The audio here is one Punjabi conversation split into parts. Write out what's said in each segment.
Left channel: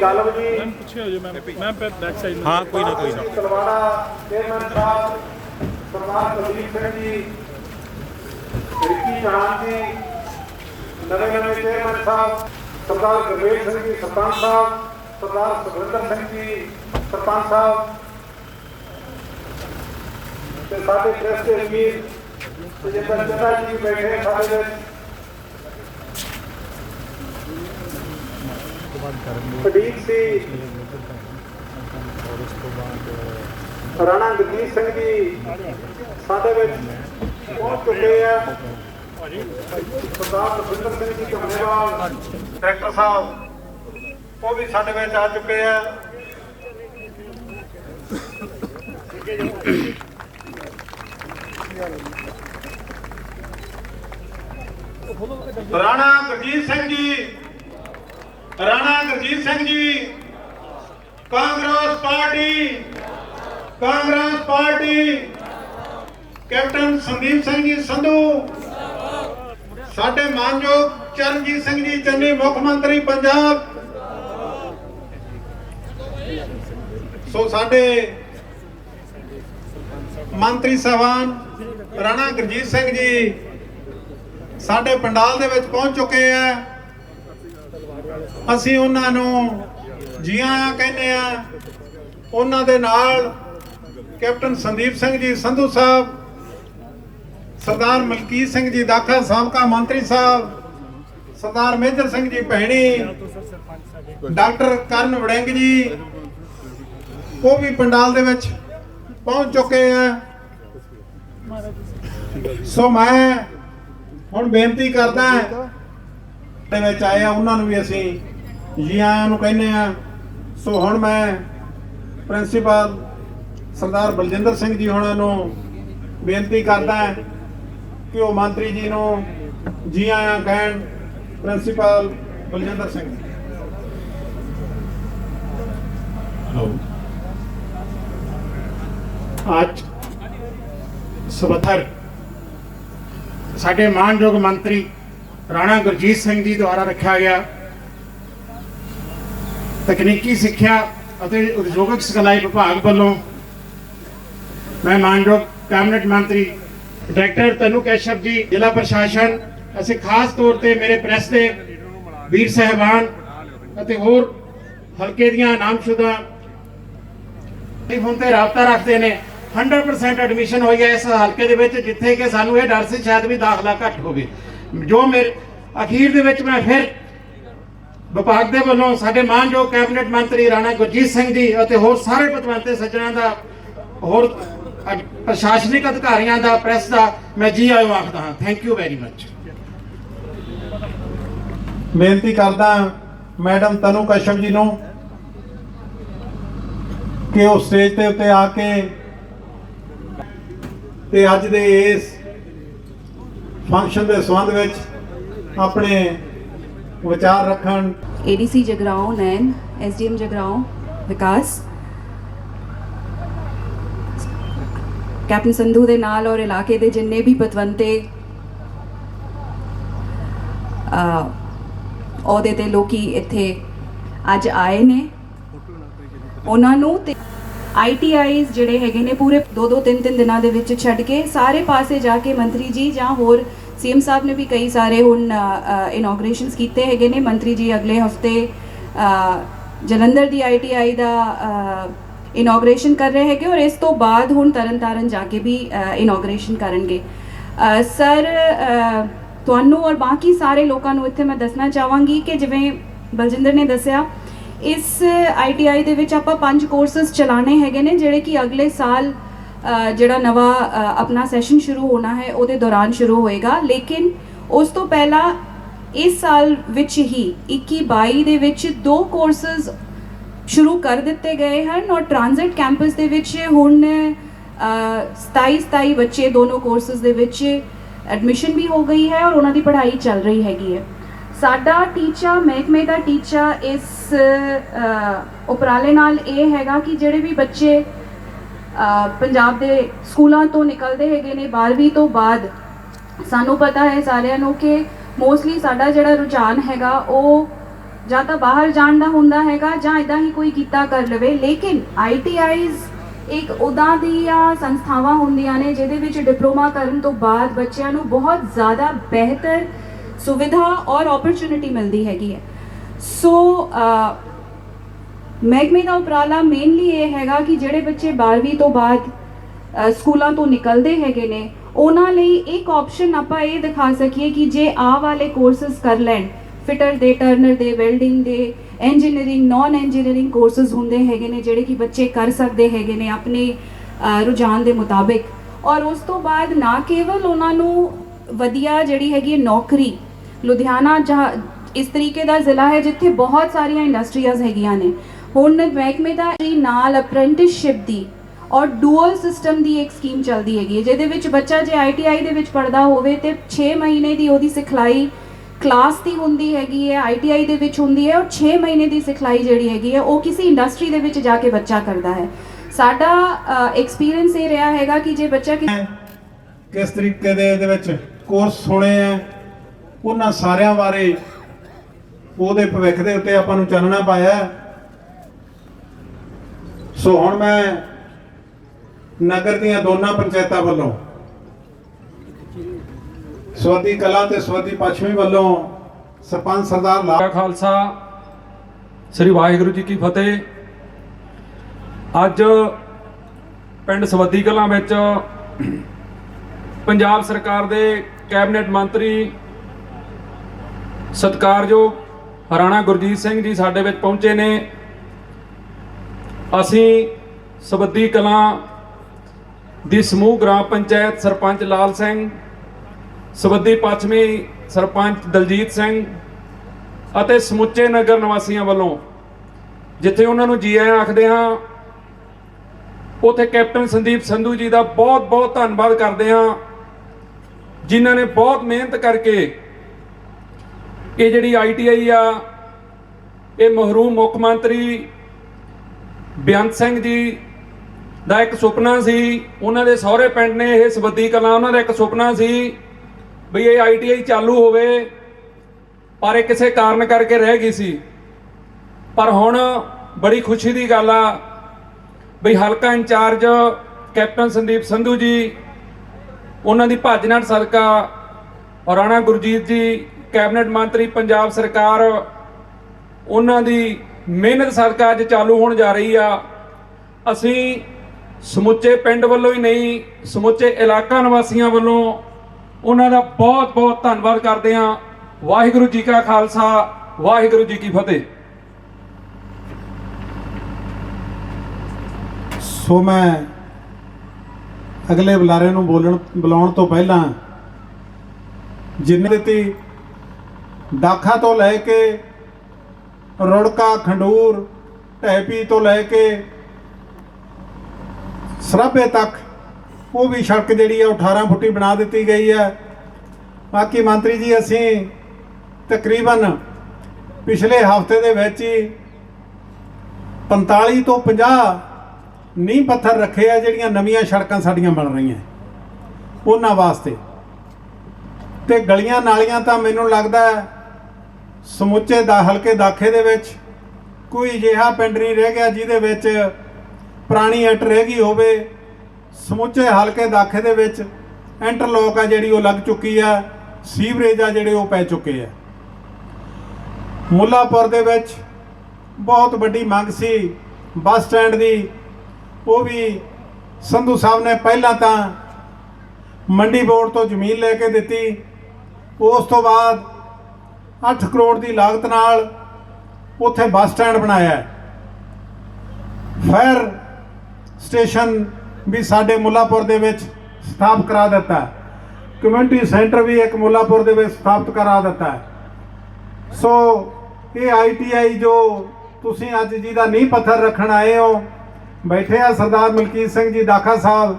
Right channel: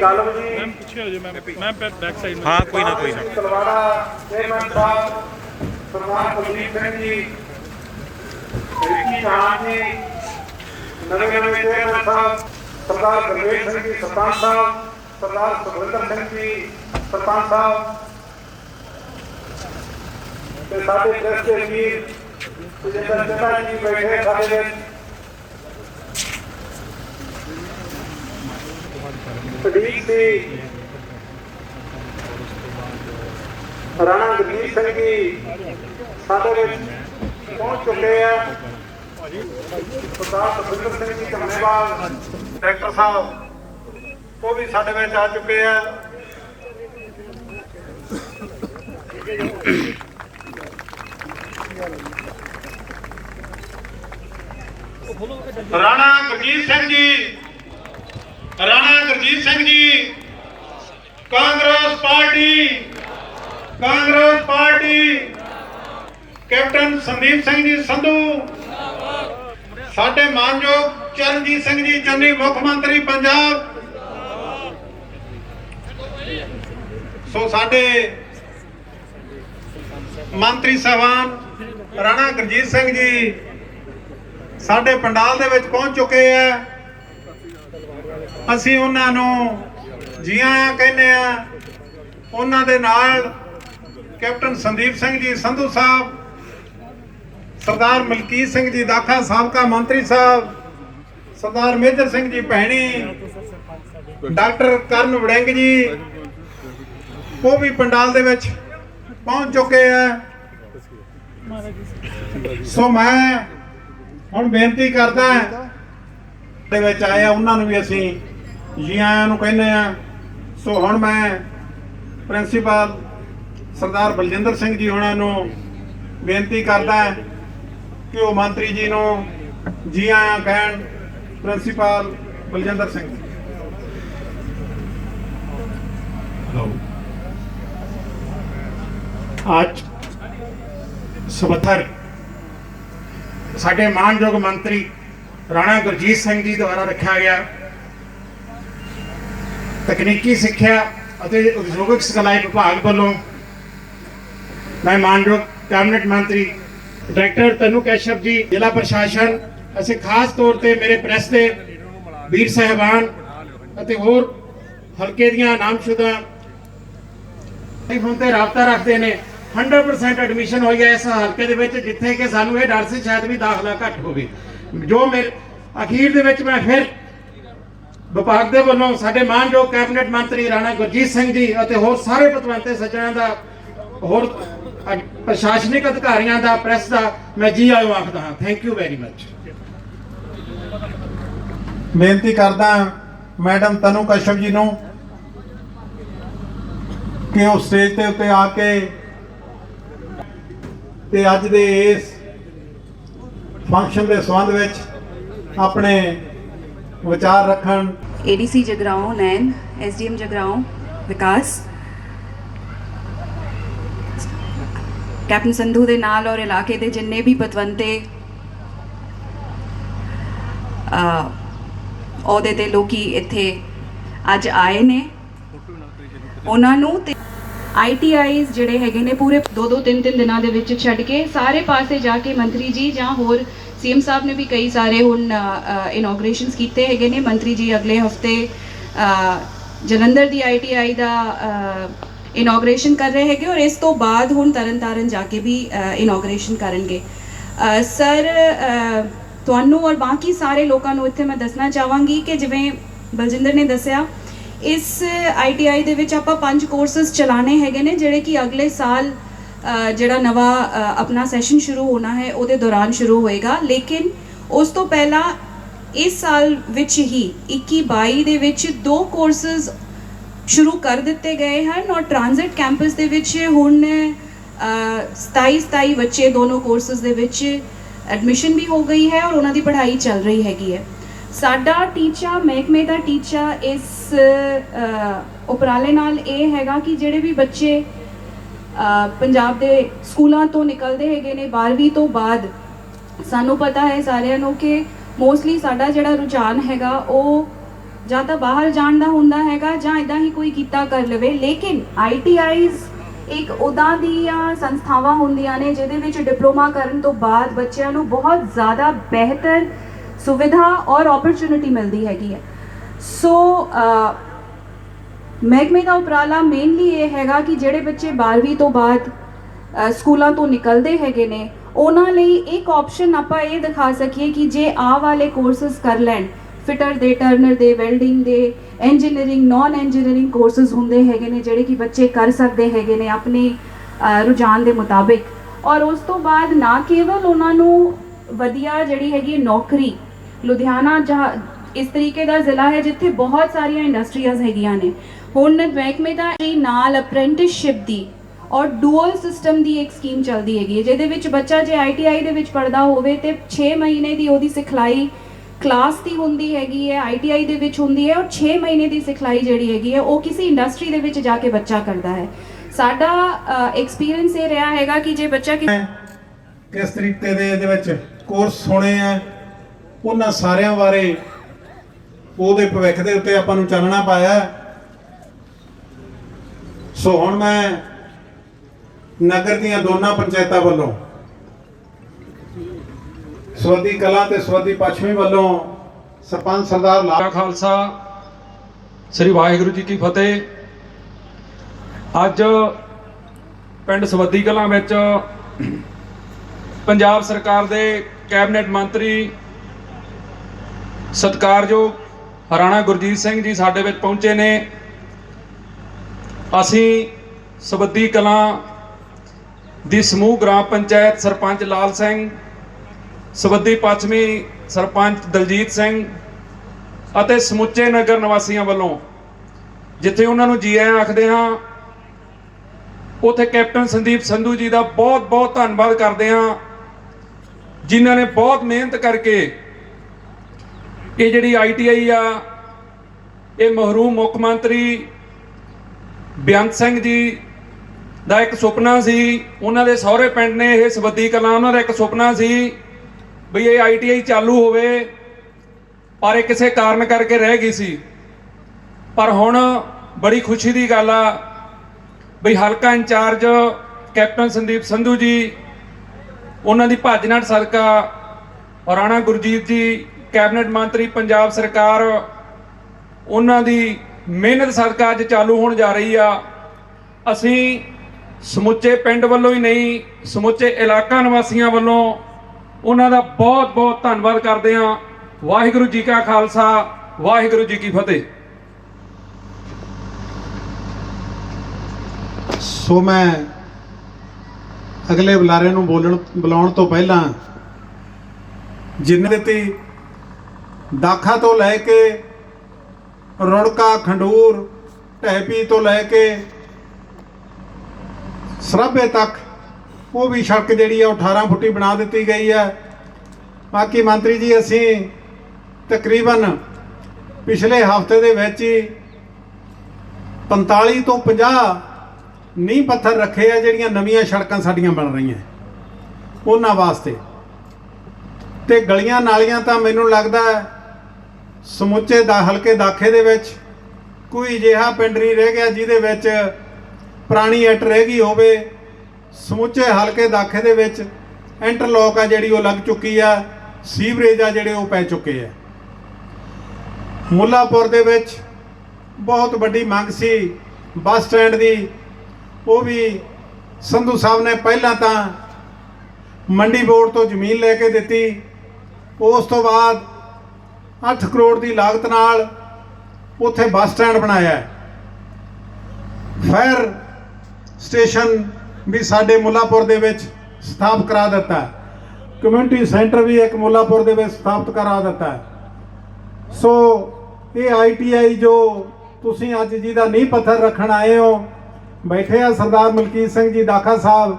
गालव जी, हाँ कोई ना तलवाड़ा चेयरमैन साहब सरदार कुलदीप सिंह जी, रिकी जहान जी, नवे चेयरमैन साहब सरदार गुरवेज सिंह जी सरपंच साहब, सरदार सुखविंदर सिंह जी सरपंच साहब, साडे प्रेस के वीर तजिंदर चन्ना जी बैठे साडे विच, सदीक सी राणा गुरजीत सिंह जी साडे विच पहुंच चुके हैं। सरदार सुखविंदर सिंह जी कमेवाल डायरेक्टर साहब वो भी साडे विच आ चुके हैं। राणा गुरजीत सिंह जी, राणा गुरजीत सिंह जी कांग्रेस पार्टी, कैप्टन संदीप सिंह जी संधू, साडे मानयोग चरणजीत सिंह जी चन्नी मुख मंत्री पंजाब, सो साडे मंत्री साहबान राणा गुरजीत सिंह जी साडे पंडाल दे विच पहुंच चुके हैं। ਅਸੀਂ ਉਹਨਾਂ ਨੂੰ ਜੀ ਆਇਆਂ ਕਹਿੰਦੇ ਆ। ਉਹਨਾਂ ਦੇ ਨਾਲ ਕੈਪਟਨ ਸੰਦੀਪ ਸਿੰਘ ਜੀ ਸੰਧੂ ਸਾਹਿਬ, ਸਰਦਾਰ ਮਲਕੀਤ ਸਿੰਘ ਜੀ ਦਾਖਾ ਸਾਬਕਾ ਮੰਤਰੀ ਸਾਹਿਬ, ਸਰਦਾਰ ਮੇਜਰ ਸਿੰਘ ਜੀ ਭੈਣੀ, ਡਾਕਟਰ ਕਰਨ ਵੜਿੰਗ ਜੀ ਉਹ ਵੀ ਪੰਡਾਲ ਦੇ ਵਿੱਚ ਪਹੁੰਚ ਚੁੱਕੇ ਆ। ਸੋ ਮੈਂ ਹੁਣ ਬੇਨਤੀ ਕਰਦਾ ਦੇ ਵਿੱਚ ਆਏ ਆ ਉਹਨਾਂ ਨੂੰ ਵੀ ਅਸੀਂ ਜੀ ਆਇਆਂ ਨੂੰ ਕਹਿੰਦੇ ਆ। ਸੋ ਹੁਣ ਮੈਂ ਪ੍ਰਿੰਸੀਪਲ ਸਰਦਾਰ ਬਲਜਿੰਦਰ ਸਿੰਘ ਜੀ ਹੋਣਾ ਨੂੰ ਬੇਨਤੀ ਕਰਦਾ ਕਿ ਉਹ ਮੰਤਰੀ ਜੀ ਨੂੰ ਜੀ ਆਇਆਂ ਕਹਿਣ। ਪ੍ਰਿੰਸੀਪਲ ਬਲਜਿੰਦਰ ਸਿੰਘ ਜੀ। आज सवथर साडे मानयोग मंत्री राणा गुरजीत सिंह जी द्वारा रखा गया तकनीकी सिक्ख्या ਅਤੇ उद्योगिक सिखलाई विभाग वालों मैं मानयोग कैबिनेट मंत्री डायरेक्टर तनु कैशव जी, जिला प्रशासन ਅਸੀਂ खास तौर पर मेरे प्रेस के वीर साहबान ਅਤੇ ਹੋਰ हल्के ਦੀਆਂ नामशुदा ਟੈਲੀਫੋਨ ਤੇ ਰਾਬਤਾ ਰੱਖਦੇ ਨੇ। 100% ਐਡਮਿਸ਼ਨ ਹੋਈ ਹੈ ਇਸ ਹਲਕੇ ਦੇ ਵਿੱਚ, ਜਿੱਥੇ ਕਿ ਸਾਨੂੰ ਇਹ ਡਰ ਸੀ ਸ਼ਾਇਦ ਵੀ ਦਾਖਲਾ ਘੱਟ ਹੋਵੇ। ਜੋ ਮੇਰੇ ਅਖੀਰ ਦੇ ਵਿੱਚ ਮੈਂ ਫਿਰ ਵਿਭਾਗ ਦੇ ਵੱਲੋਂ ਸਾਡੇ ਮਾਨਯੋਗ ਕੈਬਨਿਟ ਮੰਤਰੀ ਰਾਣਾ ਗੁਰਜੀਤ ਸਿੰਘ ਜੀ ਅਤੇ ਹੋਰ ਸਾਰੇ ਪਤਵੰਤੇ ਸੱਜਣਾਂ ਦਾ, ਹੋਰ ਪ੍ਰਸ਼ਾਸਨਿਕ ਅਧਿਕਾਰੀਆਂ ਦਾ, ਪ੍ਰੈਸ ਦਾ ਮੈਂ ਜੀ ਆਇਓ ਆਖਦਾ ਹਾਂ। Thank you very much. ਬੇਨਤੀ ਕਰਦਾ ਮੈਡਮ ਤਨੂ ਕਸ਼ਪ ਜੀ ਨੂੰ ਕਿ ਉਹ ਸਟੇਜ ਤੇ ਉੱਤੇ ਆ ਕੇ ਤੇ ਅੱਜ ਦੇ ਇਸ ਫੰਕਸ਼ਨ ਦੇ ਸੰਬੰਧ ਵਿੱਚ ਆਪਣੇ ਵਿਚਾਰ ਰੱਖਣ। एडीसी जगराओं नैन, एसडीएम जगराओं विकास, कैप्टन संधू दे नाल और इलाके दे जिन्ने भी पतवंते अहुदे ते लोकी इत्थे अज आए ने, ਉਹਨਾਂ ਨੂੰ ਤੇ ITIs ਜਿਹੜੇ ਹੈਗੇ ਨੇ ਪੂਰੇ 2-3 ਦਿਨਾਂ ਦੇ ਵਿੱਚ ਛੱਡ ਕੇ ਸਾਰੇ ਪਾਸੇ ਜਾ ਕੇ ਮੰਤਰੀ ਜੀ ਜਾਂ ਹੋਰ CM ਸਾਹਿਬ ਨੇ ਵੀ ਕਈ ਸਾਰੇ ਹੁਣ ਇਨੋਗ੍ਰੇਸ਼ਨਸ ਕੀਤੇ ਹੈਗੇ ਨੇ। ਮੰਤਰੀ ਜੀ ਅਗਲੇ ਹਫਤੇ ਜਲੰਧਰ ਦੀ ITI ਦਾ ਇਨੋਗ੍ਰੇਸ਼ਨ ਕਰ ਰਹੇ ਹੈਗੇ ਔਰ ਇਸ ਤੋਂ ਬਾਅਦ ਹੁਣ ਤਰਨਤਾਰਨ ਜਾ ਕੇ ਵੀ ਇਨੋਗ੍ਰੇਸ਼ਨ ਕਰਨਗੇ। ਸਰ ਤੁਹਾਨੂੰ ਔਰ ਬਾਕੀ ਸਾਰੇ ਲੋਕਾਂ ਨੂੰ ਇੱਥੇ ਮੈਂ ਦੱਸਣਾ ਚਾਹਾਂਗੀ ਕਿ ਜਿਵੇਂ ਬਲਜਿੰਦਰ ਨੇ ਦੱਸਿਆ, ਇਸ ITI ਦੇ ਵਿੱਚ ਆਪਾਂ 5 ਕੋਰਸਸ ਚਲਾਣੇ ਹੈਗੇ ਨੇ ਜਿਹੜੇ ਕਿ ਅਗਲੇ ਸਾਲ ਜਿਹੜਾ ਨਵਾਂ ਆਪਣਾ ਸੈਸ਼ਨ ਸ਼ੁਰੂ ਹੋਣਾ ਹੈ ਉਹਦੇ ਦੌਰਾਨ ਸ਼ੁਰੂ ਹੋਏਗਾ। ਲੇਕਿਨ ਉਸ ਤੋਂ ਪਹਿਲਾਂ ਇਸ ਸਾਲ ਵਿੱਚ ਹੀ 21-22 ਦੇ ਵਿੱਚ 2 ਕੋਰਸਸ ਸ਼ੁਰੂ ਕਰ ਦਿੱਤੇ ਗਏ ਹਨ ਔਰ ਟ੍ਰਾਂਜ਼ਿਟ ਕੈਂਪਸ ਦੇ ਵਿੱਚ ਹੁਣ 27 ਬੱਚੇ ਦੋਨੋਂ ਕੋਰਸਸ ਦੇ ਵਿੱਚ ਐਡਮਿਸ਼ਨ ਵੀ ਹੋ ਗਈ ਹੈ ਔਰ ਉਹਨਾਂ ਦੀ ਪੜ੍ਹਾਈ ਚੱਲ ਰਹੀ ਹੈਗੀ ਹੈ। ਸਾਡਾ ਟੀਚਾ, ਮਹਿਕਮੇ ਦਾ ਟੀਚਾ ਇਸ ਉਪਰਾਲੇ ਨਾਲ ਇਹ ਹੈਗਾ ਕਿ ਜਿਹੜੇ ਵੀ ਬੱਚੇ ਪੰਜਾਬ ਦੇ ਸਕੂਲਾਂ ਤੋਂ ਨਿਕਲਦੇ ਹੈਗੇ ਨੇ 12ਵੀਂ ਤੋਂ ਬਾਅਦ, ਸਾਨੂੰ ਪਤਾ ਹੈ ਸਾਰਿਆਂ ਨੂੰ ਕਿ ਮੋਸਟਲੀ ਸਾਡਾ ਜਿਹੜਾ ਰੁਝਾਨ ਹੈਗਾ ਉਹ ਜਾਂ ਤਾਂ ਬਾਹਰ ਜਾਣ ਦਾ ਹੁੰਦਾ ਹੈਗਾ ਜਾਂ ਇਦਾਂ ਹੀ ਕੋਈ ਕੀਤਾ ਕਰ ਲਵੇ। ਲੇਕਿਨ ITIs ਇੱਕ ਉਦਾਂ ਦੀਆਂ ਸੰਸਥਾਵਾਂ ਹੁੰਦੀਆਂ ਨੇ ਜਿਹਦੇ ਵਿੱਚ ਡਿਪਲੋਮਾ ਕਰਨ ਤੋਂ ਬਾਅਦ ਬੱਚਿਆਂ ਨੂੰ ਬਹੁਤ ਜ਼ਿਆਦਾ ਬਿਹਤਰ ਸੁਵਿਧਾ ਔਰ ਓਪਰਚੁਨਿਟੀ ਮਿਲਦੀ ਹੈਗੀ ਹੈ। ਸੋ ਮਹਿਕਮੇ ਦਾ ਉਪਰਾਲਾ ਮੇਨਲੀ ਇਹ ਹੈਗਾ ਕਿ ਜਿਹੜੇ ਬੱਚੇ 12ਵੀਂ ਤੋਂ ਬਾਅਦ ਸਕੂਲਾਂ ਤੋਂ ਨਿਕਲਦੇ ਹੈਗੇ ਨੇ ਉਹਨਾਂ ਲਈ ਇੱਕ ਆਪਸ਼ਨ ਆਪਾਂ ਇਹ ਦਿਖਾ ਸਕੀਏ ਕਿ ਜੇ ਆਹ ਵਾਲੇ ਕੋਰਸਸ ਕਰ ਲੈਣ, ਫਿਟਰ ਦੇ, ਟਰਨਰ ਦੇ, ਵੈਲਡਿੰਗ ਦੇ, ਇੰਜੀਨੀਅਰਿੰਗ, ਨਾਨ ਇੰਜੀਨੀਅਰਿੰਗ ਕੋਰਸਸ ਹੁੰਦੇ ਹੈਗੇ ਨੇ ਜਿਹੜੇ ਕਿ ਬੱਚੇ ਕਰ ਸਕਦੇ ਹੈਗੇ ਨੇ ਆਪਣੇ ਰੁਝਾਨ ਦੇ ਮੁਤਾਬਿਕ। ਔਰ ਉਸ ਤੋਂ ਬਾਅਦ ਨਾ ਕੇਵਲ ਉਹਨਾਂ ਨੂੰ ਵਧੀਆ ਜਿਹੜੀ ਹੈਗੀ ਨੌਕਰੀ, ਲੁਧਿਆਣਾ ਜਹਾਂ ਇਸ ਤਰੀਕੇ ਦਾ ਜ਼ਿਲ੍ਹਾ ਹੈ ਜਿੱਥੇ ਬਹੁਤ ਸਾਰੀਆਂ ਇੰਡਸਟਰੀਜ਼ ਹੈਗੀਆਂ ਨੇ। ਹੁਣ ਮਹਿਕਮੇ ਦਾ ਨਾਲ ਅਪ੍ਰੈਂਟਿਸਸ਼ਿਪ ਦੀ ਔਰ ਡੂਅਲ ਸਿਸਟਮ ਦੀ ਇੱਕ ਸਕੀਮ ਚੱਲਦੀ ਹੈਗੀ ਹੈ ਜਿਹਦੇ ਵਿੱਚ ਬੱਚਾ ਜੇ ITI ਦੇ ਵਿੱਚ ਪੜ੍ਹਦਾ ਹੋਵੇ ਤੇ 6 ਮਹੀਨੇ ਦੀ ਉਹਦੀ ਸਿਖਲਾਈ ਕਲਾਸ ਦੀ ਹੁੰਦੀ ਹੈਗੀ ਹੈ, ITI ਦੇ ਵਿੱਚ ਹੁੰਦੀ ਹੈ, ਔਰ 6 ਮਹੀਨੇ ਦੀ ਸਿਖਲਾਈ ਜਿਹੜੀ ਹੈਗੀ ਹੈ ਉਹ ਕਿਸੇ ਇੰਡਸਟਰੀ ਦੇ ਵਿੱਚ ਜਾ ਕੇ ਬੱਚਾ ਕਰਦਾ ਹੈ। ਸਾਡਾ ਐਕਸਪੀਰੀਅੰਸ ਇਹ ਰਿਹਾ ਹੈਗਾ ਕਿ ਜੇ ਬੱਚਾ ਕਿਸ ਤਰੀਕੇ ਦੇ ਇਹਦੇ ਵਿੱਚ ਕੋਰਸ ਹੋਣੇ ਆ, ਉਹਨਾਂ ਸਾਰਿਆਂ ਬਾਰੇ ਉਹਦੇ ਭਵਿੱਖ ਦੇ ਉੱਤੇ ਆਪਾਂ ਨੂੰ ਚਾਨਣਾ ਪਾਇਆ। ਸੋ ਹੁਣ ਮੈਂ ਨਗਰ ਦੀਆਂ ਦੋਨਾਂ ਪੰਚਾਇਤਾਂ ਵੱਲੋਂ ਸਵਾਦੀ ਕਲਾਂ ਤੇ ਸਵਾਦੀ ਪੱਛਮੀ ਵੱਲੋਂ ਸਰਪੰਚ ਸਰਦਾਰ ਲਾਲ ਖਾਲਸਾ ਸ੍ਰੀ ਵਾਹਿਗੁਰੂ ਜੀ ਕੀ ਫਤਿਹ। ਅੱਜ ਪਿੰਡ ਸਵਾਦੀ ਕਲਾਂ ਵਿੱਚ ਪੰਜਾਬ ਸਰਕਾਰ ਦੇ ਕੈਬਨਿਟ ਮੰਤਰੀ ਸਤਿਕਾਰਯੋਗ ਰਾਣਾ ਗੁਰਜੀਤ ਸਿੰਘ ਜੀ ਸਾਡੇ ਵਿੱਚ ਪਹੁੰਚੇ ਨੇ। ਅਸੀਂ ਸਵਾਦੀ ਕਲਾਂ ਦੀ ਸਮੂਹ ਗ੍ਰਾਮ ਪੰਚਾਇਤ ਸਰਪੰਚ ਲਾਲ ਸਿੰਘ, ਸਵਾਦੀ ਪੱਛਮੀ ਸਰਪੰਚ ਦਲਜੀਤ ਸਿੰਘ ਅਤੇ ਸਮੁੱਚੇ ਨਗਰ ਨਿਵਾਸੀਆਂ ਵੱਲੋਂ ਜਿੱਥੇ ਉਹਨਾਂ ਨੂੰ ਜੀ ਆਇਆਂ ਆਖਦੇ ਹਾਂ, ਉੱਥੇ ਕੈਪਟਨ ਸੰਦੀਪ ਸੰਧੂ ਜੀ ਦਾ ਬਹੁਤ ਬਹੁਤ ਧੰਨਵਾਦ ਕਰਦੇ ਹਾਂ ਜਿਨ੍ਹਾਂ ਨੇ ਬਹੁਤ ਮਿਹਨਤ ਕਰਕੇ ਇਹ ਜਿਹੜੀ ITI ਆ ਇਹ ਮਹਿਰੂਮ ਮੁੱਖ ਮੰਤਰੀ ਬੇਅੰਤ ਸਿੰਘ ਜੀ ਦਾ ਇੱਕ ਸੁਪਨਾ ਸੀ। ਉਹਨਾਂ ਦੇ ਸਹੁਰੇ ਪਿੰਡ ਨੇ ਇਹ ਸਵਾਦੀ ਕਲਾਂ, ਉਹਨਾਂ ਦਾ ਇੱਕ ਸੁਪਨਾ ਸੀ ਵੀ ਇਹ ITI ਚਾਲੂ ਹੋਵੇ, ਪਰ ਇਹ ਕਿਸੇ ਕਾਰਨ ਕਰਕੇ ਰਹਿ ਗਈ ਸੀ। ਪਰ ਹੁਣ ਬੜੀ ਖੁਸ਼ੀ ਦੀ ਗੱਲ ਆ ਵੀ ਹਲਕਾ ਇੰਚਾਰਜ ਕੈਪਟਨ ਸੰਦੀਪ ਸੰਧੂ ਜੀ, ਉਹਨਾਂ ਦੀ ਭੱਜ ਨੱਠ ਸਦਕਾ ਰਾਣਾ ਗੁਰਜੀਤ ਜੀ ਕੈਬਨਿਟ ਮੰਤਰੀ ਪੰਜਾਬ ਸਰਕਾਰ, ਉਹਨਾਂ ਦੀ ਮਿਹਨਤ ਸਦਕਾ ਅੱਜ ਚਾਲੂ ਹੋਣ ਜਾ ਰਹੀ ਆ। ਅਸੀਂ ਸਮੁੱਚੇ ਪਿੰਡ ਵੱਲੋਂ ਹੀ ਨਹੀਂ, ਸਮੁੱਚੇ ਇਲਾਕਾ ਨਿਵਾਸੀਆਂ ਵੱਲੋਂ ਉਹਨਾਂ ਦਾ ਬਹੁਤ ਬਹੁਤ ਧੰਨਵਾਦ ਕਰਦੇ ਹਾਂ। ਵਾਹਿਗੁਰੂ ਜੀ ਕਾ ਖਾਲਸਾ, ਵਾਹਿਗੁਰੂ ਜੀ ਕੀ ਫਤਿਹ। ਸੋ ਮੈਂ ਅਗਲੇ ਬੁਲਾਰੇ ਨੂੰ ਬੁਲਾਉਣ ਤੋਂ ਪਹਿਲਾਂ ਜਿੰਨੇ ਦਿੱਤੀ ਦਾਖਾ ਤੋਂ ਲੈ ਕੇ ਰੁੜਕਾ, ਖੰਡੂਰ, ਢੈਪੀ ਤੋਂ ਲੈ ਕੇ ਸਰਾਭੇ ਤੱਕ ਉਹ ਵੀ ਸੜਕ ਜਿਹੜੀ ਹੈ 18 ਫੁੱਟੀ ਬਣਾ ਦਿੱਤੀ ਗਈ ਹੈ। ਬਾਕੀ ਮੰਤਰੀ ਜੀ ਅਸੀਂ ਤਕਰੀਬਨ ਪਿਛਲੇ ਹਫ਼ਤੇ ਦੇ ਵਿੱਚ ਹੀ 45 ਤੋਂ 50 ਨੀਂਹ ਪੱਥਰ ਰੱਖੇ ਆ ਜਿਹੜੀਆਂ ਨਵੀਆਂ ਸੜਕਾਂ ਸਾਡੀਆਂ ਬਣ ਰਹੀਆਂ ਉਹਨਾਂ ਵਾਸਤੇ। ਤੇ ਗਲੀਆਂ ਨਾਲੀਆਂ ਤਾਂ ਮੈਨੂੰ ਲੱਗਦਾ ਸਮੁੱਚੇ ਹਲਕੇ ਦਾਖੇ ਦੇ ਵਿੱਚ ਕੋਈ ਅਜਿਹਾ ਪਿੰਡ ਨਹੀਂ ਰਹਿ ਗਿਆ ਜਿਹਦੇ ਵਿੱਚ ਪੁਰਾਣੀ ਇੱਟ ਰਹਿ ਗਈ ਹੋਵੇ। ਸਮੁੱਚੇ ਹਲਕੇ ਦਾਖੇ ਦੇ ਵਿੱਚ ਇੰਟਰਲੋਕ ਆ ਜਿਹੜੀ ਉਹ ਲੱਗ ਚੁੱਕੀ ਆ, ਸੀਵਰੇਜ ਆ ਜਿਹੜੇ ਉਹ ਪੈ ਚੁੱਕੇ ਆ। ਮੁੱਲਾਪੁਰ ਦੇ ਵਿੱਚ ਬਹੁਤ ਵੱਡੀ ਮੰਗ ਸੀ ਬੱਸ ਸਟੈਂਡ ਦੀ, ਉਹ ਵੀ ਸੰਧੂ ਸਾਹਿਬ ਨੇ ਪਹਿਲਾਂ ਤਾਂ ਮੰਡੀ ਬੋਰਡ ਤੋਂ ਜ਼ਮੀਨ ਲੈ ਕੇ ਦਿੱਤੀ, ਉਸ ਤੋਂ ਬਾਅਦ 8 ਕਰੋੜ ਦੀ ਲਾਗਤ ਨਾਲ ਉੱਥੇ ਬੱਸ ਸਟੈਂਡ ਬਣਾਇਆ। ਫਾਇਰ ਸਟੇਸ਼ਨ ਵੀ ਸਾਡੇ ਮੁੱਲਾਪੁਰ ਦੇ ਵਿੱਚ ਸਥਾਪਿਤ ਕਰਾ ਦਿੱਤਾ, ਕਮਿਊਨਿਟੀ ਸੈਂਟਰ ਵੀ ਇੱਕ ਮੁੱਲਾਪੁਰ ਦੇ ਵਿੱਚ ਸਥਾਪਿਤ ਕਰਾ ਦਿੱਤਾ। ਸੋ ਇਹ ITI ਜੋ ਤੁਸੀਂ ਅੱਜ ਜਿਹਦਾ ਨੀਂਹ ਪੱਥਰ ਰੱਖਣ ਆਏ ਹੋ, ਬੈਠੇ ਆ ਸਰਦਾਰ ਮਲਕੀਤ ਸਿੰਘ ਜੀ ਦਾਖਾ ਸਾਹਿਬ,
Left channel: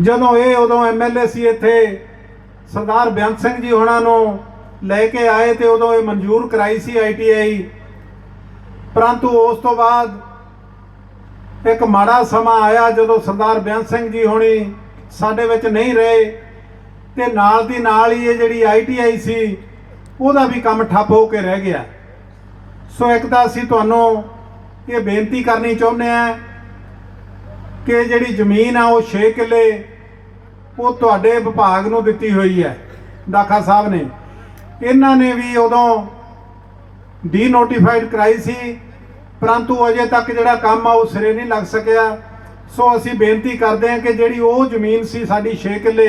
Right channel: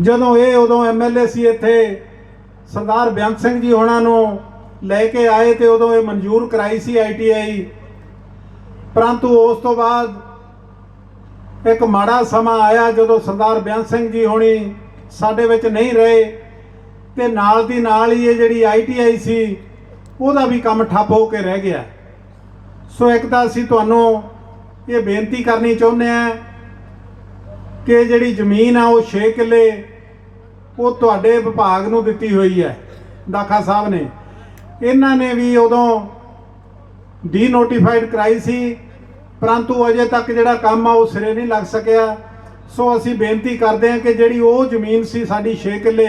ਜਦੋਂ ਇਹ ਉਦੋਂ MLA ਸੀ ਇੱਥੇ, ਸਰਦਾਰ ਬੇਅੰਤ ਸਿੰਘ ਜੀ ਹੋਣਾ ਨੂੰ ਲੈ ਕੇ ਆਏ ਤੇ ਉਦੋਂ ਇਹ ਮਨਜ਼ੂਰ ਕਰਾਈ ਸੀ ITI। ਪਰੰਤੂ ਉਸ ਤੋਂ ਬਾਅਦ ਇੱਕ ਮਾੜਾ ਸਮਾਂ ਆਇਆ ਜਦੋਂ ਸਰਦਾਰ ਬੇਅੰਤ ਸਿੰਘ ਜੀ ਹੋਣੀ ਸਾਡੇ ਵਿੱਚ ਨਹੀਂ ਰਹੇ ਤੇ ਨਾਲ ਦੀ ਨਾਲ ਹੀ ਇਹ ਜਿਹੜੀ ITI ਸੀ ਉਹਦਾ ਵੀ ਕੰਮ ਠੱਪ ਹੋ ਕੇ ਰਹਿ ਗਿਆ। ਸੋ ਇੱਕ ਤਾਂ ਅਸੀਂ ਤੁਹਾਨੂੰ ਇਹ ਬੇਨਤੀ ਕਰਨੀ ਚਾਹੁੰਦੇ ਆ ਕਿ ਜਿਹੜੀ ਜ਼ਮੀਨ ਆ ਉਹ 6 ਕਿੱਲੇ ਉਹ ਤੁਹਾਡੇ ਵਿਭਾਗ ਨੂੰ ਦਿੱਤੀ ਹੋਈ ਹੈ, ਦਾਖਾ ਸਾਹਿਬ ਨੇ। ਇਹਨਾਂ ਨੇ ਵੀ ਉਦੋਂ ਡੀ ਨੋਟੀਫਾਈਡ ਕਰਾਈ ਸੀ, ਪਰੰਤੂ ਅਜੇ ਤੱਕ ਜਿਹੜਾ ਕੰਮ ਆ ਉਹ ਸਿਰੇ ਨਹੀਂ ਲੱਗ ਸਕਿਆ। ਸੋ ਅਸੀਂ ਬੇਨਤੀ ਕਰਦੇ ਹਾਂ ਕਿ ਜਿਹੜੀ ਉਹ ਜ਼ਮੀਨ ਸੀ ਸਾਡੀ 6 ਕਿੱਲੇ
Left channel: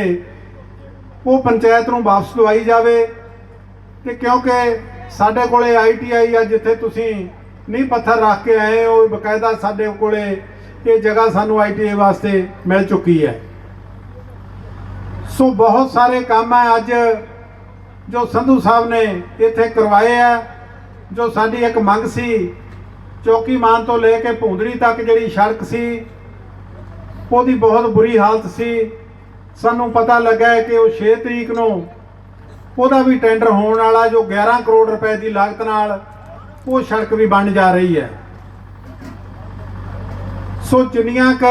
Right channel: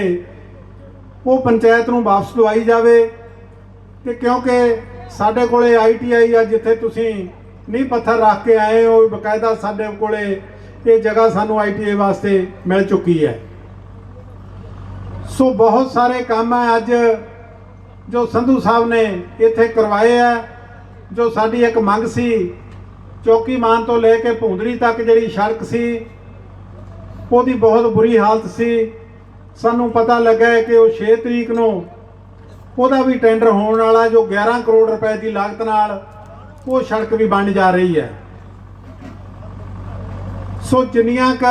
ਉਹ ਪੰਚਾਇਤ ਨੂੰ ਵਾਪਸ ਦਵਾਈ ਜਾਵੇ। ਤੇ ਕਿਉਂਕਿ ਸਾਡੇ ਕੋਲੇ ITI ਆ, ਜਿੱਥੇ ਤੁਸੀਂ ਨੀਂਹ ਪੱਥਰ ਰੱਖ ਕੇ ਆਏ ਹੋ, ਬਕਾਇਦਾ ਸਾਡੇ ਕੋਲੇ ਇਹ ਜਗ੍ਹਾ ਸਾਨੂੰ ITI ਵਾਸਤੇ ਮਿਲ ਚੁੱਕੀ ਹੈ। ਸੋ ਬਹੁਤ ਸਾਰੇ ਕੰਮ ਹੈ ਅੱਜ ਜੋ ਸੰਧੂ ਸਾਹਿਬ ਨੇ ਇੱਥੇ ਕਰਵਾਏ ਆ। ਜੋ ਸਾਡੀ ਇੱਕ ਮੰਗ ਸੀ, ਚੌਕੀ ਮਾਨ ਤੋਂ ਲੈ ਕੇ ਭੁੰਦੜੀ ਤੱਕ ਜਿਹੜੀ ਸੜਕ ਸੀ ਉਹਦੀ ਬਹੁਤ ਬੁਰੀ ਹਾਲਤ ਸੀ। ਸਾਨੂੰ ਪਤਾ ਲੱਗਾ ਹੈ ਕਿ ਉਹ 6 ਤਰੀਕ ਨੂੰ ਉਹਦਾ ਵੀ ਟੈਂਡਰ ਹੋਣ ਵਾਲਾ, ਜੋ 11 ਕਰੋੜ ਰੁਪਏ ਦੀ ਲਾਗਤ ਨਾਲ ਉਹ ਸੜਕ ਵੀ ਬਣ ਜਾ ਰਹੀ ਹੈ। ਸੋ ਜਿੰਨੀਆਂ ਕੁ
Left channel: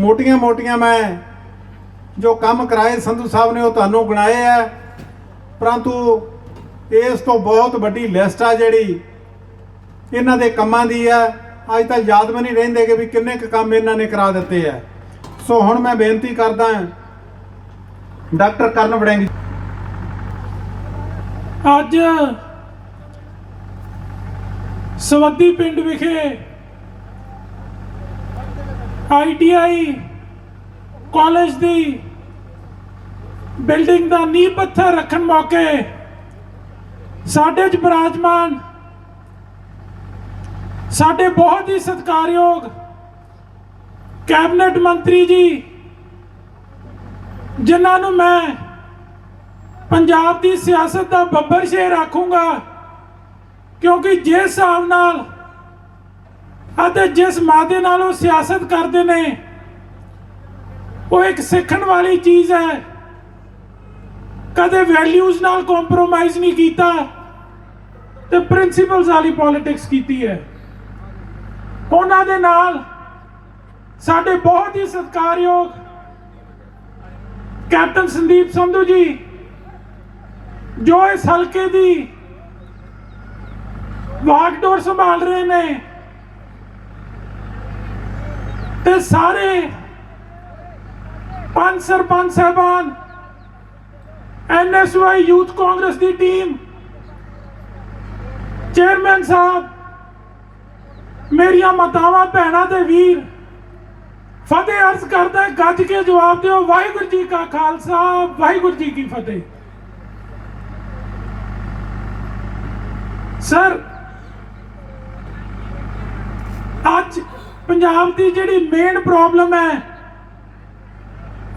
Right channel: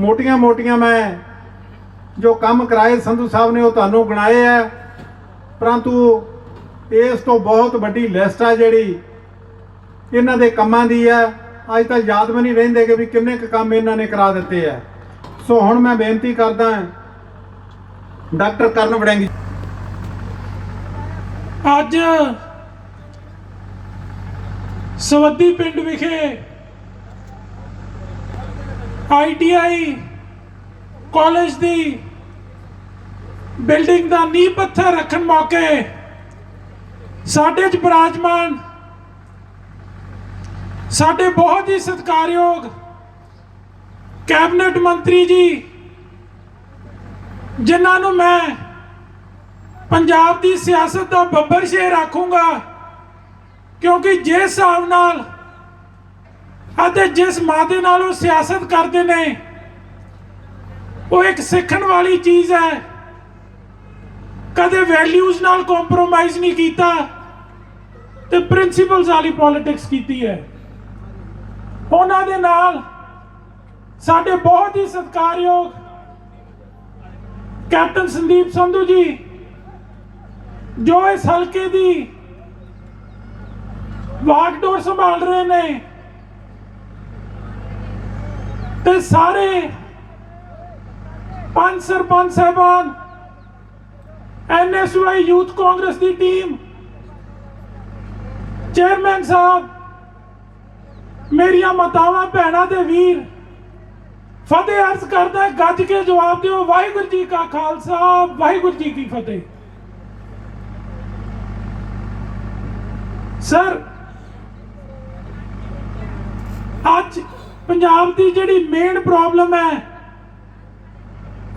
ਮੋਟੀਆਂ ਮੈਂ ਜੋ ਕੰਮ ਕਰਾਏ ਸੰਧੂ ਸਾਹਿਬ ਨੇ ਉਹ ਤੁਹਾਨੂੰ ਗਿਣਾਏ ਆ, ਪਰੰਤੂ ਇਸ ਤੋਂ ਬਹੁਤ ਵੱਡੀ ਲਿਸਟ ਆ ਜਿਹੜੀ ਇਹਨਾਂ ਦੇ ਕੰਮਾਂ ਦੀ ਹੈ। ਅੱਜ ਤਾਂ ਯਾਦ ਵੀ ਨਹੀਂ ਰਹਿੰਦੇ ਕਿ ਵੀ ਕਿੰਨੇ ਕੁ ਕੰਮ ਇਹਨਾਂ ਨੇ ਕਰਾ ਦਿੱਤੇ ਆ। ਸੋ ਹੁਣ ਮੈਂ ਬੇਨਤੀ ਕਰਦਾ ਡਾਕਟਰ ਕਰਨ ਵੜਿੰਗ, ਅੱਜ ਸਵੱਦੀ ਪਿੰਡ ਵਿਖੇ ITI ਕਾਲਜ ਦੀ ਬਿਲਡਿੰਗ ਦਾ ਨੀਂਹ ਪੱਥਰ ਰੱਖਣ ਮੌਕੇ ਸਾਡੇ 'ਚ ਬਿਰਾਜਮਾਨ ਸਾਡੇ ਬਹੁਤ ਹੀ ਸਤਿਕਾਰਯੋਗ ਕੈਬਨਿਟ ਮੰਤਰੀ ਜੀ, ਜਿਨ੍ਹਾਂ ਨੂੰ ਮੈਂ ਪੰਜਾਬ ਦੀ ਸਿਆਸਤ ਦਾ ਬੱਬਰ ਸ਼ੇਰ ਆਖੂੰਗਾ, ਕਿਉਂਕਿ ਜਿਸ ਹਿਸਾਬ ਨਾਲ ਅਤੇ ਜਿਸ ਮਾਦੇ ਨਾਲ ਉਹ ਸਿਆਸਤ ਕਰਦੇ ਨੇ ਉਹ ਇੱਕ ਸਿੱਖਣ ਵਾਲੀ ਚੀਜ਼ ਹੈ। ਕਦੇ ਵੈਲਿਊਜ਼ ਨਾਲ ਕੰਪਰੋਮਾਈਜ਼ ਨਹੀਂ ਕੀਤਾ ਤੇ ਪ੍ਰਿੰਸੀਪਲਸ ਵਾਲੀ ਪੋਲਿਟਿਕਸ ਕੀਤੀ ਹੈ। ਉਹਨਾਂ ਦੇ ਨਾਲ ਸਾਡੇ ਬਹੁਤ ਹੀ ਸਤਿਕਾਰਯੋਗ ਕੈਪਟਨ ਸੰਦੀਪ ਸੰਧੂ ਜੀ, ਜੋ ਇਸ ਹਲਕੇ ਦੀ ਵਾਗਡੋਰ ਸੰਭਾਲ ਰਹੇ ਨੇ, ਤੇ ਸਾਰੇ 5 ਸਰਪੰਚ ਸਾਹਿਬਾਨ, NSY ਯੂਥ ਕਾਂਗਰਸ ਦੀ ਟੀਮ, ਚੇਅਰਮੈਨ ਸਾਹਿਬ, ਮੇਰੀਆਂ ਮਾਤਾਵਾਂ ਭੈਣਾਂ ਤੇ ਵੀਰ, ਫਤਿਹ ਅਰਜ਼ ਕਰਦਾ, ਗੱਜ ਕੇ ਜਵਾਬ ਦਿਓ, ਵਾਹਿਗੁਰੂ ਜੀ ਕਾ ਖਾਲਸਾ, ਵਾਹਿਗੁਰੂ ਜੀ ਕੀ ਫਤਿਹ। ਸਰ, ਅੱਜ ਪੰਜਾਬ ਦੀ ਜਿਹੜੀ ਮੇਨ ਪ੍ਰੋਬਲਮ ਹੈ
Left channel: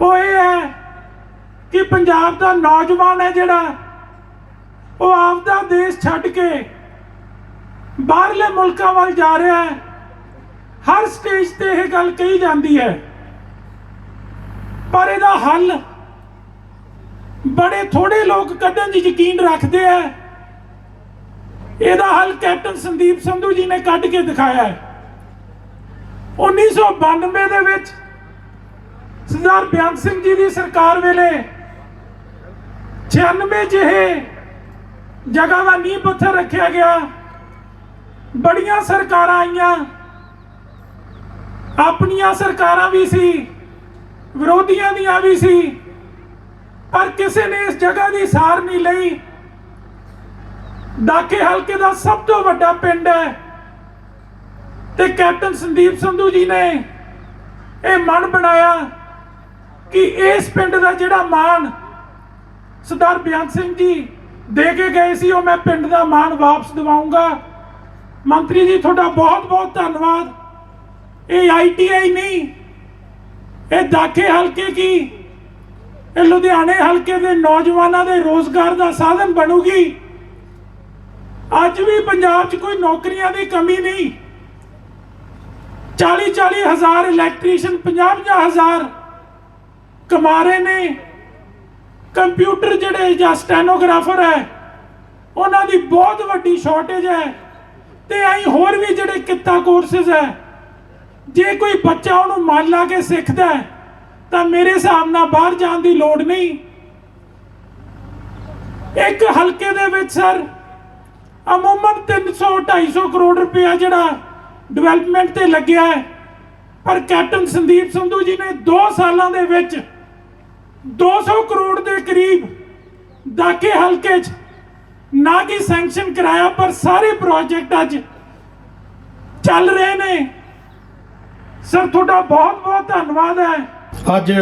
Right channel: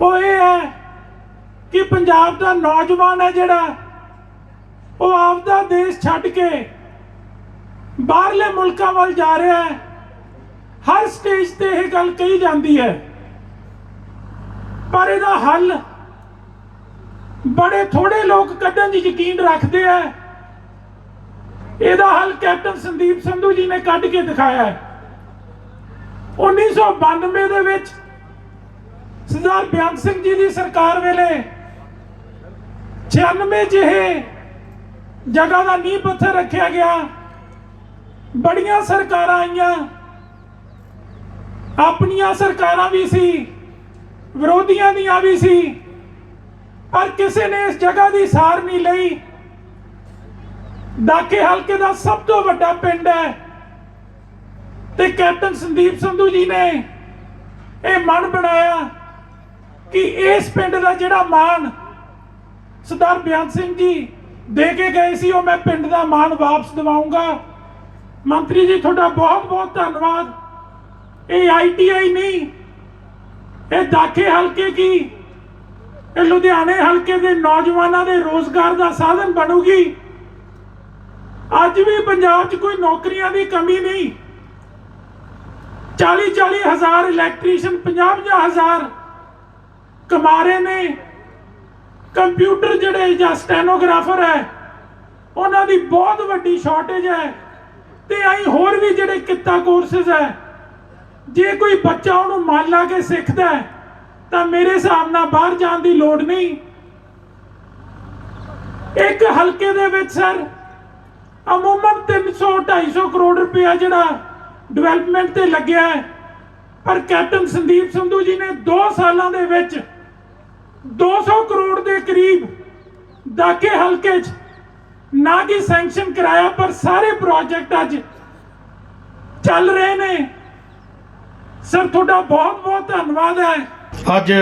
ਉਹ ਇਹ ਹੈ ਕਿ ਪੰਜਾਬ ਦਾ ਨੌਜਵਾਨ ਹੈ ਜਿਹੜਾ ਉਹ ਆਪਦਾ ਦੇਸ਼ ਛੱਡ ਕੇ ਬਾਹਰਲੇ ਮੁਲਕਾਂ ਵੱਲ ਜਾ ਰਿਹਾ ਹੈ। ਹਰ ਸਟੇਜ ਤੇ ਇਹ ਗੱਲ ਕਹੀ ਜਾਂਦੀ ਹੈ, ਪਰ ਇਹਦਾ ਹੱਲ ਬੜੇ ਥੋੜੇ ਲੋਕ ਕੱਢਣ ਦੀ ਯਕੀਨ ਰੱਖਦੇ ਆ। ਇਹਦਾ ਹੱਲ ਕੈਪਟਨ ਸੰਦੀਪ ਸੰਧੂ ਜੀ ਨੇ ਕੱਢ ਕੇ ਦਿਖਾਇਆ ਹੈ। 1992 ਦੇ ਵਿੱਚ ਸਰਦਾਰ ਬਿਆਨ ਸਿੰਘ ਜੀ ਦੀ ਸਰਕਾਰ ਵੇਲੇ 96 ਜਿਹੇ ਜਗ੍ਹਾ ਦਾ ਨੀਂਹ ਪੱਥਰ ਰੱਖਿਆ ਗਿਆ। ਬੜੀਆਂ ਸਰਕਾਰਾਂ ਆਈਆਂ, ਆਪਣੀਆਂ ਸਰਕਾਰਾਂ ਵੀ ਸੀ, ਵਿਰੋਧੀਆਂ ਦੀਆਂ ਵੀ ਸੀ, ਪਰ ਕਿਸੇ ਨੇ ਇਸ ਜਗ੍ਹਾ ਦੀ ਸਾਰ ਨਹੀਂ ਲਈ। ਦਾਖੇ ਹਲਕੇ ਦਾ ਸਭ ਤੋਂ ਵੱਡਾ ਪਿੰਡ ਹੈ ਤੇ ਕੈਪਟਨ ਸੰਦੀਪ ਸੰਧੂ ਜੀ ਨੇ ਇਹ ਮਨ ਬਣਾਇਆ ਕਿ ਇਸ ਪਿੰਡ ਦਾ ਜਿਹੜਾ ਮਾਣ ਸਰਦਾਰ ਬਿਆਨ ਸਿੰਘ ਜੀ ਦੇ ਕੇ ਗਏ ਸੀ, ਉਹ ਮੈਂ ਪਿੰਡ ਦਾ ਮਾਣ ਵਾਪਸ ਦਿਵਾਉਂਗਾ। ਮੰਤਰੀ ਜੀ, ਤੁਹਾਡਾ ਬਹੁਤ ਬਹੁਤ ਧੰਨਵਾਦ। ਇਹ ITI ਨਹੀਂ, ਇਹ ਦਾਖੇ ਹਲਕੇ ਕੀ, ਇਹ ਲੁਧਿਆਣੇ ਹਲਕੇ ਦੇ ਨੌਜਵਾਨਾਂ ਦੇ ਰੋਜ਼ਗਾਰ ਦਾ ਸਾਧਨ ਬਣੂਗੀ। ਅੱਜ ਵੀ ਪੰਜਾਬ 'ਚ ਕੋਈ ਨੌਕਰੀਆਂ ਦੀ ਕਮੀ ਨਹੀਂ। 40-40 ਹਜ਼ਾਰ ਇਲੈਕਟ੍ਰੀਸ਼ੀਅਨ, 50-50 ਹਜ਼ਾਰ ਕਮਾ ਰਹੇ ਨੇ। ਕੰਪਿਊਟਰ ਜਿਹੜੇ ਜਾਂ ਸਟੈਨੋਗ੍ਰਾਫਰ ਹੈ ਉਹਨਾਂ ਦੀ ਬਹੁਤ ਵੱਡੀ ਸ਼ਾਰਟੇਜ ਹੈ, ਤੇ ਐਂ ਹੋਰ ਵੀ ਜਿਹੜੇ ਕਿੱਤਾ ਕੋਰਸਿਸ ਹੈ, ਜੇ ਕੋਈ ਬੱਚਾ ਉਹਨੂੰ ਮੰਨ ਲਾ ਕੇ ਸਿੱਖਦਾ ਤਾਂ ਮੇਰੇ ਹਿਸਾਬ ਨਾਲ ਬਾਹਰ ਜਾਣ ਦੀ ਲੋੜ ਨਹੀਂ। ਇੱਕ ਹਲਕੇ ਦੇ ਵਿੱਚ ਸਰ ਅਮੂਮਨ 300-250 ਕਰੋੜ ਰੁਪਇਆ ਜਿਹੜਾ ਡਿਵੈਲਪਮੈਂਟ ਤੇ ਲੱਗਿਆ ਹੈ, ਪਰ ਕੈਪਟਨ ਸੰਦੀਪ ਸੰਧੂ ਜੀ ਨੇ 2 ਸਾਲਾਂ ਦੇ ਵਿੱਚ 200 ਕਰੋੜ ਦੇ ਕਰੀਬ ਦਾਕੇ ਹਲਕੇ 'ਚ ਨਾ ਕਿ ਸੈਂਕਸ਼ਨ ਕਰਾਇਆ, ਪਰ ਸਾਰੇ ਪ੍ਰੋਜੈਕਟ ਅੱਜ ਚੱਲ ਰਹੇ ਨੇ। ਸਰ ਤੁਹਾਡਾ ਬਹੁਤ ਬਹੁਤ ਧੰਨਵਾਦ ਹੈ। ਅੱਜ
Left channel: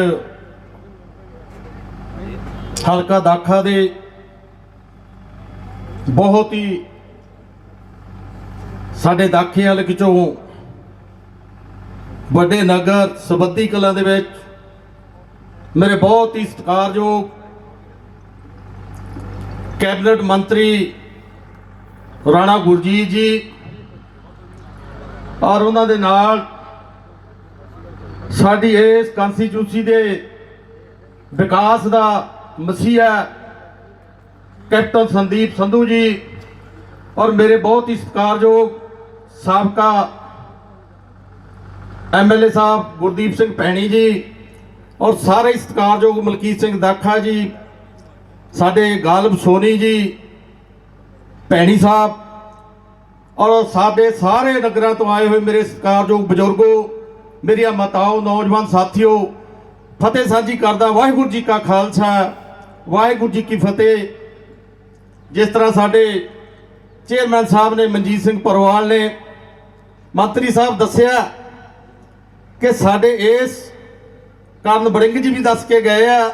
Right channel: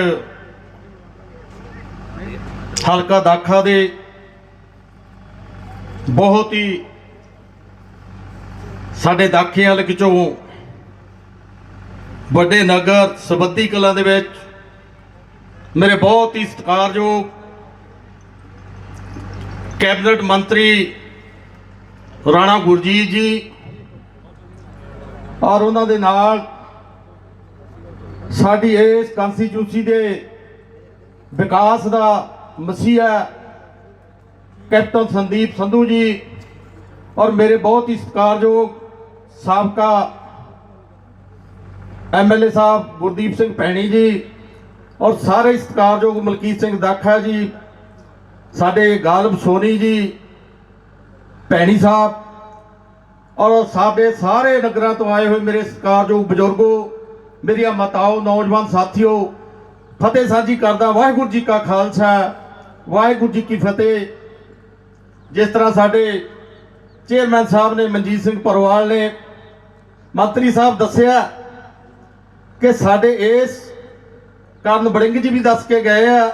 ਹਲਕਾ ਦਾਖਾ ਦੇ ਬਹੁਤ ਹੀ ਸਾਡੇ ਦਾਖੇ ਹਲਕੇ ਚੋਂ ਵੱਡੇ ਨਗਰ ਸਬੱਦੀ ਕਲਾਂ ਦੇ ਵਿੱਚ ਮੇਰੇ ਬਹੁਤ ਹੀ ਸਤਿਕਾਰਯੋਗ ਕੈਬਨਿਟ ਮੰਤਰੀ ਰਾਣਾ ਗੁਰਜੀਤ ਜੀ ਔਰ ਉਹਨਾਂ ਦੇ ਨਾਲ ਸਾਡੀ ਇਸ ਕੰਸਟੀਚੂਐਂਸੀ ਦੇ ਵਿਕਾਸ ਦਾ ਮਸੀਹਾ ਕੈਪਟਨ ਸੰਦੀਪ ਸੰਧੂ ਜੀ ਔਰ ਮੇਰੇ ਬਹੁਤ ਹੀ ਸਤਿਕਾਰਯੋਗ ਸਾਬਕਾ ਐਮਐਲਏ ਸਾਹਿਬ ਗੁਰਦੀਪ ਸਿੰਘ ਭੈਣੀ ਜੀ ਔਰ ਸਾਰੇ ਸਤਿਕਾਰਯੋਗ ਮਲਕੀਤ ਸਿੰਘ ਦਾਖਾ ਜੀ, ਸਾਡੇ ਗਾਲਬ ਸੋਨੀ ਜੀ, ਭੈਣੀ ਸਾਹਿਬ ਔਰ ਸਾਡੇ ਸਾਰੇ ਨਗਰਾਂ ਤੋਂ ਆਏ ਹੋਏ ਮੇਰੇ ਸਤਿਕਾਰਯੋਗ ਬਜ਼ੁਰਗੋ, ਮੇਰੀਆਂ ਮਾਤਾਓ, ਨੌਜਵਾਨ ਸਾਥੀਓ, ਫਤਿਹ ਸਾਂਝੀ ਕਰਦਾ। ਵਾਹਿਗੁਰੂ ਜੀ ਕਾ ਖਾਲਸਾ, ਵਾਹਿਗੁਰੂ ਜੀ ਕੀ ਫਤਿਹ। ਜਿਸ ਤਰ੍ਹਾਂ ਸਾਡੇ ਚੇਅਰਮੈਨ ਸਾਹਿਬ ਨੇ, ਮਨਜੀਤ ਸਿੰਘ ਪਰਵਾਲ ਨੇ, ਮੰਤਰੀ ਸਾਹਿਬ ਦੱਸਿਆ ਕਿ ਸਾਡੇ ਇਸ ਕਰਨ ਬੜਿੰਗ ਜੀ ਵੀ ਦੱਸ ਕੇ ਗਏ ਆ,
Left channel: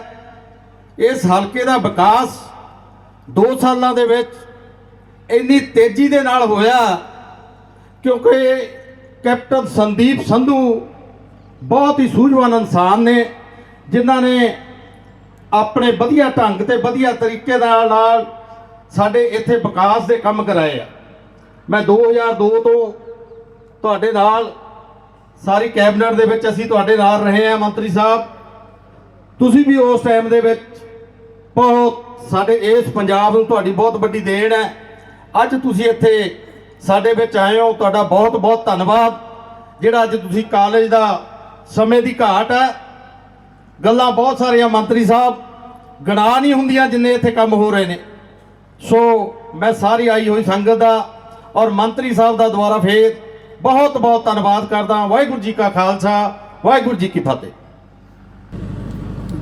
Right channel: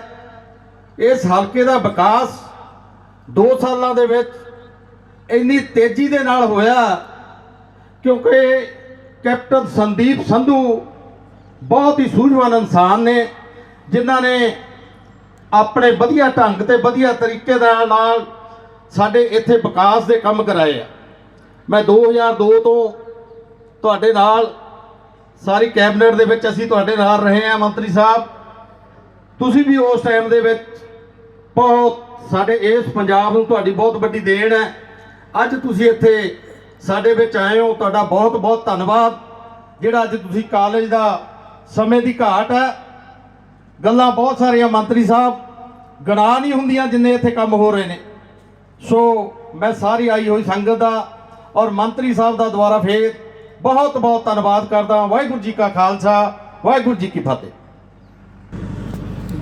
ਇਸ ਹਲਕੇ ਦਾ ਵਿਕਾਸ 2 ਸਾਲਾਂ ਦੇ ਵਿੱਚ ਇੰਨੀ ਤੇਜ਼ੀ ਦੇ ਨਾਲ ਹੋਇਆ ਕਿਉਂਕਿ ਕੈਪਟਨ ਸੰਦੀਪ ਸੰਧੂ ਬਹੁਤ ਹੀ ਸੂਝਵਾਨ ਇਨਸਾਨ ਨੇ, ਜਿਨ੍ਹਾਂ ਨੇ ਆਪਣੇ ਵਧੀਆ ਢੰਗ ਤੇ ਵਧੀਆ ਤਰੀਕੇ ਨਾਲ ਸਾਡੇ ਇੱਥੇ ਵਿਕਾਸ ਦੇ ਕੰਮ ਕਰਾਏ ਆ। ਮੈਂ 2002 ਤੋਂ ਤੁਹਾਡੇ ਨਾਲ ਸਾਰੀ ਕੈਬਨਿਟ ਦੇ ਵਿੱਚ ਅਸੀਂ ਤੁਹਾਡੇ ਨਾਲ ਰਹੇ ਆ ਮੰਤਰੀ ਸਾਹਿਬ। ਤੁਸੀਂ ਵੀ ਉਸ ਟਾਈਮ ਦੇ ਵਿੱਚ ਬਹੁਤ ਸਾਡੇ ਇਸ ਪੰਜਾਬ ਨੂੰ ਤੁਹਾਡੀ ਬਹੁਤ ਵੱਡੀ ਦੇਣ ਹੈ। ਅੱਜ ਤੁਸੀਂ ਇੱਥੇ ਸਾਡੇ ਵਿੱਚ ਆਏ ਹੋ, ਤੁਹਾਡਾ ਬਹੁਤ ਬਹੁਤ ਧੰਨਵਾਦ। ਜਿਹੜਾ ਅੱਜ ਤੁਸੀਂ ਕਾਲਜ ਦਾ ਸਮੇਂ ਦੀ ਘਾਟ ਹੈ, ਗੱਲਾਂ ਬਹੁਤ ਸਾਰੀਆਂ ਮੰਤਰੀ ਸਾਹਿਬ ਗਣਾ ਨਹੀਂ ਹੁੰਦੀਆਂ ਜਿੰਨੇ ਇੱਥੇ ਕੰਮ ਹੋ ਰਹੇ ਨੇ। ਸੋ ਮੈਂ ਸਾਰੀ ਆਈ ਹੋਈ ਸੰਗਤ ਦਾ ਔਰ ਮੰਤਰੀ ਸਾਹਿਬ ਦਾ ਦੁਬਾਰਾ ਫੇਰ ਬਹੁਤ ਬਹੁਤ ਧੰਨਵਾਦ ਕਰਦਾ। ਵਾਹਿਗੁਰੂ ਜੀ ਕਾ ਖਾਲਸਾ, ਵਾਹਿਗੁਰੂ ਜੀ ਕੀ ਫਤਿਹ।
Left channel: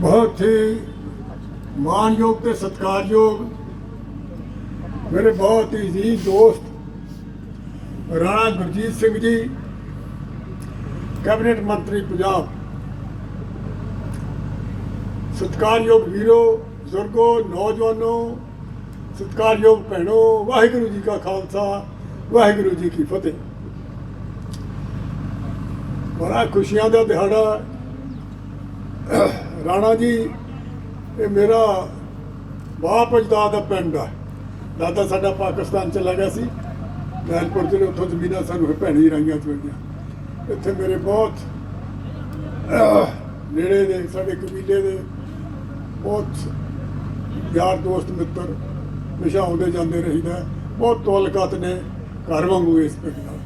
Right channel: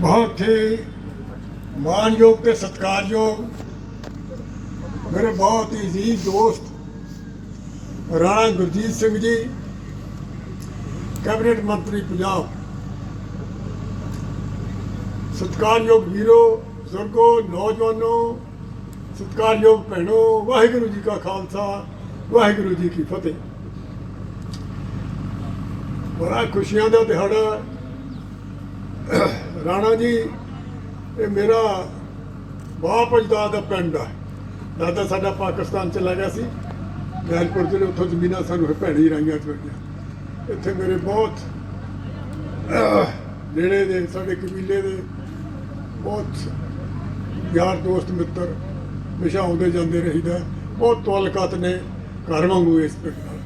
बहुत ही मानयोग ਤੇ ਸਤਿਕਾਰਯੋਗ ਮੇਰੇ ਬਹੁਤ ਹੀ ਅਜ਼ੀਜ਼ ਦੋਸਤ ਰਾਣਾ ਗੁਰਜੀਤ ਸਿੰਘ ਜੀ, ਕੈਬਨਿਟ ਮੰਤਰੀ ਪੰਜਾਬ, ਸਤਿਕਾਰਯੋਗ ਵੀਰੋ, ਬਜ਼ੁਰਗੋ, ਨੌਜਵਾਨੋ, ਸਤਿਕਾਰਯੋਗ ਭੈਣੋ, ਵਾਹਿਗੁਰੂ ਜੀ ਕਾ ਖਾਲਸਾ, ਵਾਹਿਗੁਰੂ ਜੀ ਕੀ ਫਤਿਹ। ਬੜਾ ਖੁਸ਼ੀਆਂ ਦਾ ਦਿਹਾੜਾ। ਰਾਣਾ ਜੀ ਇਹ ਮੇਰਾ ਬਾਪ ਅਜਦਾਦ ਦਾ ਪਿੰਡ ਆ। ਦਾਦਾ ਸਾਡਾ ਪਾਕਿਸਤਾਨ ਚਲਾ ਗਿਆ ਸੀ, ਗੈਲਪੁਰ ਜਿਹੜੇ ਉੱਥੋਂ ਜ਼ਮੀਨਾਂ ਸਾਨੂੰ ਭੈਣੀ ਰਾਈਆਂ ਚੋਈਆਂ। ਇੱਥੇ ਮੇਰੇ ਬਹੁਤ ਨੇੜੇ ਦੇ ਸਾਡੇ ਕਬੀਲੇ ਦੇ ਬਹੁਤ ਯਾਰ ਦੋਸਤ ਮਿੱਤਰ ਹਮੇਸ਼ਾ ਆਉਂਦੇ ਜਾਂਦੇ ਰਹੀਦਾ। ਬਹੁਤ ਤਾਲੁਕਾਤ ਨੇ ਘਰ ਵਾਂਗੂ ਇਸ ਪਿੰਡ ਨਾਲ।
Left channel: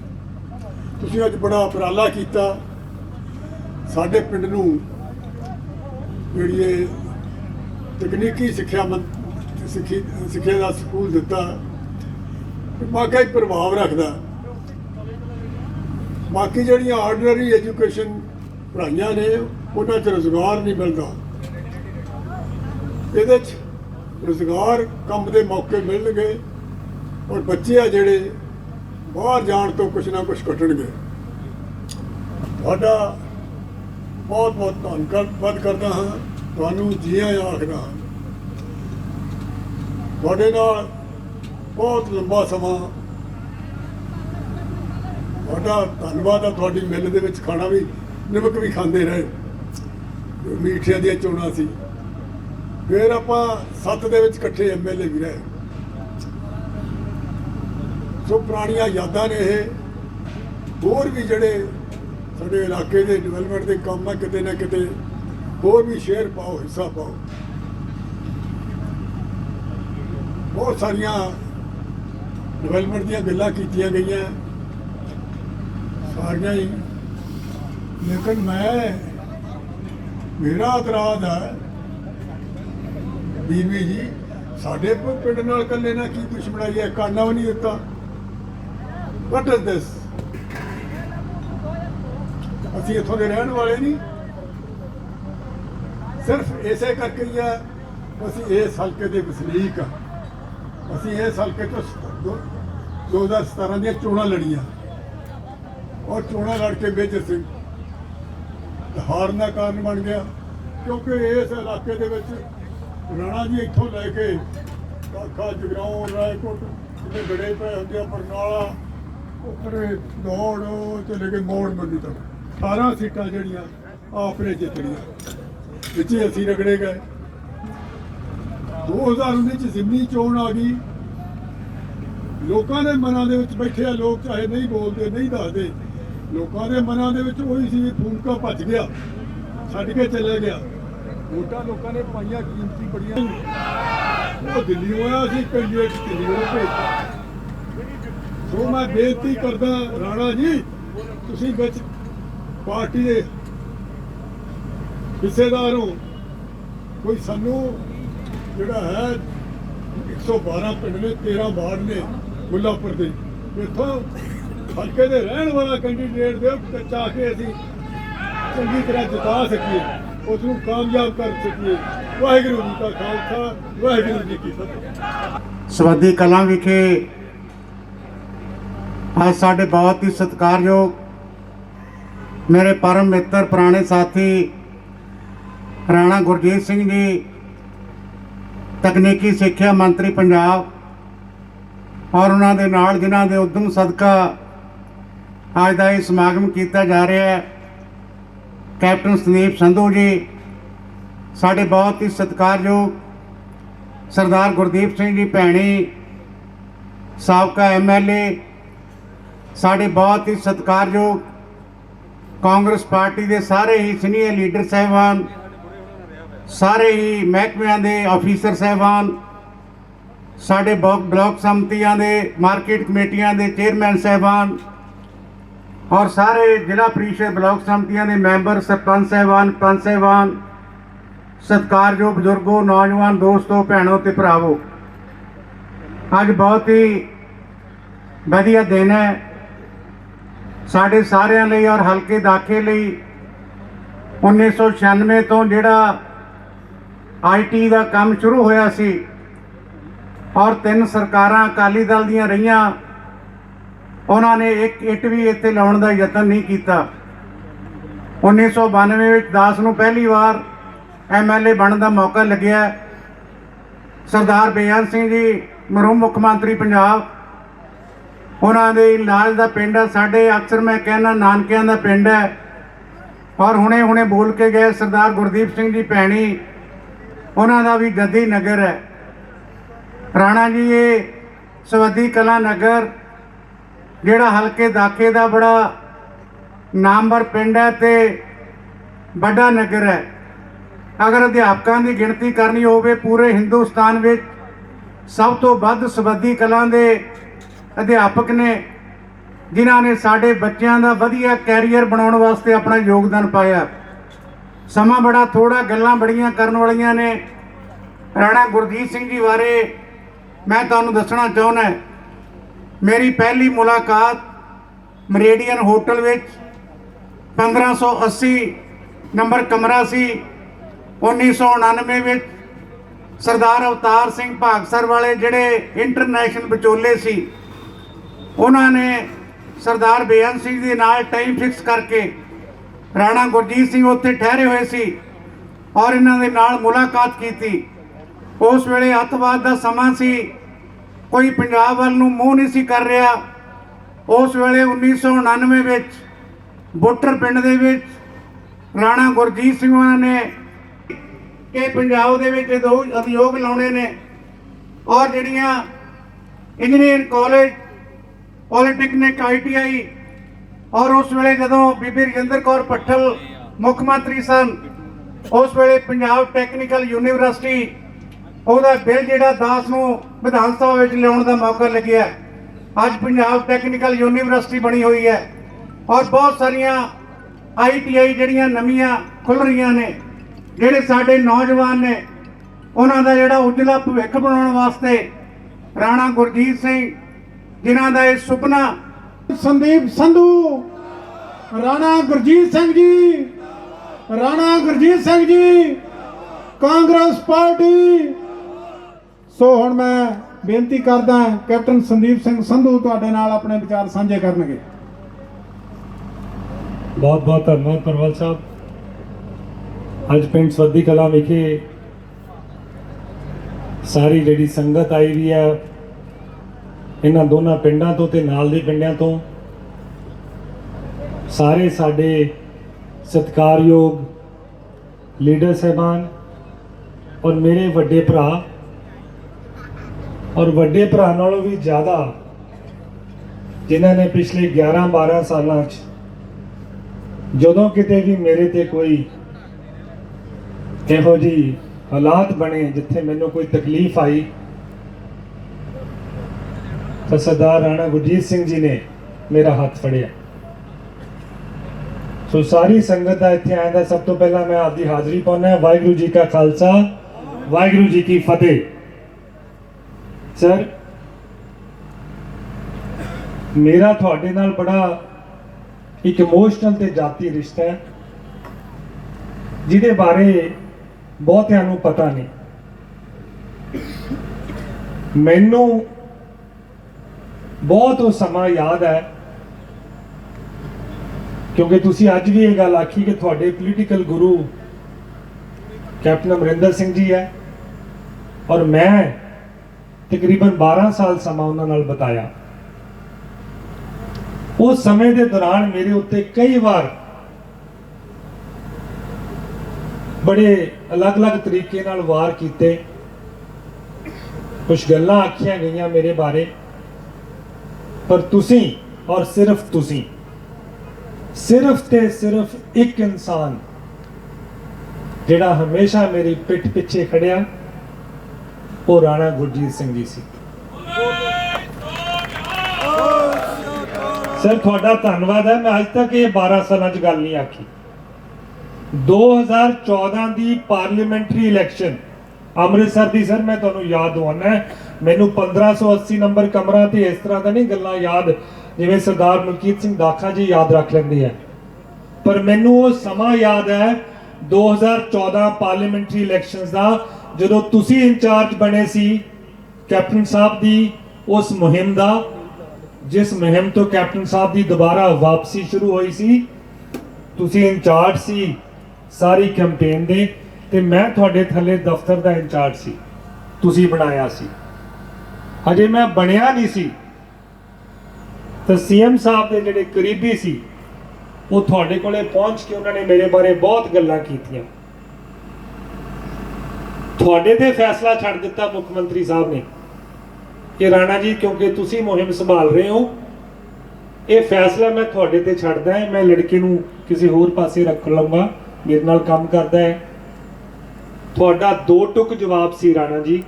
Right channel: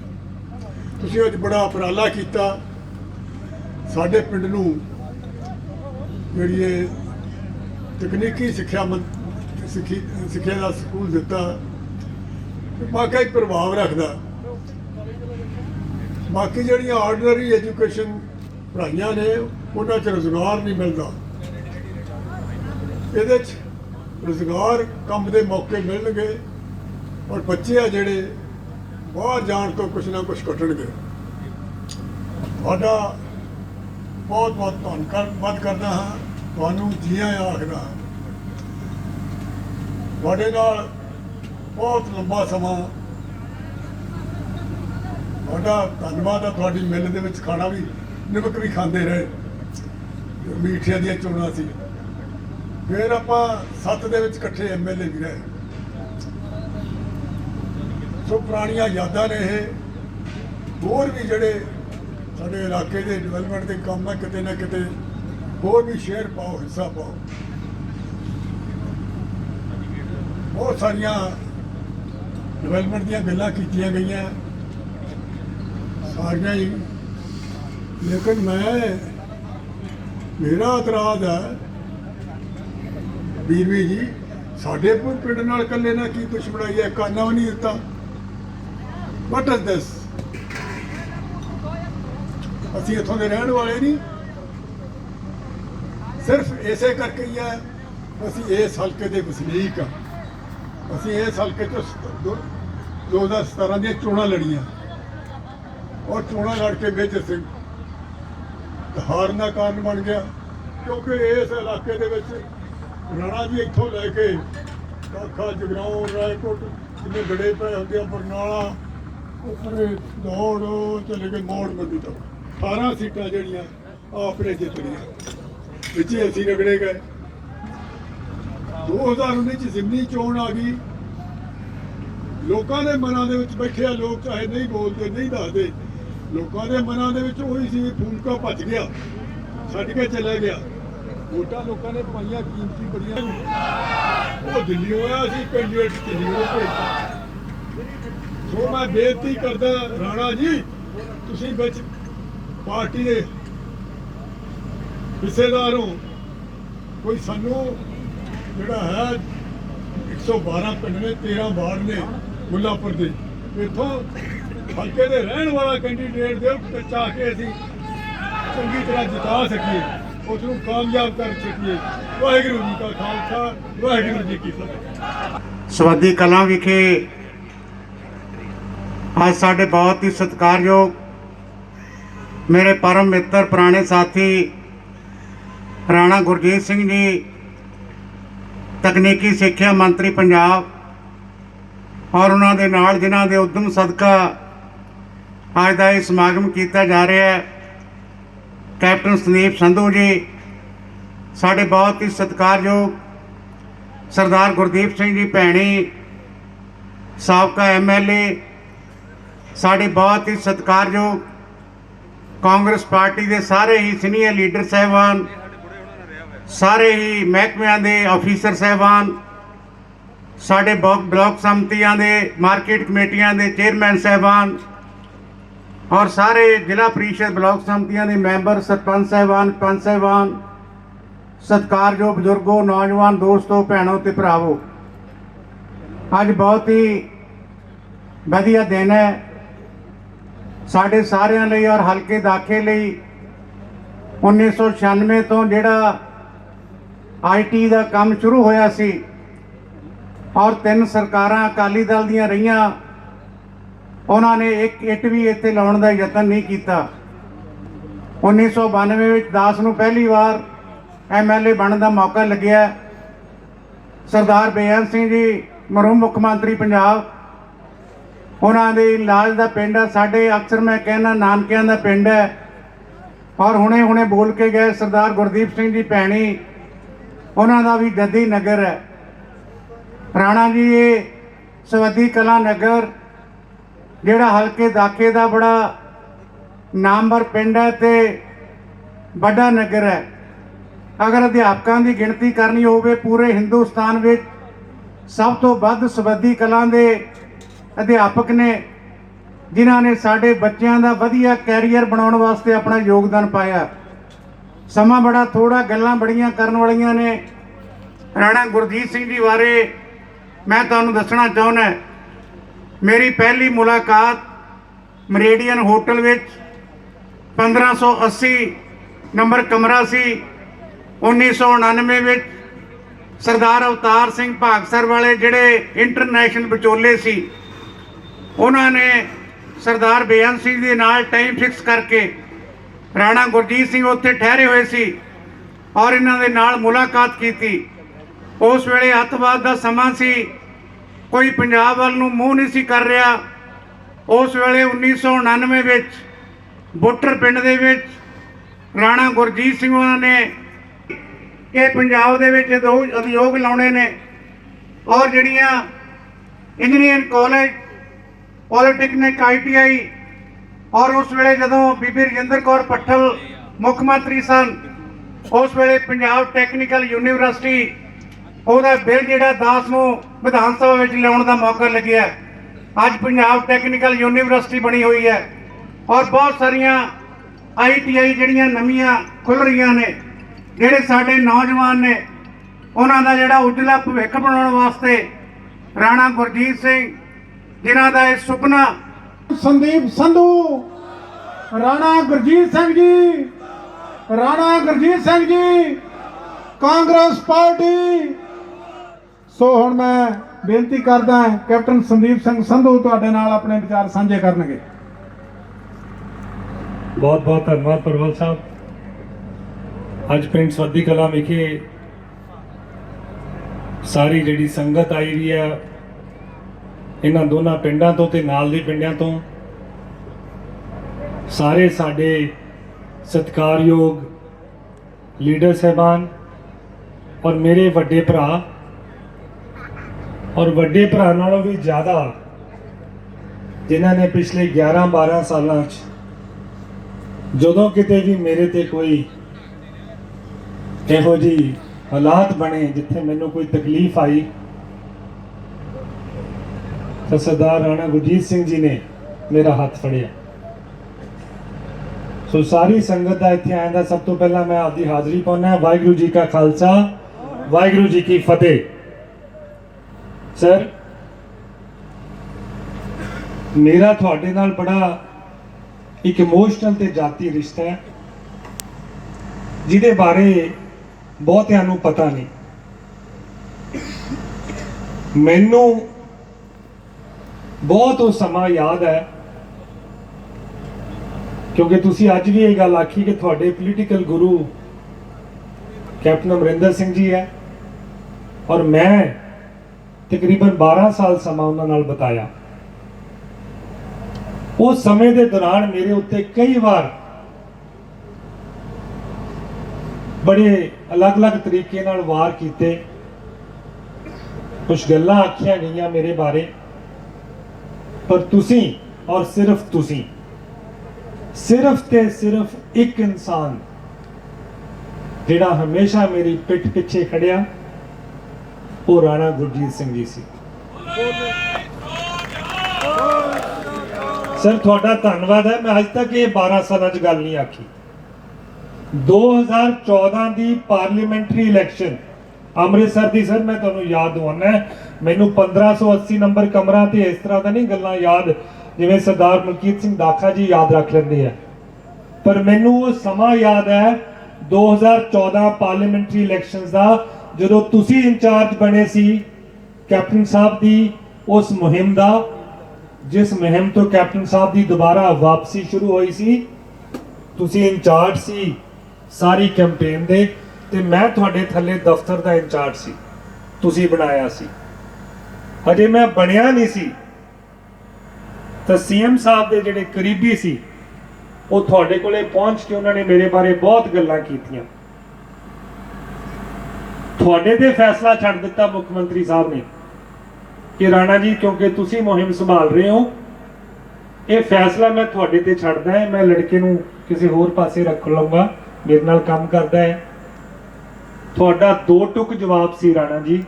ਤੁਸੀਂ ਅੱਜ ਬੜਾ ਉਪਰਾਲਾ ਕੀਤਾ, ਸਾਡੇ ਪਿੰਡ ਨੂੰ ਜਿਹੜੀ ਇਹ ਤਕਨੀਕੀ ਸਿੱਖਿਆ ਦਾ ਸਕੂਲ ਦਿੱਤਾ, ਵਾਕਈ ਪ੍ਰਭਾਵ ਰੱਖਦਾ। ਬਾਕੀ ਜਿਹੜੀਆਂ ਆਰਡੀਨਰੀ ਐਜੂਕੇਸ਼ਨ ਪੜ੍ਹਾਈਆਂ ਨੇ ਉਹਨਾਂ 'ਚ ਰੁਜ਼ਗਾਰ ਨਹੀਂ ਮਿਲਦਾ। ਇਹਦੇ 'ਚ ਰੁਜ਼ਗਾਰ ਕੰਮ ਦੇ ਮੌਕੇ ਮਿਲਣਗੇ ਔਰ ਬੱਚੇ ਆ ਜਿਹੜੇ ਬਾਹਰ ਜਾਣ ਤੋਂ ਕੁਛ ਨਾ ਕੁਛ ਕੱਟਣਗੇ। ਤੁਹਾਡਾ ਬਹੁਤ ਬਹੁਤ ਧੰਨਵਾਦ ਕਰਦਾ ਹਾਂ, ਤੁਹਾਨੂੰ ਜੀ ਆਇਆਂ ਆਖਦਾ ਹਾਂ। ਤੁਹਾਡੇ ਨਾਲ ਬਹੁਤ ਲੰਬਾ ਸਮਾਂ ਤੁਹਾਡਾ ਧੰਨਵਾਦ ਹੈ। ਤੁਹਾਡੀ ਮਿਲ ਦੇ ਵਿੱਚ ਖਾਣਾ ਵੀ ਨਿਮਕ ਵੀ ਖਾਂਦੇ ਰਹੇ, ਮੀਠਿਆਂ ਦੀਆਂ ਚੋਣਾਂ ਸੀ। ਫਿਰ ਆਪਾਂ 7 ਦੇ ਵਿੱਚ ਇਕੱਠੇ ਐਮਐਲਏ ਵੀ ਰਹੇ। ਸੋ ਪੁਰਾਣੀਆਂ ਯਾਦਾਂ ਨੇ ਇਹ। ਹੋਰ ਵੀ ਜਿਹੜੇ ਸਾਡੇ ਇਲਾਕੇ ਦੇ ਡਿਵੈਲਪਮੈਂਟ ਦੇ ਕੰਮ ਹੈ, ਕਿਤੇ ਨਾ ਕਿਤੇ ਹੋਰ ਵੀ ਸ਼ੇਅਰ ਪਾਓ, ਹਿੱਸਾ ਪਾਓ। ਬਹੁਤ ਸਾਰੀਆਂ ਡਿਵੈਲਪਮੈਂਟ ਦੀਆਂ ਗੱਲਾਂ ਕੀਤੀਆਂ ਗਈਆਂ ਸਾਰੀਆਂ ਹੀ, ਲੇਕਿਨ ਮੇਰਾ ਇਤਰਾਜ਼ ਹੈ ਵੀਰਵੀ ਜੀ, ਸਾਡੇ ਪਿੰਡ ਨਾਲ ਇਕੱਲੇ ਨਾਲ ਕੀ ਦੁਸ਼ਮਣਾਈ ਹੈ? ਕਾਨਾ ਵੀ ਨਹੀਂ ਦਿੱਤਾ। What is this? ਅਸੀਂ ਇੱਥੋਂ ਦੇ ਰਹਿਣ ਵਾਲੇ ਨਹੀਂ, ਸਿਰਫ ਇਸੇ ਕਰਕੇ ਹੀ ਹੈ ਅਸੀਂ ਇਸ ਹਲਕੇ ਦੇ ਵਸਨੀਕ ਹਾਂ। ਅਸੀਂ ਇਸ ਹਲਕੇ ਤੋਂ 2017 ਦੀਆਂ ਚੋਣਾਂ ਲੜੀਆਂ ਔਰ ਚੋਣਾਂ ਲੜ ਕੇ ਮੇਜਰ ਸਿੰਘ ਹਾਰਨ ਦਾ ਕਾਰਨ ਬਣ ਗਿਆ, ਕਿਉਂਕਿ ਇਸ ਇਲਾਕੇ ਦੇ ਵਿੱਚ ਰਾਣਾ ਜੀ ਇੱਥੋਂ ਲੈ ਕੇ ਕਾਖਾ, ਜਗਰਾਉਂ, ਰਾਏਕੋਟ ਜਿੰਨੇ ਗੜੇ ਪਏ ਹੁੰਦੇ ਆ, ਬਰਨਾਲਾ, ਉੱਪਰੇ ਦੌੜ ਚਲੇ ਗਏ ਮੋੜ ਮੰਡੀ ਤੱਕ 18 ਸੀਟਾਂ ਜਿਹੜੀਆਂ ਆਪਨੇ ਜਿੱਤ ਲਈਆਂ, ਵਿੱਚ ਹੀ ਅਸੀਂ ਰਗੜੇ ਗਏ। 2019 ਚ ਜ਼ਿਮਨੀ ਚੋਣ ਆ ਗਈ, ਲੋਕਾਂ ਦੇ ਮਨਾਂ ਦੇ ਵਿੱਚ ਬੈਠੇ ਆ ਲੋਕ, ਚਾਹੇ ਨਹੀਂ ਬੋਲਦੇ ਨਹੀਂ ਦੱਸਦੇ, ਲੋਕਾਂ ਦੇ ਮਨਾਂ ਦੇ ਵਿੱਚ ਉਹੀ ਸੀ। ਫੂਨਕਾ ਭੱਜ ਗਿਆ, ਛੱਡ ਕੇ ਚਲੇ ਗਿਆ। ਵੋਟਾਂ ਲੋਕਾਂ ਨੇ ਪਾਈਆਂ ਕੀਮਤੀ ਬੜੀਆਂ, ਉਹ ਦਿੱਲੀੋਂ ਆਇਆ ਸੀ ਕੈਂਡੀਡੇਟ, ਦਿੱਲੀੋਂ ਭੇਜਿਆ। ਸੋ ਮੈਂ ਬੇਨਤੀ ਕਰਦਾ ਰਾਣਾ ਜੀ, ਤੁਸੀਂ ਵਿੱਚ ਪਾਰਟੀ ਦੇ ਹਿੱਸੇਦਾਰ ਹੋ, ਕੋਈ ਸਾਨੂੰ ਜਿਹੜਾ ਹੈ 112 ਪਿੰਡ ਨੇ, 13 ਵਾਰਡ ਨੇ ਮੁੱਲਾਪੁਰ ਦੇ, ਇੱਥੋਂ ਹਲਕੇ ਦੇ ਰਹਿਣ ਵਾਲਾ ਕੈਂਡੀਡੇਟ ਦੇ ਚਾਹ ਕੇ ਅਸੀਂ ਚੰਗੀ ਤਰ੍ਹਾਂ ਜਿਤਾ ਸਕੀਏ, ਉਸ ਨੂੰ ਕਾਮਯਾਬ ਕਰ ਸਕੀਏ। ਵਾਹਿਗੁਰੂ ਜੀ ਕਾ ਖਾਲਸਾ, ਵਾਹਿਗੁਰੂ ਜੀ ਕੀ ਫਤਿਹ। ਸਵਾਦੀ ਕਲਾਂ ਵਿਖੇ ਅੱਜ ਸਾਡੇ ਬਹੁਤ ਹੀ ਸਤਿਕਾਰਯੋਗ ਮੇਰੇ ਪਰਮ ਮਿੱਤਰ, ਪੁਰਾਣੇ ਸਾਥੀ ਰਾਣਾ ਗੁਰਜੀਤ ਸਿੰਘ ਜੀ, ਤਕਨੀਕੀ ਸਿੱਖਿਆ ਮੰਤਰੀ ਪੰਜਾਬ, ਔਰ ਉਹਨਾਂ ਦੇ ਨਾਲ ਜਿਨ੍ਹਾਂ ਦੇ ਉਦਮ ਸਦਕਾ ਅੱਜ ਦਾ ਇਹ ਸਮਾਗਮ ਕੀਤਾ ਜਾ ਰਿਹਾ ਹੈ, ਕੈਪਟਨ ਸੰਦੀਪ ਸੰਧੂ ਜੀ, ਸਾਡੇ ਬਹੁਤ ਹੀ ਸਤਿਕਾਰਯੋਗ ਸਰਦਾਰ ਗੁਰਦੀਪ ਸਿੰਘ ਜੀ ਭੈਣੀ, ਸਾਬਕਾ MLA, ਸਾਡੇ ਬਹੁਤ ਹੀ ਸਤਿਕਾਰਯੋਗ ਕਾਂਗਰਸ ਪਾਰਟੀ ਦੇ ਸਾਰੇ ਹੀ ਸੀਨੀਅਰ ਲੀਡਰ ਸਾਹਿਬਾਨ, ਸਾਰੇ ਹੀ ਮਹਿਕਮਿਆਂ ਦੇ ਅਫੀਸਰ ਸਾਹਿਬਾਨ, ਸਾਡੇ ਬਲਾਕ ਸਮਿਤੀਆਂ ਦੇ, ਮਾਰਕੀਟ ਕਮੇਟੀਆਂ ਦੇ ਚੇਅਰਮੈਨ ਸਾਹਿਬਾਨ, ਔਰ ਸਾਰੇ ਜ਼ਿਲ੍ਹਾ ਪ੍ਰੀਸ਼ਦ ਬਲਾਕ ਸਮਿਤੀਆਂ ਦੇ ਮੈਂਬਰ, ਸਰਪੰਚ ਸਾਹਿਬਾਨ, ਪੰਚ ਸਾਹਿਬਾਨ, ਸਤਿਕਾਰਯੋਗ ਬਜ਼ੁਰਗੋ, ਨੌਜਵਾਨ ਦੋਸਤੋ, ਭੈਣੋ ਤੇ ਭਰਾਵੋ, ਅੱਜ ਬਹੁਤ ਹੀ ਵਧੀਆ ਦਿਨ ਹੈ ਸਾਡੇ ਸਾਰਿਆਂ ਲਈ ਔਰ ਹਲਕੇ ਦਾਖੇ ਲਈ। 1996 ਤੋਂ ਜਿਹੜਾ IT ਦਾ ਕੰਮ ਸ਼ੁਰੂ ਹੋਇਆ ਸੀ, ਔਰ 3 ਸਰਕਾਰਾਂ ਅਕਾਲੀ ਦਲ ਦੀਆਂ ਰਹੀਆਂ, ਉਹਨਾਂ ਨੇ ਇੱਕ ਇੱਟ ਵੀ ਇੱਥੇ ਲਾਉਣ ਦਾ ਯਤਨ ਨਹੀਂ ਕੀਤਾ। 1992 ਵਿੱਚ 10 ਨੂੰ ਪਹਿਲੀ ਵਾਰ MLA ਬਣਨ ਦਾ ਮੌਕਾ ਲੱਗਿਆ। ਸਰਦਾਰ ਬੇਅੰਤ ਸਿੰਘ ਜੀ ਮਰਹੂਮ ਮੁੱਖ ਮੰਤਰੀ ਪੰਜਾਬ, ਉਹਨਾਂ ਦੇ ਇਲਾਜ ਦਾ ਪਿੰਡ ਹੈ, ਸਾਡੇ ਅਕਸਰ ਮੈਂ ਕਹਿੰਦਾ ਨਾਨਕਿਆਂ ਦਾ ਪਿੰਡ ਹੈ, ਔਰ ਹੁਣੇ ਬੋਲ ਕੇ ਗਏ ਸਰਦਾਰ ਗੁਰਦੀਪ ਸਿੰਘ ਜੀ ਭੈਣੀ, ਉਹਨਾਂ ਦਾ ਵੀ ਗੱਦੀ ਨਗਰ ਹੈ। ਰਾਣਾ ਜੀ, ਇਹ ਸਵੱਦੀ ਕਲਾਂ ਨਗਰ ਜਿਹੜਾ ਹਲਕੇ ਦਾਖੇ ਦਾ ਬੜਾ ਨਾਮਵਰ ਪਿੰਡ ਹੈ ਤੇ ਵੱਡਾ ਨਗਰ ਹੈ। ਅਗਰ ਅਧਿਆਪਕਾਂ ਦੀ ਗਿਣਤੀ ਕਰਨੀ ਹੋਵੇ, ਪੂਰੇ ਹਿੰਦੁਸਤਾਨ ਵਿੱਚ ਸਭ ਤੋਂ ਵੱਧ ਸਵੱਦੀ ਕਲਾਂ ਦੇ ਅਧਿਆਪਕ ਨੇ, ਜਿਨ੍ਹਾਂ ਨੇ ਸਾਡੇ ਬੱਚਿਆਂ ਦਾ ਵਧੀਆ ਕੈਰੀਅਰ ਬਣਾਉਣ ਵਾਸਤੇ ਆਪਣਾ ਯੋਗਦਾਨ ਪਾਇਆ। ਸਮਾਂ ਬੜਾ ਥੋੜਾ, ਗੱਲਾਂ ਬੜੀਆਂ ਕਰਨ ਵਾਲੀਆਂ ਨੇ। ਰਾਣਾ ਗੁਰਜੀਤ ਸਿੰਘ ਜੀ ਬਾਰੇ ਮੈਂ ਤੁਹਾਨੂੰ ਦੱਸਣਾ ਚਾਹੁੰਦਾ, ਮੇਰੀ ਪਹਿਲੀ ਮੁਲਾਕਾਤ ਮਰੇਡੀਅਨ ਹੋਟਲ ਵਿੱਚ 1580 ਨੰਬਰ ਕਮਰਾ ਸੀ। 1999 ਵਿੱਚ ਸਰਦਾਰ ਅਵਤਾਰ ਸਿੰਘ ਭਾਗਸਰ ਵਾਲੇ ਜਿਹੜੇ ਇੰਟਰਨੈਸ਼ਨਲ ਵਿਚੋਲੇ ਸੀ, ਉਹਨਾਂ ਨੇ ਸਰਦਾਰ ਬੇਅੰਤ ਸਿੰਘ ਦੇ ਨਾਲ ਟਾਈਮ ਫਿਕਸ ਕਰਕੇ, ਰਾਣਾ ਗੁਰਜੀਤ ਸਿੰਘ ਉੱਥੇ ਠਹਿਰੇ ਹੋਏ ਸੀ ਔਰ ਇਹਨਾਂ ਦੇ ਨਾਲ ਮੁਲਾਕਾਤ ਕੀਤੀ। ਉਸ ਵੇਲੇ ਅੱਤਵਾਦ ਦਾ ਸਮਾਂ ਸੀ, ਕੋਈ ਪੰਜਾਬ ਵੱਲ ਨੂੰ ਮੂੰਹ ਨਹੀਂ ਸੀ ਕਰ ਰਿਹਾ। ਉਸ ਵੇਲੇ 1999 ਵਿੱਚ ਬੋਟਰ ਪਿੰਡ ਦੇ ਵਿੱਚ ਰਾਣਾ ਗੁਰਜੀਤ ਸਿੰਘ ਉਹਨਾਂ ਨੇ ਇਹ ਪੰਜਾਬ ਦੇ ਵਿੱਚ ਉਦਯੋਗ ਲਾਉਣੇ ਨੇ, ਔਰ ਜਿਹੜੀਆਂ ਇੰਜੀਨੀਅਰਿੰਗ ਕਾਲਜ, ਪੋਲੀਟੈਕਨਿਕ, ITI, ਔਰ ਉਸ ਵੇਲੇ ਜਦੋਂ ਬੀਬੀ ਰਜਿੰਦਰ ਕੌਰ ਭੱਠਲ ਮੁੱਖ ਮੰਤਰੀ ਸਨ, ਉਸ ਵੇਲੇ ਪੰਜਾਬ ਟੈਕਨੀਕਲ ਯੂਨੀਵਰਸਿਟੀ, ਉਹਦਾ ਬਿੱਲ ਜਿਹੜਾ 10 ਨੂੰ ਵਿਧਾਨ ਸਭਾ ਵਿੱਚ ਲਿਆਉਣ ਦਾ ਮੌਕਾ ਲੱਗਿਆ। ਅੱਜ ਪੰਜਾਬ ਟੈਕਨੀਕਲ ਯੂਨੀਵਰਸਿਟੀ ਬਣੀ ਹੋਈ ਹੈ, ਔਰ ਬਹੁਤ ਸਾਰੀਆਂ ITI ਜਿਹੜੀਆਂ ਨਵੀਆਂ ਖੁੱਲ ਰਹੀਆਂ ਨੇ। ਜਿਹੜੇ ਸਾਡੇ ਨੌਜਵਾਨ ਨੇ ਉਹਨਾਂ ਦਾ ਜਿਹੜਾ ਉਜਲਾ ਭਵਿੱਖ ਬਣਾਉਣ ਵਾਸਤੇ ਰਾਣਾ ਗੁਰਜੀਤ ਸਿੰਘ, ਜਿਨ੍ਹਾਂ ਦਾ ਇਹ ਸੁਪਨਾ ਸੰਦੀਪ ਸੰਧੂ, ਰਾਣਾ ਗੁਰਜੀਤ ਸਿੰਘ ਜੀ, ਰਾਣਾ ਗੁਰਜੀਤ ਸਿੰਘ ਜੀ, ਕਾਂਗਰਸ ਪਾਰਟੀ। ਸੋ ਹੁਣ ਮੈਂ ਬੇਨਤੀ ਕਰਦਾ ਕੈਪਟਨ ਸੰਦੀਪ ਸਿੰਘ ਸੰਧੂ ਤੁਹਾਡੇ ਨਾਲ ਆਪਣੇ ਵਿਚਾਰ ਸਾਂਝੇ ਕਰਨਗੇ। ਬਹੁਤ ਬਹੁਤ ਧੰਨਵਾਦ ਪਰਵਾਲ ਸਾਹਿਬ। ਅੱਜ ਪਿੰਡ ਸਵੱਦੀ ਕਲਾਂ ਵਿਖੇ ਸਾਰੀ ਜਿਹੜੀ ਸੰਗਤ ਆਈ ਵੀ ਹੈ ਇਹਨਾਂ ਦੋਨਾਂ ਪਿੰਡਾਂ ਤੋਂ ਤੇ ਨਾਲ ਦੇ ਪਿੰਡਾਂ ਤੋਂ, ਸਾਰੇ ਸਾਡੇ ਸਤਿਕਾਰਯੋਗ ਲੀਡਰ ਸਾਹਿਬਾਨ ਔਰ ਮੇਰੇ ਵੱਡੇ ਭਰਾ, ਔਰ ਵੱਡੇ ਭਰਾ ਨਾਲੋਂ ਵੀ ਜ਼ਿਆਦਾ ਜਿਨ੍ਹਾਂ ਨੇ ਪਿਛਲੇ 11-12 ਸਾਲਾਂ 'ਚ ਜਦੋਂ ਕਿਤੇ ਵੀ ਮੇਰੇ ਤੇ ਕੋਈ ਇਹੋ ਜਿਹੀ ਹਾਲਾਤ ਬਣੇ ਜਿੱਥੇ ਮੈਨੂੰ ਕੋਈ ਤਕਲੀਫ ਆਈ ਤਾਂ ਸਰਦਾਰ ਰਾਣਾ ਗੁਰਜੀਤ ਸਿੰਘ ਜੀ ਨੇ ਮੇਰਾ ਹੱਥ ਫੜਿਆ। ਸੋ ਸਾਰੀ ਸੰਗਤ ਦਾ ਇੱਥੇ ਆਉਣ ਦਾ ਸਭ ਤੋਂ ਪਹਿਲਾਂ ਮੈਂ ਆਪਦੀ ਹਾਜ਼ਰੀ ਪਾਉਣਾ। ਵਾਹਿਗੁਰੂ ਜੀ ਕਾ ਖਾਲਸਾ, ਵਾਹਿਗੁਰੂ ਜੀ ਕੀ ਫਤਿਹ। ਸਰ, ਮੇਰਾ ਤੁਹਾਡੇ ਨਾਲ ਬੜਾ ਇੱਕ ਇਮੋਸ਼ਨਲ ਤੇ ਜਾਤੀ ਰਿਸ਼ਤਾ ਹੈ ਜਿਹਦੇ ਬਾਰੇ ਬਹੁਤਿਆਂ ਨੂੰ ਪਤਾ ਨਹੀਂ। ਮੈਨੂੰ ਬਹੁਤ ਉਹ ਸਮਾਂ ਯਾਦ ਹੈ ਕਿਉਂਕਿ ਤੁਸੀਂ ਅੱਜ ਵੀ ਇਹ ਗੱਲ ਆਖੀ ਕਿ ਤੁਹਾਡੇ ਪੋਲੀਟੀਕਲ ਗੁਰੂ ਕੈਪਟਨ ਅਮਰਿੰਦਰ ਸਿੰਘ ਜੀ ਹੈ ਔਰ ਮੈਂ ਤਕਰੀਬਨ 12 ਸਾਲ ਸਮਾਂ ਉਹਨਾਂ ਨਾਲ ਬਿਤਾਇਆ। ਉਸ ਸਮੇਂ ਦੇ ਦੌਰਾਨ ਮੇਰੇ ਉੱਤੇ ਕਈ ਵਾਰ ਬੜੇ ਅਲੱਗ-ਅਲੱਗ ਤਰੀਕੇ ਨਾਲ ਵਾਰ ਕੀਤੇ, ਕੁਝ ਗੱਲਾਂ ਆਖੀਆਂ ਗਈਆਂ ਮੇਰੇ ਬਾਰੇ, ਪਰ ਤੁਸੀਂ ਔਰ ਸਿਰਫ ਤੁਸੀਂ, ਸਿਰਫ ਤੇ ਸਿਰਫ ਇੱਕ ਇਨਸਾਨ ਜਿਹੜਾ ਹਮੇਸ਼ਾ ਮੇਰੀ ਪਿੱਠ ਪਿੱਛੇ ਖੜਿਆ ਉਹ ਰਾਣਾ ਗੁਰਜੀਤ ਸਿੰਘ ਜੀ ਸੀ। ਸਰ, ਤੁਹਾਡਾ ਧੰਨਵਾਦ ਹੈ। ਮੈਂ ਅੱਜ ਤੱਕ ਇਹ 12 ਸਾਲਾਂ 'ਚ ਗੱਲ ਨਹੀਂ ਆਖੀ। 2014 ਦੀ ਪਾਰਲੀਮੈਂਟਰੀ ਇਲੈਕਸ਼ਨ ਅੰਮ੍ਰਿਤਸਰ ਦੀ, ਸਰ ਮੈਂ ਤੁਹਾਨੂੰ ਯਾਦ ਦਿਵਾਉਣਾ, ਮੈਨੂੰ 1580 ਨੰਬਰ ਕਮਰਾ ਤੇ ਇਸ ਤਰ੍ਹਾਂ ਦਾ ਨਹੀਂ ਗੱਲਾਂ ਯਾਦ ਜਿਵੇਂ ਸਰਦਾਰ ਮਲਕੀਤ ਸਿੰਘ ਦਾਖਾ ਜੀ ਯਾਦ ਰੱਖ ਲੈਂਦੇ ਆ, ਪਰ ਮੈਨੂੰ ਉਹ ਸਮਾਂ ਯਾਦ ਹੈ 2014 ਪਾਰਲੀਮੈਂਟਰੀ ਇਲੈਕਸ਼ਨਸ ਦਾ, ਜਦੋਂ ਤੁਸੀਂ ਇੰਚਾਰਜ ਬਣੇ ਸੀ ਕੈਪਟਨ ਸਾਹਿਬ ਦੀ ਉਸ ਮੁਹਿੰਮ ਦਾ, ਜਿਸ ਮੁਹਿੰਮ ਤੋਂ ਕੈਪਟਨ ਸਾਹਿਬ ਦੀ ਦੁਬਾਰਾ ਵਾਪਸੀ ਸ਼ੁਰੂ ਹੋਈ ਸੀ। ਤੁਸੀਂ ਇੰਚਾਰਜ ਸੀ ਸਾਰੀ ਕੈਂਪੇਨ ਦੇ ਤੇ ਮੈਂ ਤੁਹਾਡੇ ਥੱਲੇ ਦਫ਼ਤਰ ਦਾ ਇੰਚਾਰਜ ਸੀ, ਤੁਸੀਂ ਬਣਾਇਆ ਸੀ। ਅਜੇ ਮੈਂ ਬਣਿਆ ਨਹੀਂ ਸੀ ਤਾਂ ਸੀਐਮ ਸਾਹਿਬ ਦੇ ਜਿਹੜੇ ਕਰੀਬੀ ਸੀ ਉਹ ਤੁਹਾਡੇ ਕੋਲੇ ਪਹੁੰਚ ਕੇ ਉਹਨਾਂ ਨੇ ਮੇਰੇ ਬਾਰੇ ਬਹੁਤ ਗੱਲਾਂ ਕੀਤੀਆਂ। ਤੁਹਾਡੇ ਤੇ ਫੈਸਲਾ ਛੱਡ ਦਿੱਤਾ ਮੁੱਖ ਮੰਤਰੀ ਸਾਹਿਬ ਨੇ ਕਿ ਰਾਣਾ ਜੀ, ਕਿਉਂਕਿ ਤੁਸੀਂ ਮੁਹਿੰਮ ਸੰਭਾਲ ਰਹੇ ਹੋ, ਇਹ ਫੈਸਲਾ ਮੈਂ ਤੁਹਾਡੇ ਤੇ ਛੱਡਦਾ ਹੈ। ਮੈਂ ਲੜਕੇ ਨੂੰ ਕਿਸੇ ਹੋਰ ਪਾਸੇ ਰੱਖ ਲਵਾਂਗਾ, ਮੇਰੇ ਨਾਲ ਕੰਮ ਕਰਦਾ ਹੈ। ਤੁਹਾਡਾ 2 ਟੁਕ ਜਵਾਬ ਸੀ ਰਾਣਾ ਜੀ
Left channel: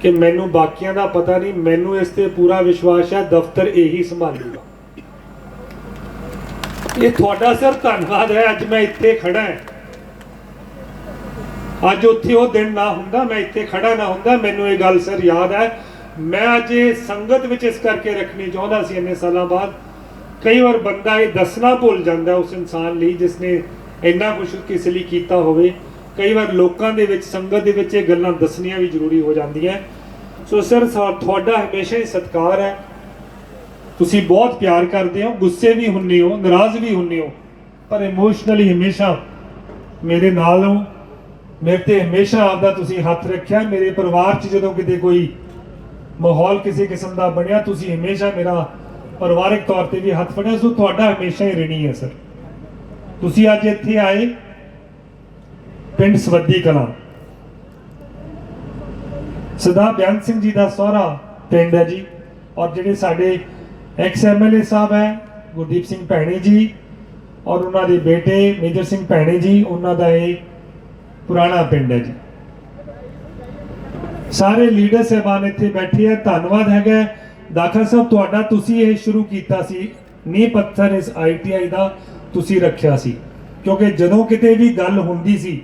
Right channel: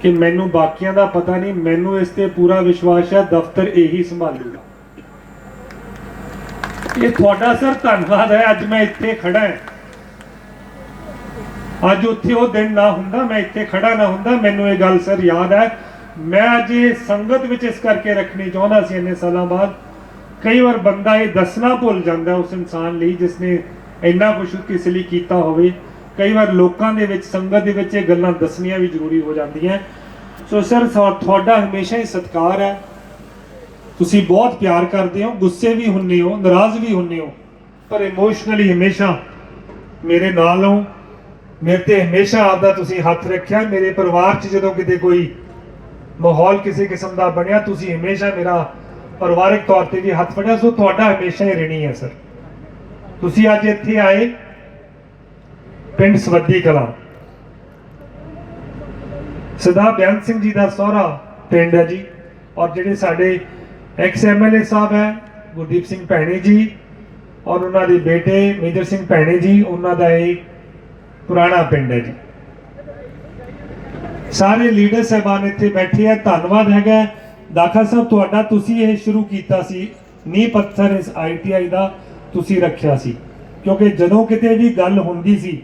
ਕਿ ਮੈਨੂੰ ਬਾਕੀਆਂ ਦਾ ਪਤਾ ਨਹੀਂ, ਮੈਨੂੰ ਇਸ ਤੇ ਪੂਰਾ ਵਿਸ਼ਵਾਸ ਹੈ, ਦਫ਼ਤਰ ਇਹੀ ਸੰਭਾਲੇਗਾ। ਇਹ ਤੁਹਾਡਾ ਸਰ ਧੰਨਵਾਦ ਹੈ। ਅੱਜ ਮੈਂ ਇੱਥੇ ਖੜਾ ਹਾਂ। ਅੱਜ ਉੱਥੇ ਉਹ ਦਿਨ ਨਾ ਹੁੰਦਾ, ਮੈਂ ਇੱਥੇ ਖੜਾ ਨਾ ਹੁੰਦਾ। ਮੈਨੂੰ ਇਹ ਗੱਲ ਸਰ ਯਾਦ ਹੈ। ਮੈਂ ਅੱਜ ਇਹ ਸੰਗਤ ਵਿੱਚ ਇਸ ਕਰਕੇ ਰੱਖਣੀ ਚਾਹੁੰਦਾ ਸੀ ਇੰਨੇ ਸਾਲਾਂ ਬਾਅਦ। ਕਈ ਵਾਰ ਬੰਦਾ ਇਹ ਦੱਸਣਾ ਭੁੱਲ ਜਾਂਦਾ ਉਸ ਇਨਸਾਨ ਲਈ ਜਿਸ ਨੇ ਇੰਨਾ ਕੁਝ ਕਿਸ ਲਈ ਕੀਤਾ ਹੋਵੇ। ਕਈ ਵਾਰ ਲੋਕਾਂ ਦੇ ਵਿੱਚ, ਸੰਗਤ ਦੇ ਵਿੱਚ ਇਹ ਗੱਲਾਂ ਦੱਸਣੀਆਂ ਵੀ ਜ਼ਰੂਰੀ ਹੋ ਜਾਂਦੀਆਂ। ਸੋ ਸਰ, ਤੁਹਾਡਾ ਹਮੇਸ਼ਾ ਹੀ ਸਤਿਕਾਰ ਹੈ। ਤੁਸੀਂ ਬਹੁਤ ਪਿਆਰ ਕਰਦੇ ਹੋ, ਗੁੱਸੇ ਵੀ ਹੁੰਦੇ ਹੋ, ਨਾਰਾਜ਼ ਵੀ ਹੁੰਦੇ ਹੋ, ਪਰ ਇਮੋਸ਼ਨਲੀ ਹਮੇਸ਼ਾ ਮੇਰੇ ਨਾਲ ਹੋ। ਮੇਰੇ ਤੇ ਹਮੇਸ਼ਾ ਆਪਦਾ ਤੁਸੀਂ ਹੱਥ ਰੱਖਿਆ। ਮੇਰੇ ਪਰਿਵਾਰ 'ਚ ਜਦੋਂ ਕਿਤੇ ਕੋਈ ਮਾਹੌਲ ਕਿਸੇ ਕਿਸਮ ਦਾ ਬਣਿਆ, ਤੁਸੀਂ ਹਮੇਸ਼ਾ ਮੇਰਾ ਪਰਿਵਾਰਕ ਤੌਰ ਤੇ ਵੀ ਹੱਥ ਫੜਿਆ। ਸੋ ਤੁਹਾਡਾ ਹਮੇਸ਼ਾ ਹੀ ਰਿਣੀ ਹੈ ਸਰ। ਤੁਸੀਂ ਅੱਜ ਇੱਥੇ ਆਏ ਪਿੰਡ ਸਵੱਦੀ ਕਲਾਂ, ਸਰਦਾਰ ਬੇਅੰਤ ਸਿੰਘ ਜੀ ਦਾ ਸਹੁਰਾ ਪਿੰਡ ਹੈ ਜੀ, ਔਰ ਜਿਹੜੇ ਸਾਡੇ ਐਕਸ ਐਮਐਲਏ ਸਾਹਿਬ ਹੈ ਗੁਰਦੀਪ ਸਿੰਘ ਭੈਣੀ ਜੀ ਔਰ ਉਹਨਾਂ ਦੇ ਬੇਟੇ ਮੇਜਰ ਸਿੰਘ ਭੈਣੀ ਜੀ, ਉਹਨਾਂ ਦਾ ਇਹ ਪੁਰਾਣਾ ਪਿੰਡ ਹੈ ਜੀ। ਸਾਰੇ ਲੀਡਰ ਸਾਹਿਬਾਨ ਇੱਥੇ ਬੈਠੇ ਆ। ਧੰਨਵਾਦ ਹੈਗਾ ਦਾਖਾ ਸਾਹਿਬ ਤੁਹਾਡਾ, ਤੁਸੀਂ ਇਹ ਸ਼ੁਰੂ ਕੀਤਾ ਸੀ, ਨੀਂਹ ਪੱਥਰ ਇਸ ITI ਦਾ ਤੁਸੀਂ ਰੱਖਿਆ ਸੀ, ਕਿਉਂਕਿ ਜਦੋਂ ਕਿਤੇ ਵੀ ਗੱਲ ਹੁੰਦੀ ਸੀ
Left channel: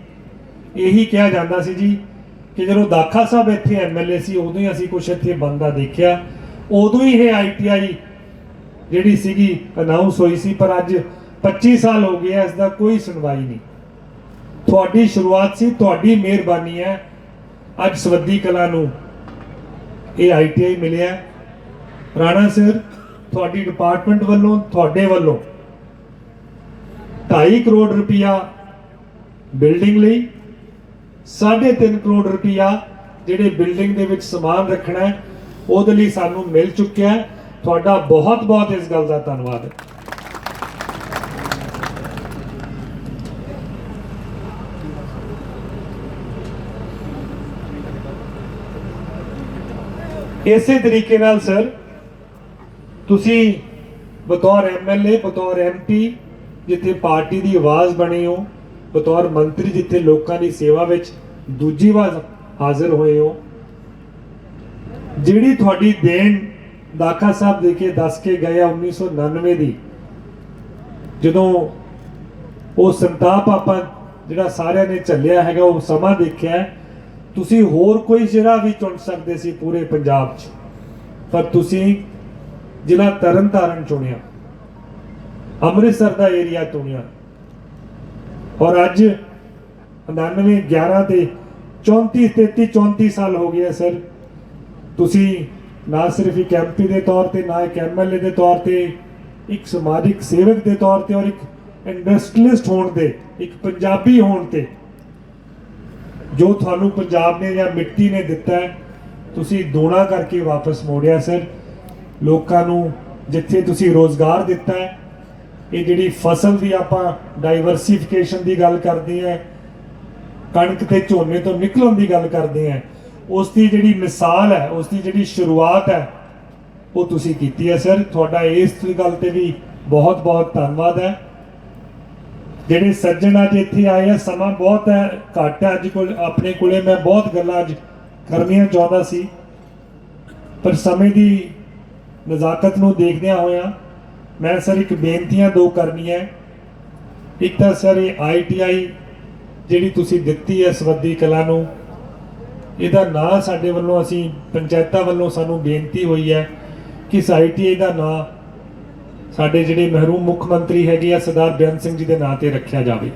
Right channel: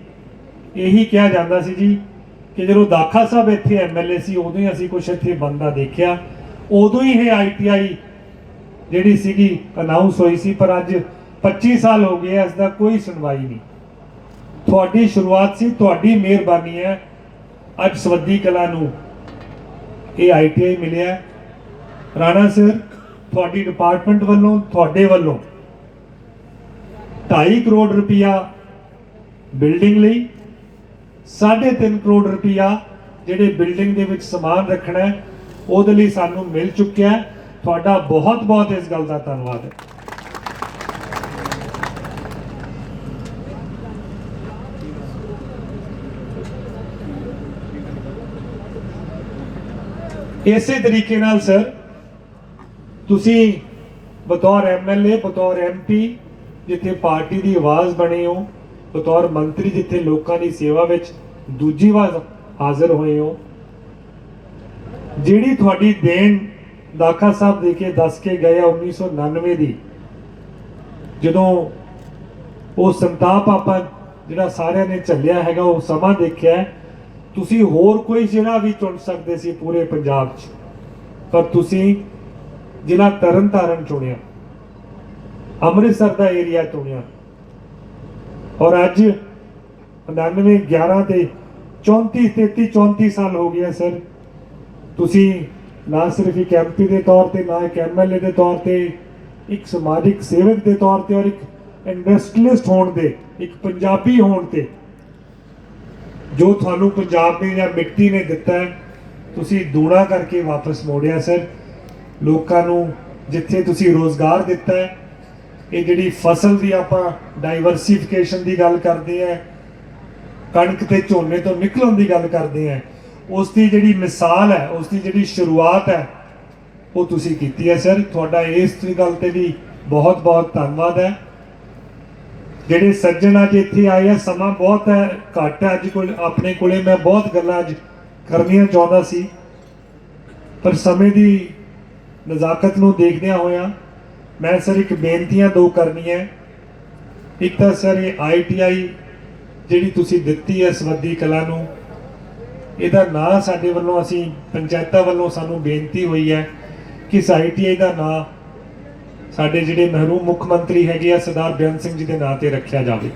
ਇਹੀ ਕਿਹਾ ਜਾਂਦਾ ਸੀ ਜੀ ਕਿ ਜਦੋਂ ਦਾਖਾ ਸਾਹਿਬ ਇੱਥੇ ਐਮਐਲਏ ਸੀ ਉਦੋਂ ਹੀ ਅਸੀਂ ਕੁਛ ਇੱਥੇ ਬੰਦਾ ਦੇਖਿਆ, ਉਦੋਂ ਹੀ ਇਹ ਆਈਟੀਆਈ ਜਿਹੜੀ ਸੀਗੀ ਅਨਾਉਂਸ ਹੋਈ ਸੀ, ਪਰ ਅੱਜ 25 ਸਾਲ ਹੋ ਗਏ ਇਸ ਦਾ ਕੋਈ ਸੁਣਵਾਈ ਨਹੀਂ। ਤੁਹਾਡੀ ਸ਼ੁਰੂਆਤ ਸੀ, ਤੁਹਾਡੀ ਮਿਹਰਬਾਨੀ ਹੈ ਅੱਜ ਸਵੱਦੀ ਕਲਾਂ ਨੂੰ ਇਹ ਆਈਟੀਆਈ ਮਿਲਿਆ। ਰਾਣਾ ਸਰ, ਤੁਹਾਡੀ ਡਿਪਾਰਟਮੈਂਟ ਵੱਲੋਂ, ਤੁਹਾਡੇ ਵੱਲੋਂ 2.5 ਕਰੋੜ ਰੁਪਇਆ ਬਿਲਡਿੰਗ ਲਈ, 3.5 ਕਰੋੜ ਰੁਪਇਆ ਜਿਹੜੇ ਬਿਲਡਿੰਗ ਦੇ ਵਿੱਚ ਸਮਾਨ ਰੱਖਣਾ ਹੈ ਉਹਦੇ ਲਈ ਸਾਨੂੰ ਮਿਲ ਚੁੱਕਿਆ ਹੈ। ਤੁਹਾਡਾ ਬਹੁਤ ਬਹੁਤ ਇਸ ਗੱਲ ਦਾ ਧੰਨਵਾਦ ਹੈ। ਇਸੇ ਤਰੀਕੇ ਨਾਲ ਸਰ ਤੁਸੀਂ ਬਤੌਰ ਐਮਐਲਏ, ਬਤੌਰ ਐਮਪੀ ਜਿੱਥੇ ਪਾਰਟੀ ਦੀ ਆਵਾਜ਼ ਬਣੇ ਹੋ, ਬਤੌਰ ਮੰਤਰੀ ਜਿੱਥੇ ਲੋਕਾਂ ਦੀ ਸੇਵਾ ਵਿੱਚ ਦੂਜੀ ਵਾਰ ਹਾਜ਼ਰ ਹੋਏ ਹੋ, ਜਿਹੜੀ ਤੁਹਾਡੀ ਦੇਣ ਦਾਖਾ ਸਾਹਿਬ ਦੇ ਕੇ ਦੱਸ ਕੇ ਗਏ 1999 ਦੀ, ਜਦੋਂ ਉਹ ਸੰਤਾਪ ਆਪਾਂ ਜਿਹੜਾ ਸਾਰਿਆਂ ਨੇ ਝੱਲਿਆ ਹੈਗਾ ਉਹ ਸਮਾਂ ਦੇਖਿਆ, ਤੁਸੀਂ ਹੋਰ ਕੋਈ ਜ਼ਿਲ੍ਹਾ ਵੀ ਚੁਣ ਸਕਦੇ ਸੀ ਪੂਰੇ ਪੰਜਾਬ 'ਚ, ਪਰ ਤੁਸੀਂ ਜ਼ਿਲ੍ਹਾ ਤਰਨਤਾਰਨ ਚੁਣਿਆ, ਅੰਮ੍ਰਿਤਸਰ ਦਾ ਏਰੀਆ ਚੁਣਿਆ। ਔਰ ਅੱਜ 99, 11 ਤੇ 34 ਸਾਲ ਹੋ ਗਏ ਸਰ, ਤੁਸੀਂ ਨਾ ਸਿਰਫ ਇੱਕ ਐਮਪੀ ਦੇ ਤੌਰ ਤੇ, ਨਾ ਇੱਕ ਐਮਐਲਏ ਦੇ ਤੌਰ ਤੇ, ਇੱਕ ਸਮਾਜਿਕ ਸੇਵਕ ਦੇ ਤੌਰ ਤੇ ਔਰ ਇੱਕ ਇੰਡਸਟਰੀਅਲਿਸਟ ਹੋਣ ਦੇ, ਇੱਕ ਪੰਜਾਬੀ ਹੋਣ ਤੇ, ਜੋ ਤੁਹਾਨੂੰ ਪੰਜਾਬ ਨੇ ਜਾਂ ਮਿੱਟੀ ਨੇ ਦਿੱਤਾ ਹੈ ਤੁਸੀਂ ਦੂਣਾ ਕਰਕੇ ਵਾਪਸ ਮੋੜਿਆ ਸਰ। ਲੋਕਾਂ ਨੂੰ ਜਿੱਥੇ ਤੁਸੀਂ ਰੋਜ਼ਗਾਰ ਦਿੱਤਾ ਹੈ, ਇਹ ਜਿਹੜੀ ਫਸਲ ਦੀ ਆਪਾਂ ਡਾਈਵਰਸੀਫਿਕੇਸ਼ਨ ਦੀ ਗੱਲ ਕਰਦੇ ਹਾਂ, ਕਣਕ ਤੇ ਝੋਨੇ ਤੋਂ ਨਿਕਲਣ ਦੀ ਗੱਲ ਕਰਦੇ ਹਾਂ, ਉਸ ਦੀ ਜਿਹੜੀ ਮਿਸਾਲ ਹੈ, ਉਸ ਦੀ ਜਿਹੜੀ ਸ਼ੁਰੂਆਤ ਹੈ ਉਹ ਤੁਸੀਂ ਕੀਤੀ ਹੈ ਸਰ। ਤੁਹਾਡਾ ਇਸ ਗੱਲ ਤੇ ਵੀ ਬਹੁਤ ਬਹੁਤ ਧੰਨਵਾਦ ਹੈ। ਜਿਹੜੇ ਸੱਜਣ ਅੱਜ ਇੱਥੇ ਆਏ ਆ, ਸਮਾਂ ਬਹੁਤ ਹੈ, ਘੱਟ ਹੈ ਅੱਜ ਕੋਲ ਆਪਣੇ ਕੋਲੇ, ਮੈਂ ਬਹੁਤ ਗੱਲਾਂ ਅੱਜ ਕਰਨੀਆਂ ਚਾਹੁੰਦਾ ਸੀ, ਪਰ ਸਮੇਂ ਦੀ ਨਜ਼ਾਕਤ ਨੂੰ ਦੇਖਦਿਆਂ ਹੋਇਆਂ ਮੈਂ ਸਰ ਇੱਕ ਬੇਨਤੀਆਂ ਦੋ ਕਰਨੀਆਂ। ਇੱਕ ਤਾਂ ਸਰ ਇਹ ਆਈਟੀਆਈ ਜਿਹੜੀ ਤੁਸੀਂ ਦਿੱਤੀ ਹੈ ਸਵੱਦੀ ਕਲਾਂ ਨੂੰ, ਇਹਦਾ ਨਾਂ ਸਾਡੇ ਵੱਲੋਂ, ਅਸੀਂ ਪੰਚਾਇਤਾਂ ਵੱਲੋਂ ਸਾਨੂੰ ਬੇਨਤੀ ਹੋਈ ਹੈ ਕਿ ਇਸ ਆਈਟੀਆਈ ਦਾ ਨਾਂ ਸਾਡੇ ਜਿਹੜੇ ਮਹਿਰੂਮ ਮੁੱਖ ਮੰਤਰੀ ਹੈਗੇ ਆ ਸਰਦਾਰ ਬੇਅੰਤ ਸਿੰਘ ਜੀ ਦੇ ਨਾਂ ਤੇ ਰੱਖਿਆ ਜਾਵੇ।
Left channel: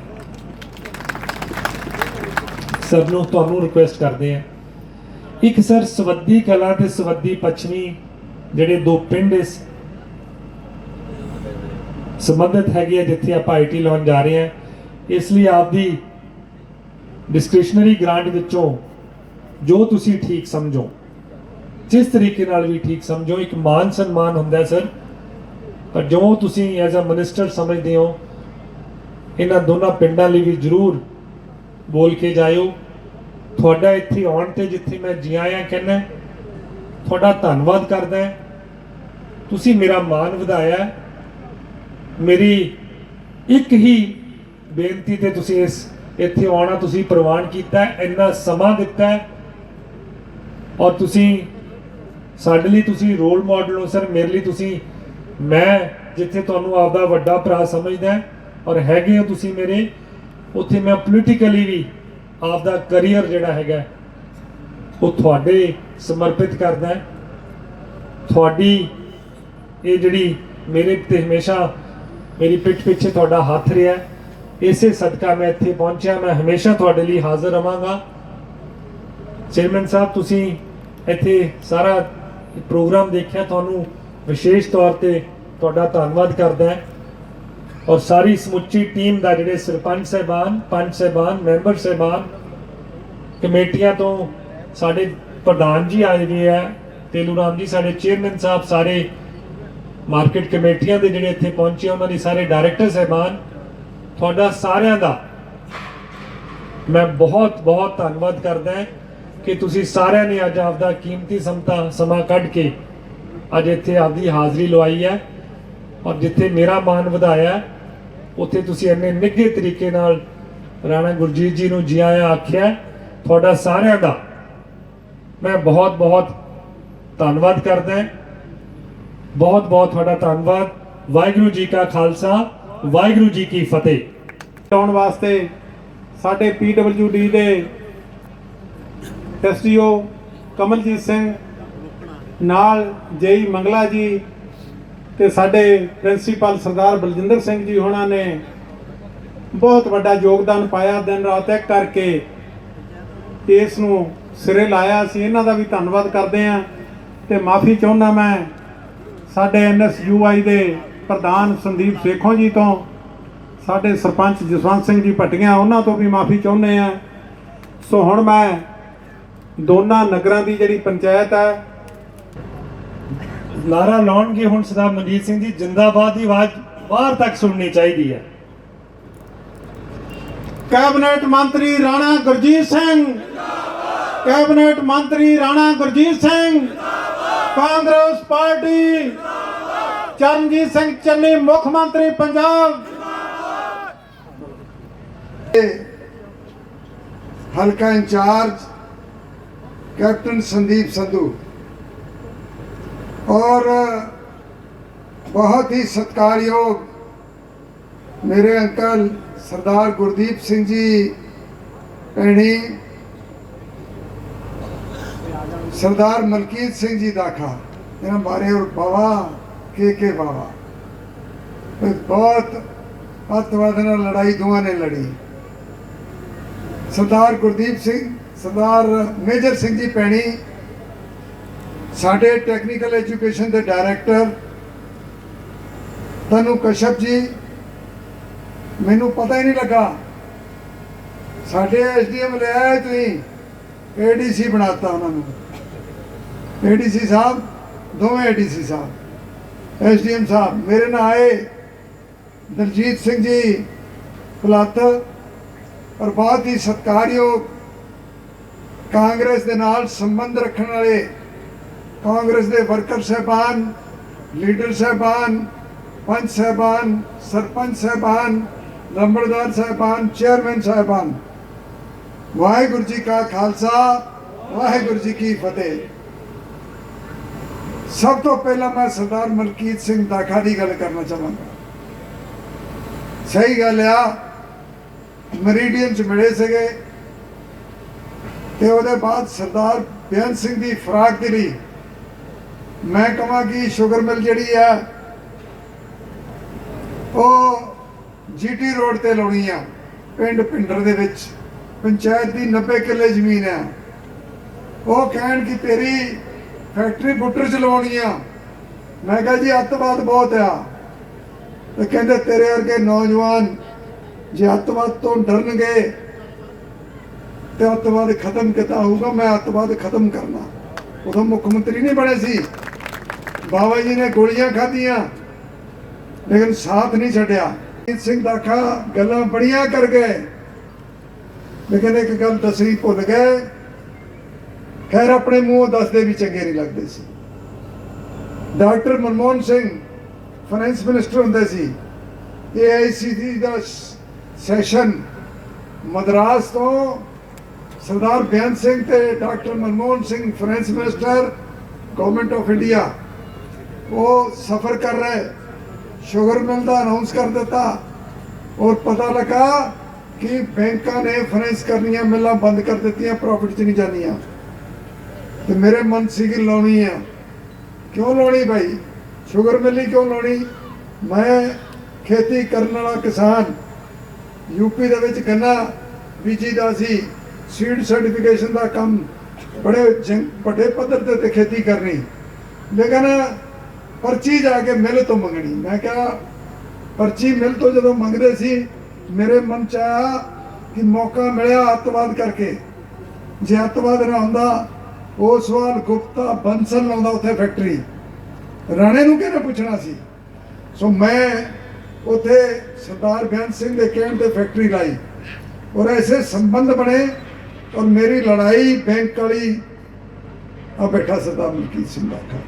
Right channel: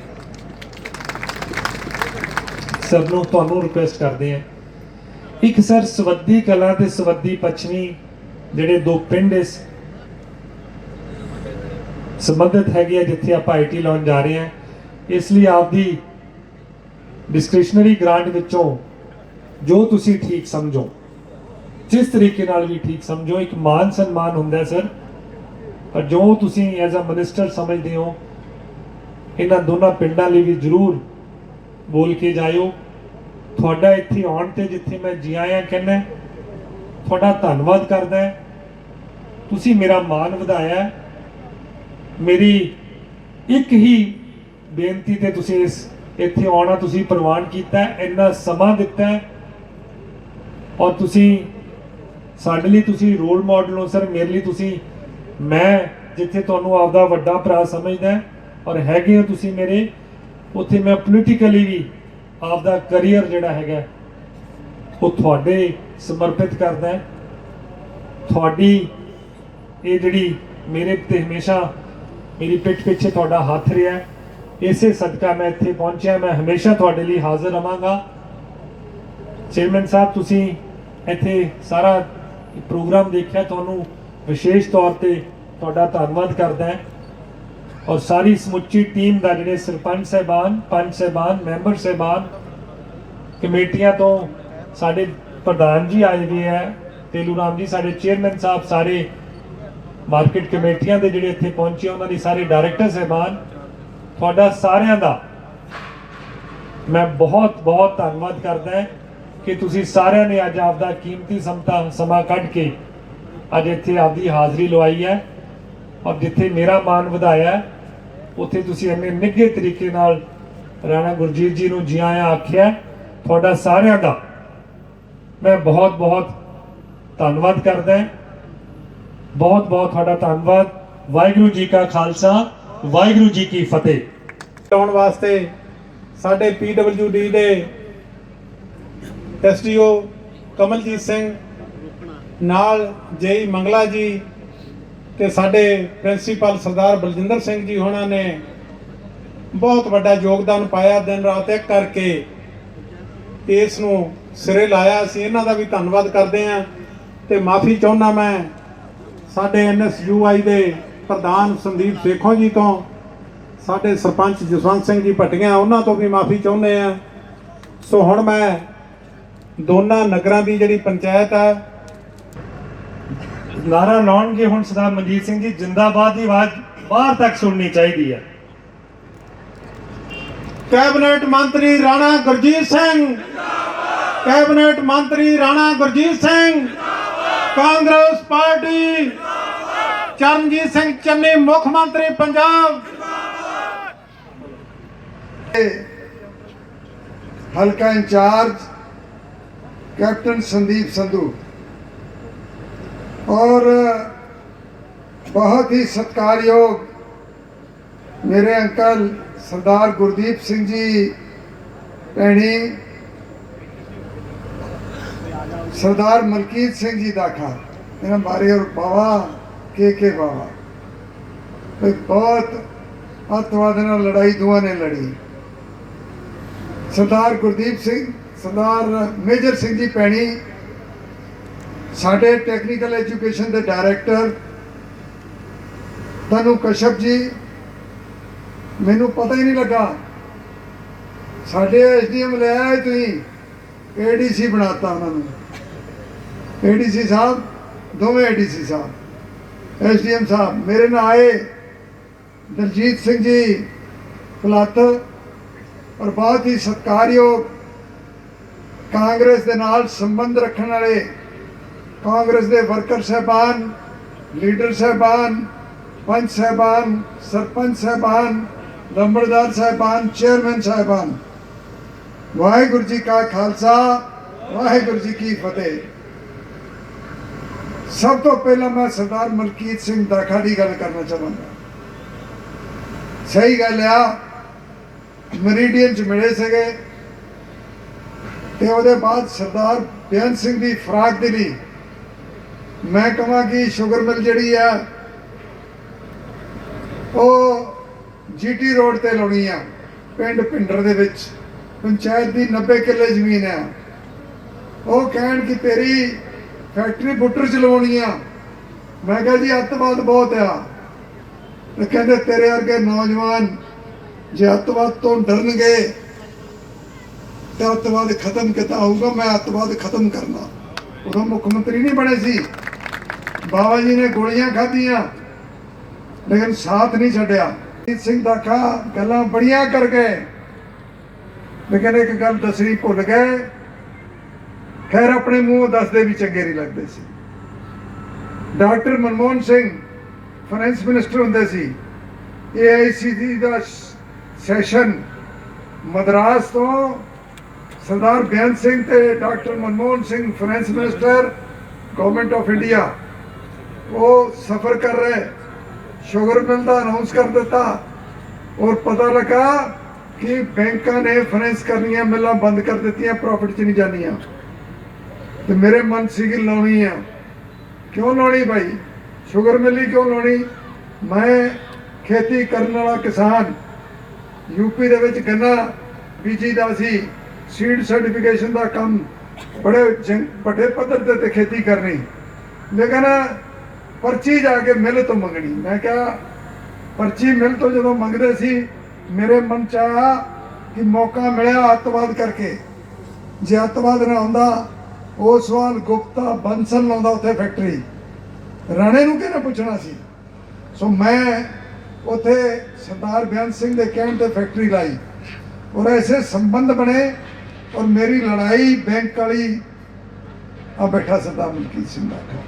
ਸਭ ਨੂੰ ਤੁਹਾਨੂੰ ਰਿਕੁਐਸਟ ਕਰਦੇ ਆ, ਇੱਕ ਸਰ ਸਵੱਦੀ ਕਲਾਂ ਤੇ ਸਵੱਦੀ ਪੱਛਮੀ ਜਿਹੜੇ ਦੋ ਪਿੰਡ ਇਸ ਸੰਬੰਧਿਤ ਹੈਗੇ ਆ ਜਿੱਥੇ ਆਪਾਂ ਆਈਟੀ ਲਾਉਣ ਜਾ ਰਹੇ ਹਾਂ, ਇਸ ਲਈ ਆਪਦੀ ਡਿਸਕ੍ਰਿਸ਼ਨਰੀ ਗ੍ਰਾਂਟ ਵਿੱਚੋਂ ਜੋ ਤੁਸੀਂ ਠੀਕ ਸਮਝੋ, ਜਿਸ ਤਰੀਕੇ ਨਾਲ ਵੀ ਠੀਕ ਸਮਝੋ, ਇੱਕ ਮਾਨ ਸਨਮਾਨ ਹੁੰਦਾ ਸਰ, ਪਰ ਜੋ ਤੁਸੀਂ ਐਜ਼ ਅ ਮਿਨਿਸਟਰ ਸਮਝਦੇ ਹੋ ਇਹਨਾਂ ਦੋਨਾਂ ਪਿੰਡਾਂ ਲਈ ਵੀ ਜ਼ਰੂਰ ਬੋਲ ਕੇ ਜਾਇਓ। ਤੁਹਾਡਾ ਇੱਥੇ ਆਉਣ ਤੇ ਜਿੱਥੇ ਮੈਂ ਜੀ ਆਇਆਂ ਕਹਿੰਦਾ, ਤੁਹਾਡਾ ਧੰਨਵਾਦ ਕਰਦਾ, ਤੁਸੀਂ ਮੇਰਾ ਮਾਣ ਵਧਾਇਆ। ਮੇਰੀ ਇੱਕ ਹੀ ਬੇਨਤੀ ਤੇ ਤੁਸੀਂ ਇੱਥੇ ਆਉਣਾ ਤੁਸੀਂ ਪ੍ਰਵਾਨ ਕੀਤਾ, ਇੰਨਾ ਸਮਾਂ ਦਿੱਤਾ, ਔਰ ਤੁਸੀਂ ਸਾਡੇ ਲਈ ਤੁਸੀਂ ਰੋਲ ਮਾਡਲ ਹੋ ਸਰ। ਮੇਰੇ ਲਈ ਤੁਸੀਂ, ਮੈਂ ਜਿੱਥੇ ਤੁਹਾਨੂੰ ਆਪਦਾ ਵੱਡਾ ਭਰਾ ਸਮਝਦਾ ਔਰ ਹੈਗੇ ਹੋ ਤੁਸੀਂ ਮੇਰੇ, ਉੱਥੇ ਮੈਂ ਪੋਲੀਟੀਕਲੀ ਵੀ ਆਪਦਾ ਕਰੀਅਰ ਜਿਹੜਾ ਹੈਗਾ ਉਹ ਤੁਹਾਡੇ ਸਮਰਪਿਤ ਕਰਦਾ। ਤੁਹਾਡੀ ਇਹ ਜਿਹੜੀ ਮੇਰੇ ਤੇ ਹਮੇਸ਼ਾ ਮੇਰੀ ਪਿੱਠ ਪਿੱਛੇ ਤੁਹਾਡਾ ਹੱਥ ਰਿਹਾ, ਇਸੇ ਸਦਕਾ ਮੈਂ ਇੱਥੇ ਪਹੁੰਚਿਆ। ਮੈਂ ਹਮੇਸ਼ਾ ਤੁਹਾਡੇ ਲਈ ਹਾਜ਼ਰ ਰਵਾਂਗਾ। ਚੇਅਰਮੈਨ ਸਾਹਿਬ, ਤੁਸੀਂ ਇੱਥੇ ਸਾਰਾ ਪ੍ਰੋਗਰਾਮ ਦੇਖਿਆ, ਤੁਹਾਨੂੰ ਵਿਸ਼ੇਸ਼ ਤੌਰ ਤੇ ਤੁਹਾਡਾ ਧੰਨਵਾਦ ਕਰਦਾ ਹੈ, ਔਰ ਸਾਰੀ ਸਮੁੱਚੀ ਟੀਮ ਦਾ, ਜਿਹੜੇ ਸਰਪੰਚ ਸਾਹਿਬਾਨ, ਪੰਚ ਸਾਹਿਬਾਨ, ਮੈਂਬਰ ਸਾਹਿਬਾਨ, ਕਮੇਟੀਆਂ ਤੋਂ ਸਾਡੇ ਪ੍ਰਧਾਨ ਜੀ ਆਏ ਹੋਏ ਹੈ, ਤੇਲੂ ਰਾਮ ਜੀ ਸਾਡੇ ਚੇਅਰਮੈਨ ਸਾਹਿਬ, ਸਾਰੇ ਮਾਰਕੀਟ ਕਮੇਟੀਆਂ ਦੇ ਜਿਹੜੇ ਇੱਥੇ ਪਹੁੰਚੇ, ਉਹਨਾਂ ਦੀ ਸਾਰੇ ਡਾਇਰੈਕਟਰ ਸਾਹਿਬਾਨ, ਤੁਹਾਡਾ ਸਾਰਿਆਂ ਦਾ ਮੈਂ ਬਹੁਤ ਬਹੁਤ ਧੰਨਵਾਦ ਕਰਦਾ ਕਿ ਤੁਸੀਂ ਸਾਰਿਆਂ ਨੇ ਅੱਜ ਆਪਦਾ ਕੀਮਤੀ ਸਮਾਂ ਕੱਢ ਕੇ ਅੱਜ ਇੱਥੇ ਆਪਦੀ ਹਾਜ਼ਰੀ ਲਵਾਈ ਹੈ, ਔਰ ਜਿੱਥੇ ਮੇਰਾ ਮਾਣ ਵਧਾਇਆ ਉੱਥੇ ਤੁਸੀਂ ਇੰਨੇ ਨਿੱਘੇ ਤਰੀਕੇ ਨਾਲ ਰਾਣਾ ਗੁਰਜੀਤ ਜੀ ਨੂੰ ਜੀ ਆਇਆਂ ਆਖਿਆ। ਤੁਹਾਡਾ ਸਾਰਿਆਂ ਦਾ ਮੈਂ ਬਹੁਤ ਬਹੁਤ ਧੰਨਵਾਦ ਕਰਦਾ, ਬਹੁਤ ਬਹੁਤ ਤੁਹਾਡਾ ਧੰਨਵਾਦ। ਵਾਹਿਗੁਰੂ ਜੀ ਕਾ ਖਾਲਸਾ, ਵਾਹਿਗੁਰੂ ਜੀ ਕੀ ਫਤਿਹ। ਆਉਣ ਵਾਸਤੇ ਸਾਡੇ PWD ਦੇ ਐਸਡੀਓ ਕਮਲਜੀਤ ਸਿੰਘ ਨਾਲ ਜੇਈ ਮੰਗਲਾ ਜੀ ਤੇ ਸਾਡੇ ਪ੍ਰਿੰਸੀਪਲ ਸਰਦਾਰ ਬਲਜਿੰਦਰ ਸਿੰਘ ਜੀ ਹੋਣਾ ਨੇ ਬਹੁਤ ਵੱਡਾ ਯੋਗਦਾਨ ਪਾਇਆ, ਦਿਨ ਰਾਤ ਇੱਕ ਕਰਕੇ ਇਸ ਨੂੰ ਸਿਰੇ ਲਾਇਆ। ਅਸੀਂ ਇਹਨਾਂ ਦਾ ਵੀ ਧੰਨਵਾਦ ਕਰਦੇ ਹਾਂ ਤੇ ਮਾਫੀ ਚਾਹੁੰਦਾ ਮੈਂ ਸਾਡੇ NSUI ਦੇ ਪ੍ਰਧਾਨ ਸੰਦੀਪ ਸੇਖੋਂ ਜੀ ਤੋਂ, ਸਾਡੇ ਸਰਪੰਚ ਜਸਵੰਤ ਸਿੰਘ ਜੀ ਭਟੀਆਂ, ਉਹਨਾਂ ਤੋਂ ਵੀ ਮਾਫੀ ਚਾਹੁੰਦੇ ਆ। ਸੋ ਹੁਣ ਮੈਂ ਦੋਨਾਂ ਨਗਰਾਂ ਦੀ ਜਿਹੜੀ ਪੰਚਾਇਤ ਹੈ ਨਾਰਾ ਲਾਉਣਗੇ ਹੁਣ ਸਰਦਾਰ ਮਨਜੀਤ ਸਿੰਘ ਜੀ, ਜਿੰਦਾਬਾਦ ਦੀ ਆਵਾਜ਼ ਬਾਹਰ ਤੱਕ ਸੁਣਨੀ ਚਾਹੀਦੀ ਹੈ। ਕੈਬਨਿਟ ਮੰਤਰੀ ਰਾਣਾ ਗੁਰਜੀਤ ਸਿੰਘ ਜਿੰਦਾਬਾਦ, ਕੈਬਨਿਟ ਮੰਤਰੀ ਰਾਣਾ ਗੁਰਜੀਤ ਸਿੰਘ ਜਿੰਦਾਬਾਦ, ਕਾਂਗਰਸ ਪਾਰਟੀ ਜਿੰਦਾਬਾਦ, ਚਰਨਜੀਤ ਸਿੰਘ ਚੰਨੀ ਮੁੱਖ ਮੰਤਰੀ ਪੰਜਾਬ हल्का इंचार्ज कैप्टन संदीप संधू और बहुत ही सत्कारयोग मेरे अंकल सरदार गुरदीप सिंह जी भैनी, सरदार मलकीत सिंह जी दाखा, इन्होंने बारे और बाबा के बाबा बहुत अतवाद नाल लड़ाई दोवां ने लड़ी। सरदार गुरदीप सिंह, सरदार मेजर सिंह जी भैनी साढ़े टैक्नीकल एजुकेशन के डायरैक्टर, तनु कश्यप जी, मैनू पता ही नहीं लगा साढ़े SDM ले आए तुसीं ADC बनाता उन्होंने, ADC साहब दोवें ADC साहब SDM साहब मेरे नाल आए दलजीत सिंह जी पुलत और बहुत ही सत्कारयोग कांग्रेस के नाल संबंध रखने वाले कांग्रेस के वर्कर साहबान, लीडर साहबान, पंच साहबान, सरपंच साहबान, लंबड़दार साहबान, चेयरमैन साहबान, वाहिगुरू जी का खालसा वाहिगुरू जी की फतेह। सब तो पहला मैं सरदार मलकीत सिंह दाखा की गल करना चाहूँगा। सही गल आ, मरीडियन च मिले सके ते उहदे बाद सरदार बेअंत सिंह की फराक दिली, मैं कहां कि शुगर मिल जिहड़ी है ਉਹ GT रोड ते लाउणी आ, पिंड पिंडर दे विच पंचायत की 90 किले जमीन है। वो कहण कि तेरी फैक्ट्री बुटर च लवाउणी आ, मैं कहा जी अतवाद बहुत आ, तो कहते तेरे वर्गे नौजवान जे अतवाद तो डरनगे तो अतवाद खत्म किता होगा, मैं अतवाद खत्म करना। उदों मुख्यमंत्री नहीं बने सी, बाबा जी ने गोलियां खाधियां लेकिन साथ नहीं छड्या। जीत सिंह दाखा गल्लां बड़ियां कर गए लेकिन एक गल दसनी भुल गए, खैर अपने मुंह दसदे भी चंगे नहीं लगते सी। Doctor Manmohan Singh finance minister हुंदे सी, AICC दा सैशन मद्रास तो सरदार बेअंत सिंह ते doctor Manmohan Singh finance minister government of India वो सफ़र कर रहे, शुगर मिल का अनाउंस कर दिता और पता लगा कि बैंकों ने फाइनेंस करनी, मिल बंद कर दी, प्रॉफिट च नहीं जानिया। तो मेरे मन सी लानी है, क्यों लानी भाई, शुगर मिल ही क्यों लानी। मैं खेती करने वाला किसान, यूपी दे विच गन्ना बीजी दा सी, सीड सर्टिफिकेशन का काम बड़े बड़े पद्धर ते खेती करनी, लेकिन पर्ची जाके मिल तो मंगनी। मैं क्या पर्ची मिल तो जो मंगते सी, मेरे मन च आया कि मौका मिला अतवाद करके, जे अतवाद ना आंदा ओसवाल गुप्ता बंसल लाउंदा उत्थे फैक्ट्री, राणे नूं किहने पुछना सी। सो मैं उत्थे सरदार बेअंत सिंह के कहण ते फैक्ट्री लाई और ऐसे संबंध बने और मेरी लड़ाई बैंक वाली आ बैठा सरदार मलकीत सिंह दाखा,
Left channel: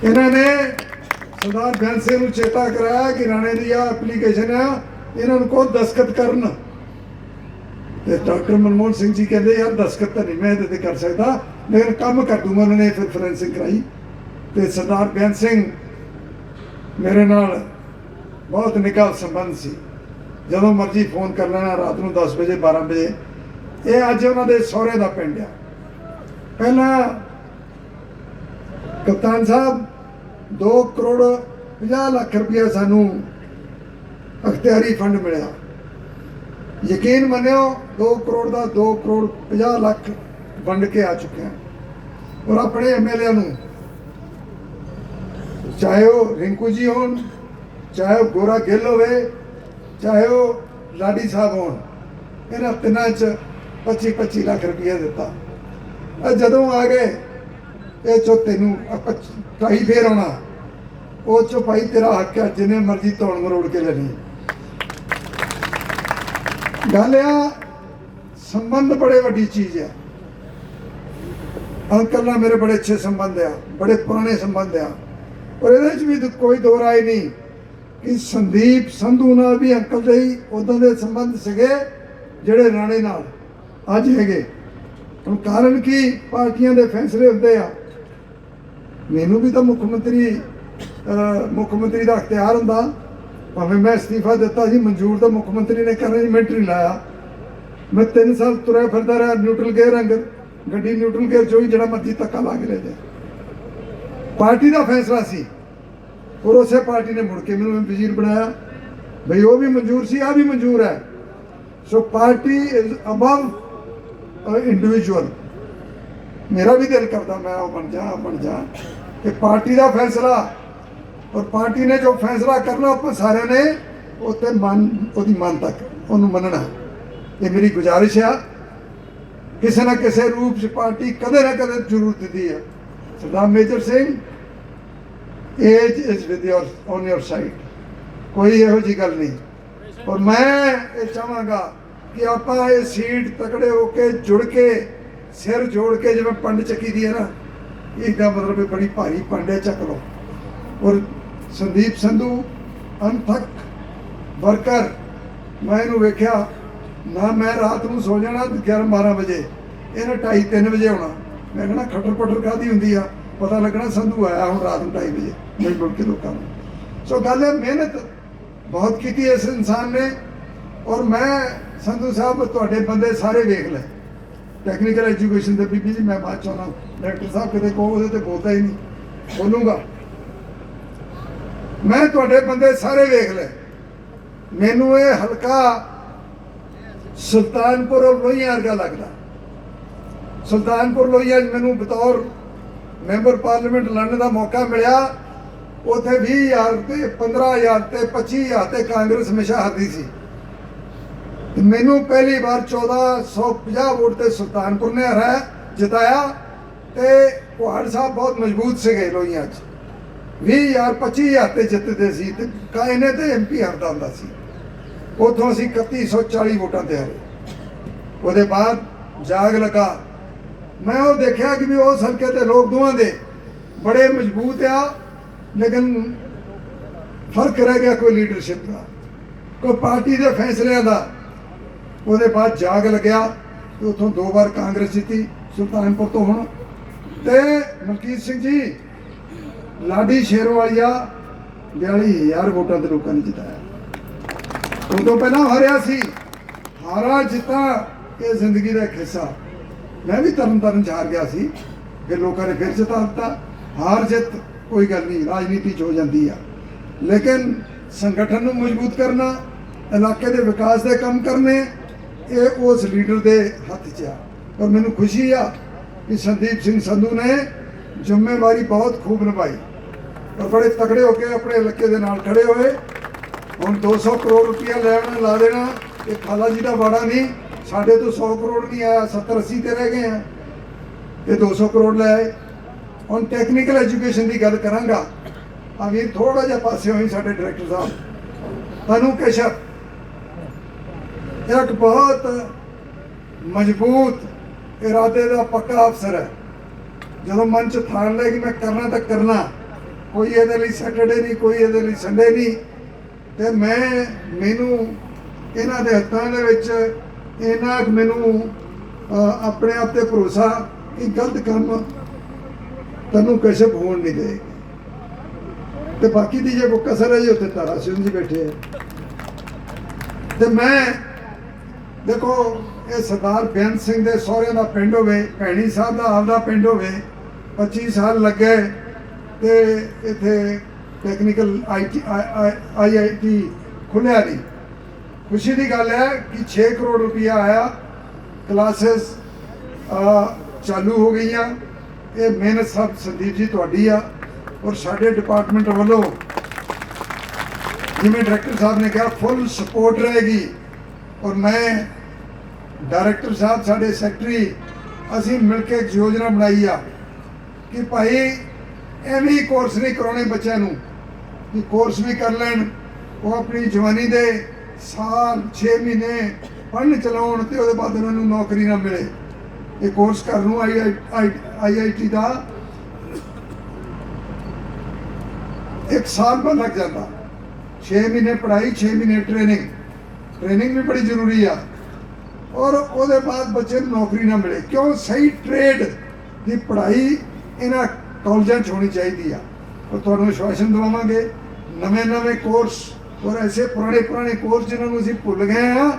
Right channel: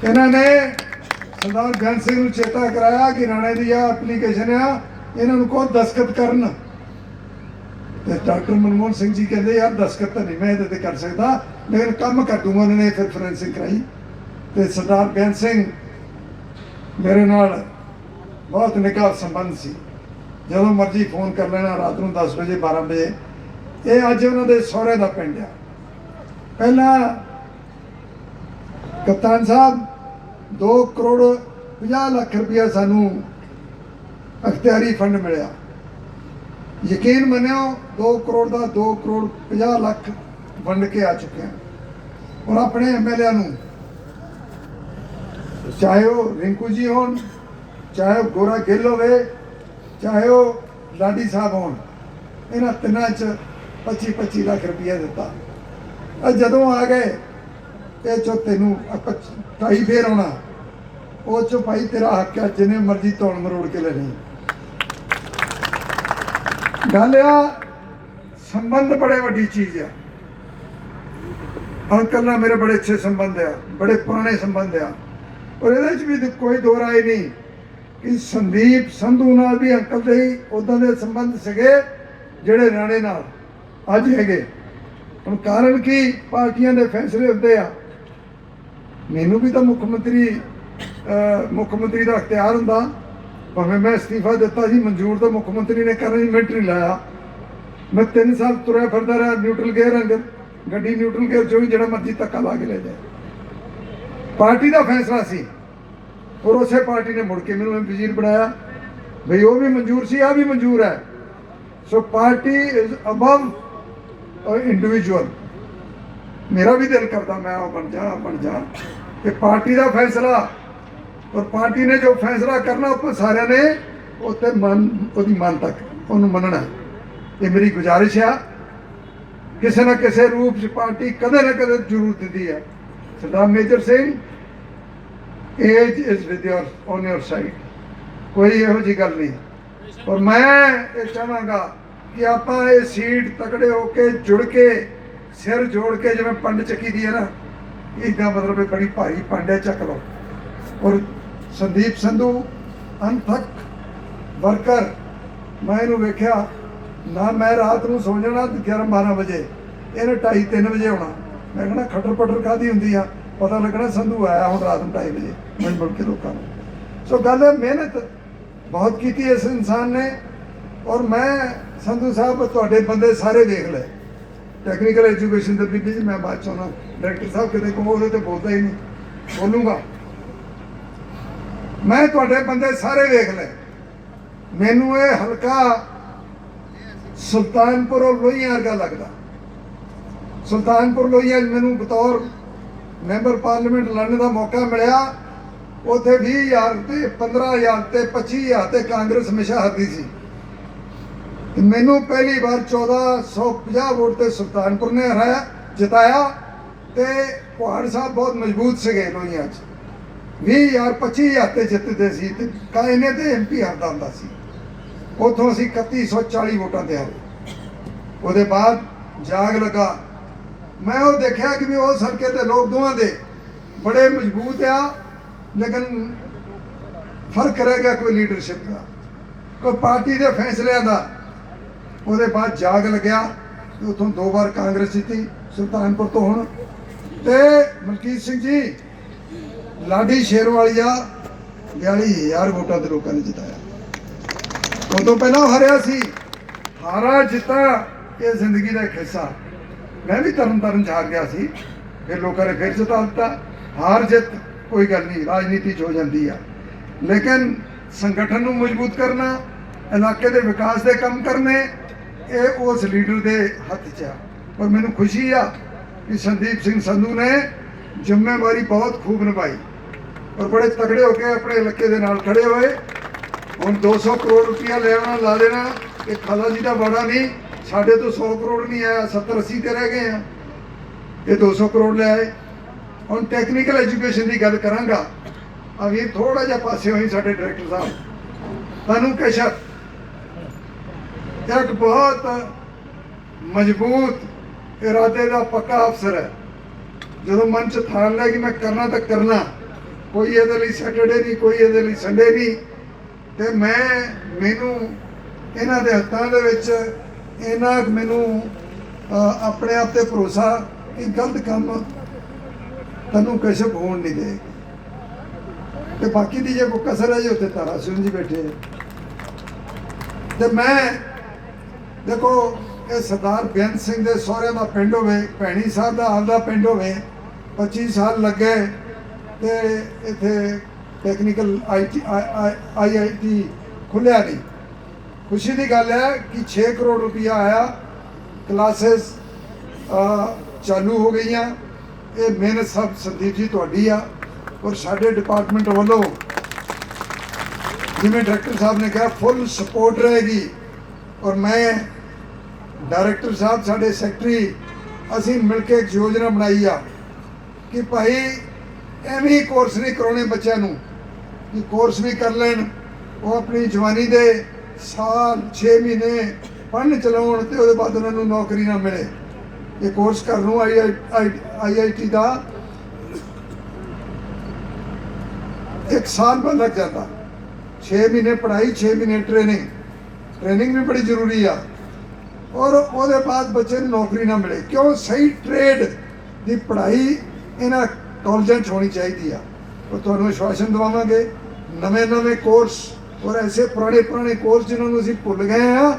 इन्होंने सरदार बेअंत सिंह नूं चेता कराया कि राणे दी आ एप्लीकेशन आ, इन्होंने को दस्तखत करन। ते डॉक्टर मनमोहन सिंह जी कहते यार दस्तखत तो नहीं मैं ये कर सकता, लेकिन काम कर दूंगा। उन्होंने फिर फोरेंसिक कराई तो सरदार बेअंत सिंह मेरे नाल बहुत निका संबंध सी, जो मर्जी फोन कर लेना रात को 10 बजे 12 बजे। ये अज उन्होंने सहुरे का पिंड आ, ਪਹਿਲਾਂ ਕਪਤਾਨ ਸਾਹਿਬ 2 ਕਰੋੜ 50 ਲੱਖ ਰੁਪਇਆ ਸਾਨੂੰ ਅਖਤਿਆਰੀ ਫੰਡ ਮਿਲਿਆ। ਯਕੀਨ ਮੰਨਿਓ 2 ਕਰੋੜ ਦਾ 2 ਕਰੋੜ 50 ਲੱਖ ਵੰਡ ਕੇ ਆ ਚੁੱਕੇ ਹਾਂ। ਔਰ ਆਪਣੇ ਐਮਐਲਏ ਨੂੰ, ਚਾਹੇ ਉਹ ਰਿੰਕੂ ਜੀ ਹੋਣ, ਚਾਹੇ ਉਹ ਗੋਰਾ ਗਿੱਲ ਹੋਵੇ, ਚਾਹੇ ਉਹ ਲਾਡੀ ਸਾਹਿਬ ਹੋਣ, ਇਹਨਾਂ ਤਿੰਨਾਂ 'ਚ 25-25 ਲੱਖ ਰੁਪਇਆ ਦਿੱਤਾ। ਅੱਜ ਜਦੋਂ ਆ ਗਏ ਇਹ 'ਚੋਂ ਤੈਨੂੰ 2.5 ਫੇਰ ਆਉਣਾ, ਉਹ 'ਚੋਂ ਭਾਈ ਤੇਰਾ ਹੱਕ ਹੈ, ਜਿੰਨੇ ਮਰਜ਼ੀ ਤੋੜ ਮਰੋੜ ਕੇ ਲੈ ਲਈ। ਗੱਲ ਆ ਸੰਬੰਧ ਬੜੇ ਵੱਡੀ ਚੀਜ਼ ਆ। ਅੰਕਲ ਨਾਲ ਮੇਰੇ ਬੜੇ ਅੱਛੇ ਸੰਬੰਧ ਆ, ਬੜੇ ਪੁਰਾਣੇ ਸੰਬੰਧ ਆ। ਔਰ ਇਹਦੇ 'ਚ ਵੀ ਕੋਈ ਦੋ ਰਾਏ ਨਹੀਂ ਕਿ ਸੰਦੀਪ ਸੰਧੂ ਨਾਲ ਵੀ ਅੰਕਲ ਦੇ ਹੀ ਉਦਾਂ ਦੇ ਸੰਬੰਧ ਸੀਗੇ ਜਿਹੜੇ ਰਾਣੇ ਨਾਲ ਅੱਜ ਹੈਗੇ। ਹੁਣ ਕਾਰਨ ਕੀ, ਪਾਰਟੀਆਂ ਦੇ ਫੈਸਲੇ ਹੁੰਦੇ ਆ। ਮੈਨੂੰ ਵੀ ਤਾਂ ਮੁੱਖ ਮੰਤਰੀ ਦਾ ਅਖਤਿਆਰ ਹੁੰਦਾ, ਭਾਵੇਂ ਮੈਂ ਅਸਤੀਫਾ ਦਿੱਤਾ ਸੀ, ਮਨਜ਼ੂਰ ਤਾਂ ਮੁੱਖ ਮੰਤਰੀ ਨੇ ਕਰਨਾ, ਮਿੰਟ ਨਹੀਂ ਲਾਇਆ। ਮੈਂ 3 ਸਾਲ ਤੁਰਿਆ ਫਿਰਦਾ ਰਿਹਾ ਨਿਊਟਰਲ ਗੇਅਰ ਅੰਦਰ, ਗੱਡੀ ਨਿਊਟਰਲ ਗੇਅਰ 'ਚੋਂ ਵੀ ਜਿਹੜਾ ਮਰਜ਼ੀ ਧੱਕਾ ਲਾ ਕੇ ਲੈ ਜਾਏ। ਪਾਰਟੀ ਦਾ ਫੈਸਲਾ ਸੀ ਔਰ ਉਸੇ ਪਾਰਟੀ ਨੇ ਮੁੜ ਕੇ ਮੈਨੂੰ ਵਜ਼ੀਰ ਬਣਾਇਆ। ਬਈ ਉਹ ਵੀ ਮਨਜ਼ੂਰ ਸੀ, ਆ ਵੀ ਮਨਜ਼ੂਰ ਹੈ। ਸੋ ਪਾਰਟੀ ਇਜ਼ ਅਬਵ ਇੰਡੀਵਿਜੂਅਲ। ਮੇਰਾ ਵੀ ਦਿਲ ਕਰਦਾ ਮੈਂ ਉਹ ਬਣ ਜਾ ਕਿ ਪਾਰਟੀ ਦਾ ਫੈਸਲਾ, ਔਰ ਪਾਰਟੀ ਨੇ ਜੋ ਫੈਸਲਾ ਕਰਨਾ ਆਪਾਂ ਸਾਰਿਆਂ ਨੇ ਉੱਤੇ ਉਹਦੀ ਮਨ ਤੱਕ ਉਹਨੂੰ ਮੰਨਣਾ। ਇਹ ਮੇਰੀ ਗੁਜ਼ਾਰਿਸ਼ ਆ। ਕਿਸੇ ਨਾ ਕਿਸੇ ਰੂਪ 'ਚ ਪਾਰਟੀ ਕਦੇ ਨਾ ਕਦੇ ਜ਼ਰੂਰ ਦਿੰਦੀ ਹੈ। Sardar Major Singh, age is with on your side, ਕੋਈ ਇਹੋ ਜਿਹੀ ਗੱਲ ਨਹੀਂ। ਔਰ ਮੈਂ ਇਹ ਚਾਹਾਂਗਾ ਕਿ ਆਪਾਂ ਇਹ ਸੀਟ ਤਕੜੇ ਹੋ ਕੇ ਜੁੜ ਕੇ ਸਿਰ ਜੋੜ ਕੇ, ਜਿਵੇਂ ਪੰਡ ਚੱਕੀ ਦੀ ਹੈ ਨਾ, ਇਹਦਾ ਮਤਲਬ ਬੜੀ ਭਾਰੀ ਪੰਡ ਹੈ, ਚੱਕ ਲਓ। ਔਰ ਸੰਦੀਪ ਸੰਧੂ ਅਣਥੱਕ ਵਰਕਰ, ਮੈਂ ਇਹਨੂੰ ਵੇਖਿਆ ਨਾ, ਮੈਂ ਰਾਤ ਨੂੰ ਸੋ ਜਾਣਾ 11-12 ਵਜੇ, ਇਹਨੇ 2:30-3 ਵਜੇ ਆਉਣਾ। ਮੈਂ ਕਹਿਣਾ ਖੱਟਰ ਪੱਟਰ ਕਾਹਦੀ ਹੁੰਦੀ ਆ, ਪਤਾ ਲੱਗਣਾ ਸੰਧੂ ਆਇਆ ਹੁਣ ਰਾਤ ਨੂੰ 2:30 ਵਜੇ, ਮੈਂ ਮੁੜ ਕੇ ਲੋਕਾਂ ਨੂੰ। ਸੋ ਗੱਲ ਹੈ, ਮਿਹਨਤ ਬਹੁਤ ਕੀਤੀ ਇਸ ਇਨਸਾਨ ਨੇ। ਔਰ ਮੈਂ ਸੰਧੂ ਸਾਹਿਬ ਤੁਹਾਡੇ ਬੰਦੇ ਸਾਰੇ ਵੇਖ ਲਏ, ਟੈਕਨੀਕਲ ਐਜੂਕੇਸ਼ਨ ਦੇ ਬੀਬੀ ਜੀ, ਮੈਂ ਬਾਅਦ ਚਾਹੁੰਦਾ ਡਾਇਰੈਕਟਰ ਸਾਹਿਬ ਕਿਤੇ ਕਹੋ ਉਹਦੇ ਤੇ ਬੋਲਦਾ ਹੀ ਨਹੀਂ, ਬੋਲੂੰਗਾ। ਮੈਂ ਤੁਹਾਡੇ ਬੰਦੇ ਸਾਰੇ ਵੇਖ ਲਏ। ਮੈਨੂੰ ਇਹ ਹਲਕਾ ਸੁਲਤਾਨਪੁਰ ਔਰ ਲੋਹੀਆਂ ਵਰਗਾ ਲੱਗਦਾ। ਸੁਲਤਾਨਪੁਰ ਲੋਹੀਆਂ ਮੈਨੂੰ ਬਤੌਰ ਮੈਂਬਰ ਪਾਰਲੀਮੈਂਟ ਲੜਨ ਦਾ ਮੌਕਾ ਮਿਲਿਆ। ਉੱਥੇ 20,000 ਤੇ 15,000 ਤੇ 25,000 ਤੇ ਕਾਂਗਰਸ ਹਮੇਸ਼ਾ ਹਾਰਦੀ ਸੀ। ਮੈਨੂੰ ਪਹਿਲੀ ਵਾਰ 1450 ਵੋਟ ਤੇ ਸੁਲਤਾਨਪੁਰ ਨੇ ਹਰਾਇਆ, ਜਿਤਾਇਆ। ਤੇ ਕੁਹਾੜ ਸਾਹਿਬ ਬਹੁਤ ਮਜ਼ਬੂਤ ਸੀਗੇ ਲੋਹੀਆਂ 'ਚ, 20,000 25,000 ਤੇ ਜਿੱਤਦੇ ਸੀ ਤੇ ਕਾਇਨੇ ਤੇ MP ਹਾਰਦਾ ਹੁੰਦਾ ਸੀ। ਉੱਥੋਂ ਅਸੀਂ 3140 ਵੋਟਾਂ ਤੇ ਹਾਰੇ। ਉਹਦੇ ਬਾਅਦ ਜਾਗ ਲੱਗਾ, ਮੈਂ ਉਹ ਦੇਖਿਆ ਕਿ ਵੀ ਉਸ ਹਲਕੇ ਤੇ ਲੋਕ ਦੋਵਾਂ ਦੇ ਬੜੇ ਮਜ਼ਬੂਤ ਆ, ਲੇਕਿਨ ਫਰਕ ਰਹਿ ਗਿਆ ਕੋਈ ਲੀਡਰਸ਼ਿਪ ਦਾ, ਕੋਈ ਪਾਰਟੀ ਦੇ ਫੈਸਲਿਆਂ ਦਾ। ਉਹਦੇ ਬਾਅਦ ਜਾਗ ਲੱਗਿਆ, ਉੱਥੋਂ 2 ਵਾਰ ਕਾਂਗਰਸ ਜਿੱਤੀ ਸੁਲਤਾਨਪੁਰ ਤੋਂ। ਹੁਣ ਤੇ ਮਲਕੀਤ ਸਿੰਘ ਜੀ ਲਾਡੀ ਸ਼ੇਰਵਾਲੀਆ 42,000 ਵੋਟਾਂ ਤੇ ਲੋਕਾਂ ਨੇ ਜਿਤਾਇਆ। ਉਦੋਂ ਪਹਿਲਾਂ ਹਾਰਿਆ ਸੀ। ਹਾਰਾਂ ਜਿੱਤਾਂ ਇਹ ਜ਼ਿੰਦਗੀ ਦਾ ਇੱਕ ਹਿੱਸਾ। ਮੈਂ ਵੀ ਤਰਨ 'ਚ ਹਾਰ ਗਿਆ ਸੀ, ਫਿਰ ਲੋਕਾਂ ਨੇ ਫਿਰ ਜਿਤਾ ਦਿੱਤਾ। ਹਾਰ ਜਿੱਤ ਕੋਈ ਗੱਲ ਨਹੀਂ, ਰਾਜਨੀਤੀ 'ਚ ਹੋ ਜਾਂਦੀ ਆ, ਲੇਕਿਨ ਸੰਗਠਨ ਨੂੰ ਮਜ਼ਬੂਤ ਕਰਨਾ, ਇਲਾਕੇ ਦੇ ਵਿਕਾਸ ਦੇ ਕੰਮ ਕਰਨੇ, ਇਹ ਉਸ ਲੀਡਰ ਦੇ ਹੱਥ 'ਚ ਆ। ਪਰ ਮੈਨੂੰ ਖੁਸ਼ੀ ਆ ਕਿ ਸੰਦੀਪ ਸਿੰਘ ਸੰਧੂ ਨੇ ਜ਼ਿੰਮੇਵਾਰੀ ਬਹੁਤ ਖੂਬ ਨਿਭਾਈ ਔਰ ਬੜੇ ਤਕੜੇ ਹੋ ਕੇ ਆਪਣੇ ਇਲਾਕੇ ਦੇ ਨਾਲ ਖੜੇ ਹੋਏ। ਹੁਣ 200 ਕਰੋੜ ਰੁਪਇਆ ਲੈਣਾ ਲਾ ਦੇਣਾ, ਇਹ ਖਾਲਾ ਜੀ ਦਾ ਵਾੜਾ ਨਹੀਂ। ਸਾਡੇ ਤੋਂ 100 ਕਰੋੜ ਨਹੀਂ ਆਇਆ, 70-80 ਤੇ ਰਹਿ ਗਏ ਆ, ਇਹ 200 ਕਰੋੜ ਲੈ ਆਏ। ਹੁਣ ਟੈਕਨੀਕਲ ਐਜੂਕੇਸ਼ਨ ਦੀ ਗੱਲ ਕਰਾਂਗਾ। ਆ ਵੀ ਥੋੜਾ ਜਿਹਾ ਪਾਸੇ ਹੋਈ ਸਾਡੇ ਡਾਇਰੈਕਟਰ ਸਾਹਿਬ ਤਨੂ ਕਸ਼ਪ, ਇੱਕ ਬਹੁਤ ਮਜ਼ਬੂਤ ਇਰਾਦੇ ਦਾ ਪੱਕਾ ਅਫਸਰ ਹੈ। ਜਦੋਂ ਮਨ 'ਚ ਠਾਣ ਲਿਆ ਕਿ ਮੈਂ ਕਰਨਾ ਤਾਂ ਕਰਨਾ, ਕੋਈ ਇਹਦੇ ਲਈ ਸੈਟਰਡੇ ਨਹੀਂ, ਕੋਈ ਇਹਦੇ ਲਈ ਸੰਡੇ ਨਹੀਂ। ਤੇ ਮੈਨੂੰ ਇਹਨਾਂ ਦੇ ਹੱਥਾਂ ਦੇ ਵਿੱਚ ਇਹਨਾਂ ਮੈਨੂੰ ਆਪਣੇ ਆਪ ਤੇ ਭਰੋਸਾ ਕਿ ਗਲਤ ਕੰਮ ਤੈਨੂੰ ਕਸ਼ਪ ਹੋਣ ਨਹੀਂ ਦੇਗੀ। ਤੇ ਬਾਕੀ ਦੀ ਜੇ ਕੋਈ ਕਸਰ ਹੈ ਜੀ, ਉੱਥੇ ਤਾਰਾ ਸਿੰਘ ਜੀ ਬੈਠੇ ਹੈ। ਤੇ ਮੈਂ ਦੇਖੋ ਇਹ ਸਰਦਾਰ ਬੇਅੰਤ ਸਿੰਘ ਦੇ ਸਹੁਰਿਆਂ ਦਾ ਪਿੰਡ ਹੋਵੇ, ਭੈਣੀ ਸਾਹਿਬ ਦਾ ਆਪਦਾ ਪਿੰਡ ਹੋਵੇ, 25 ਸਾਲ ਲੱਗੇ ਤੇ ਇੱਥੇ ਟੈਕਨੀਕਲ IIT ਖੁੱਲਿਆ ਨਹੀਂ। ਖੁਸ਼ੀ ਦੀ ਗੱਲ ਹੈ ਕਿ 6 ਕਰੋੜ ਰੁਪਇਆ ਆਇਆ, ਕਲਾਸਿਸ ਚਾਲੂ ਹੋ ਗਈਆਂ। ਇਹ ਮਿਹਨਤ ਸਭ ਸੰਦੀਪ ਜੀ ਤੁਹਾਡੀ ਆ, ਔਰ ਸਾਡੇ ਡਿਪਾਰਟਮੈਂਟ ਵੱਲੋਂ ਜਿਵੇਂ ਡਾਇਰੈਕਟਰ ਸਾਹਿਬ ਨੇ ਕਿਹਾ ਫੁੱਲ ਸਪੋਰਟ ਰਹੇਗੀ। ਔਰ ਮੈਂ ਡਾਇਰੈਕਟਰ ਸਾਹਿਬ, ਸਾਡੇ ਸੈਕਟਰੀ, ਅਸੀਂ ਮਿਲ ਕੇ ਇੱਕ ਯੋਜਨਾ ਬਣਾਈ ਆ ਕਿ ਭਾਈ ਐਵੇਂ ਹੀ ਕੋਰਸ ਨਹੀਂ ਕਰਾਉਣੇ ਬੱਚਿਆਂ ਨੂੰ, ਕਿ ਕੋਰਸ ਵੀ ਕਰ ਲੈਣ, ਉਹ ਆਪਣੀ ਜਵਾਨੀ ਦੇ ਸਾਲ 6 ਮਹੀਨੇ ਪੜ੍ਹਨ ਚਲਾਉਣ ਤੇ ਉਹਦੇ ਬਾਅਦ ਉਹਨਾਂ ਨੂੰ ਨੌਕਰੀ ਨਾ ਮਿਲੇ। ਇਹ ਕੋਰਸ ਕਰਨ ਨੂੰ IIT ਦਾ 1 ਸਾਲ ਬਾਅਦ ਲੱਗ ਜਾਂਦਾ। 6 ਮਹੀਨੇ ਪੜ੍ਹਾਈ, 6 ਮਹੀਨੇ ਟ੍ਰੇਨਿੰਗ ਵੀ ਬੜੀ ਜ਼ਰੂਰੀ ਆ, ਔਰ ਉਹਦੇ ਬਾਅਦ ਬੱਚੇ ਨੂੰ ਨੌਕਰੀ ਨਾ ਮਿਲੇ। ਕਿਉਂ? ਸਹੀ ਟ੍ਰੇਡ ਦੀ ਪੜ੍ਹਾਈ ਇਹਨਾਂ ਕਾਲਜਾਂ 'ਚ ਹੋਣੀ ਚਾਹੀਦੀ ਆ। ਉਹ ਤੁਹਾਨੂੰ ਵਿਸ਼ਵਾਸਨ ਦਵਾਵਾਂਗੇ ਨਵੇਂ ਕੋਰਸ, ਔਰ ਐਸੇ ਪੁਰਾਣੇ ਕੋਰਸ ਜਿਨ੍ਹਾਂ ਨੂੰ ਅਸੀਂ ਭੁੱਲ ਗਏ ਆ,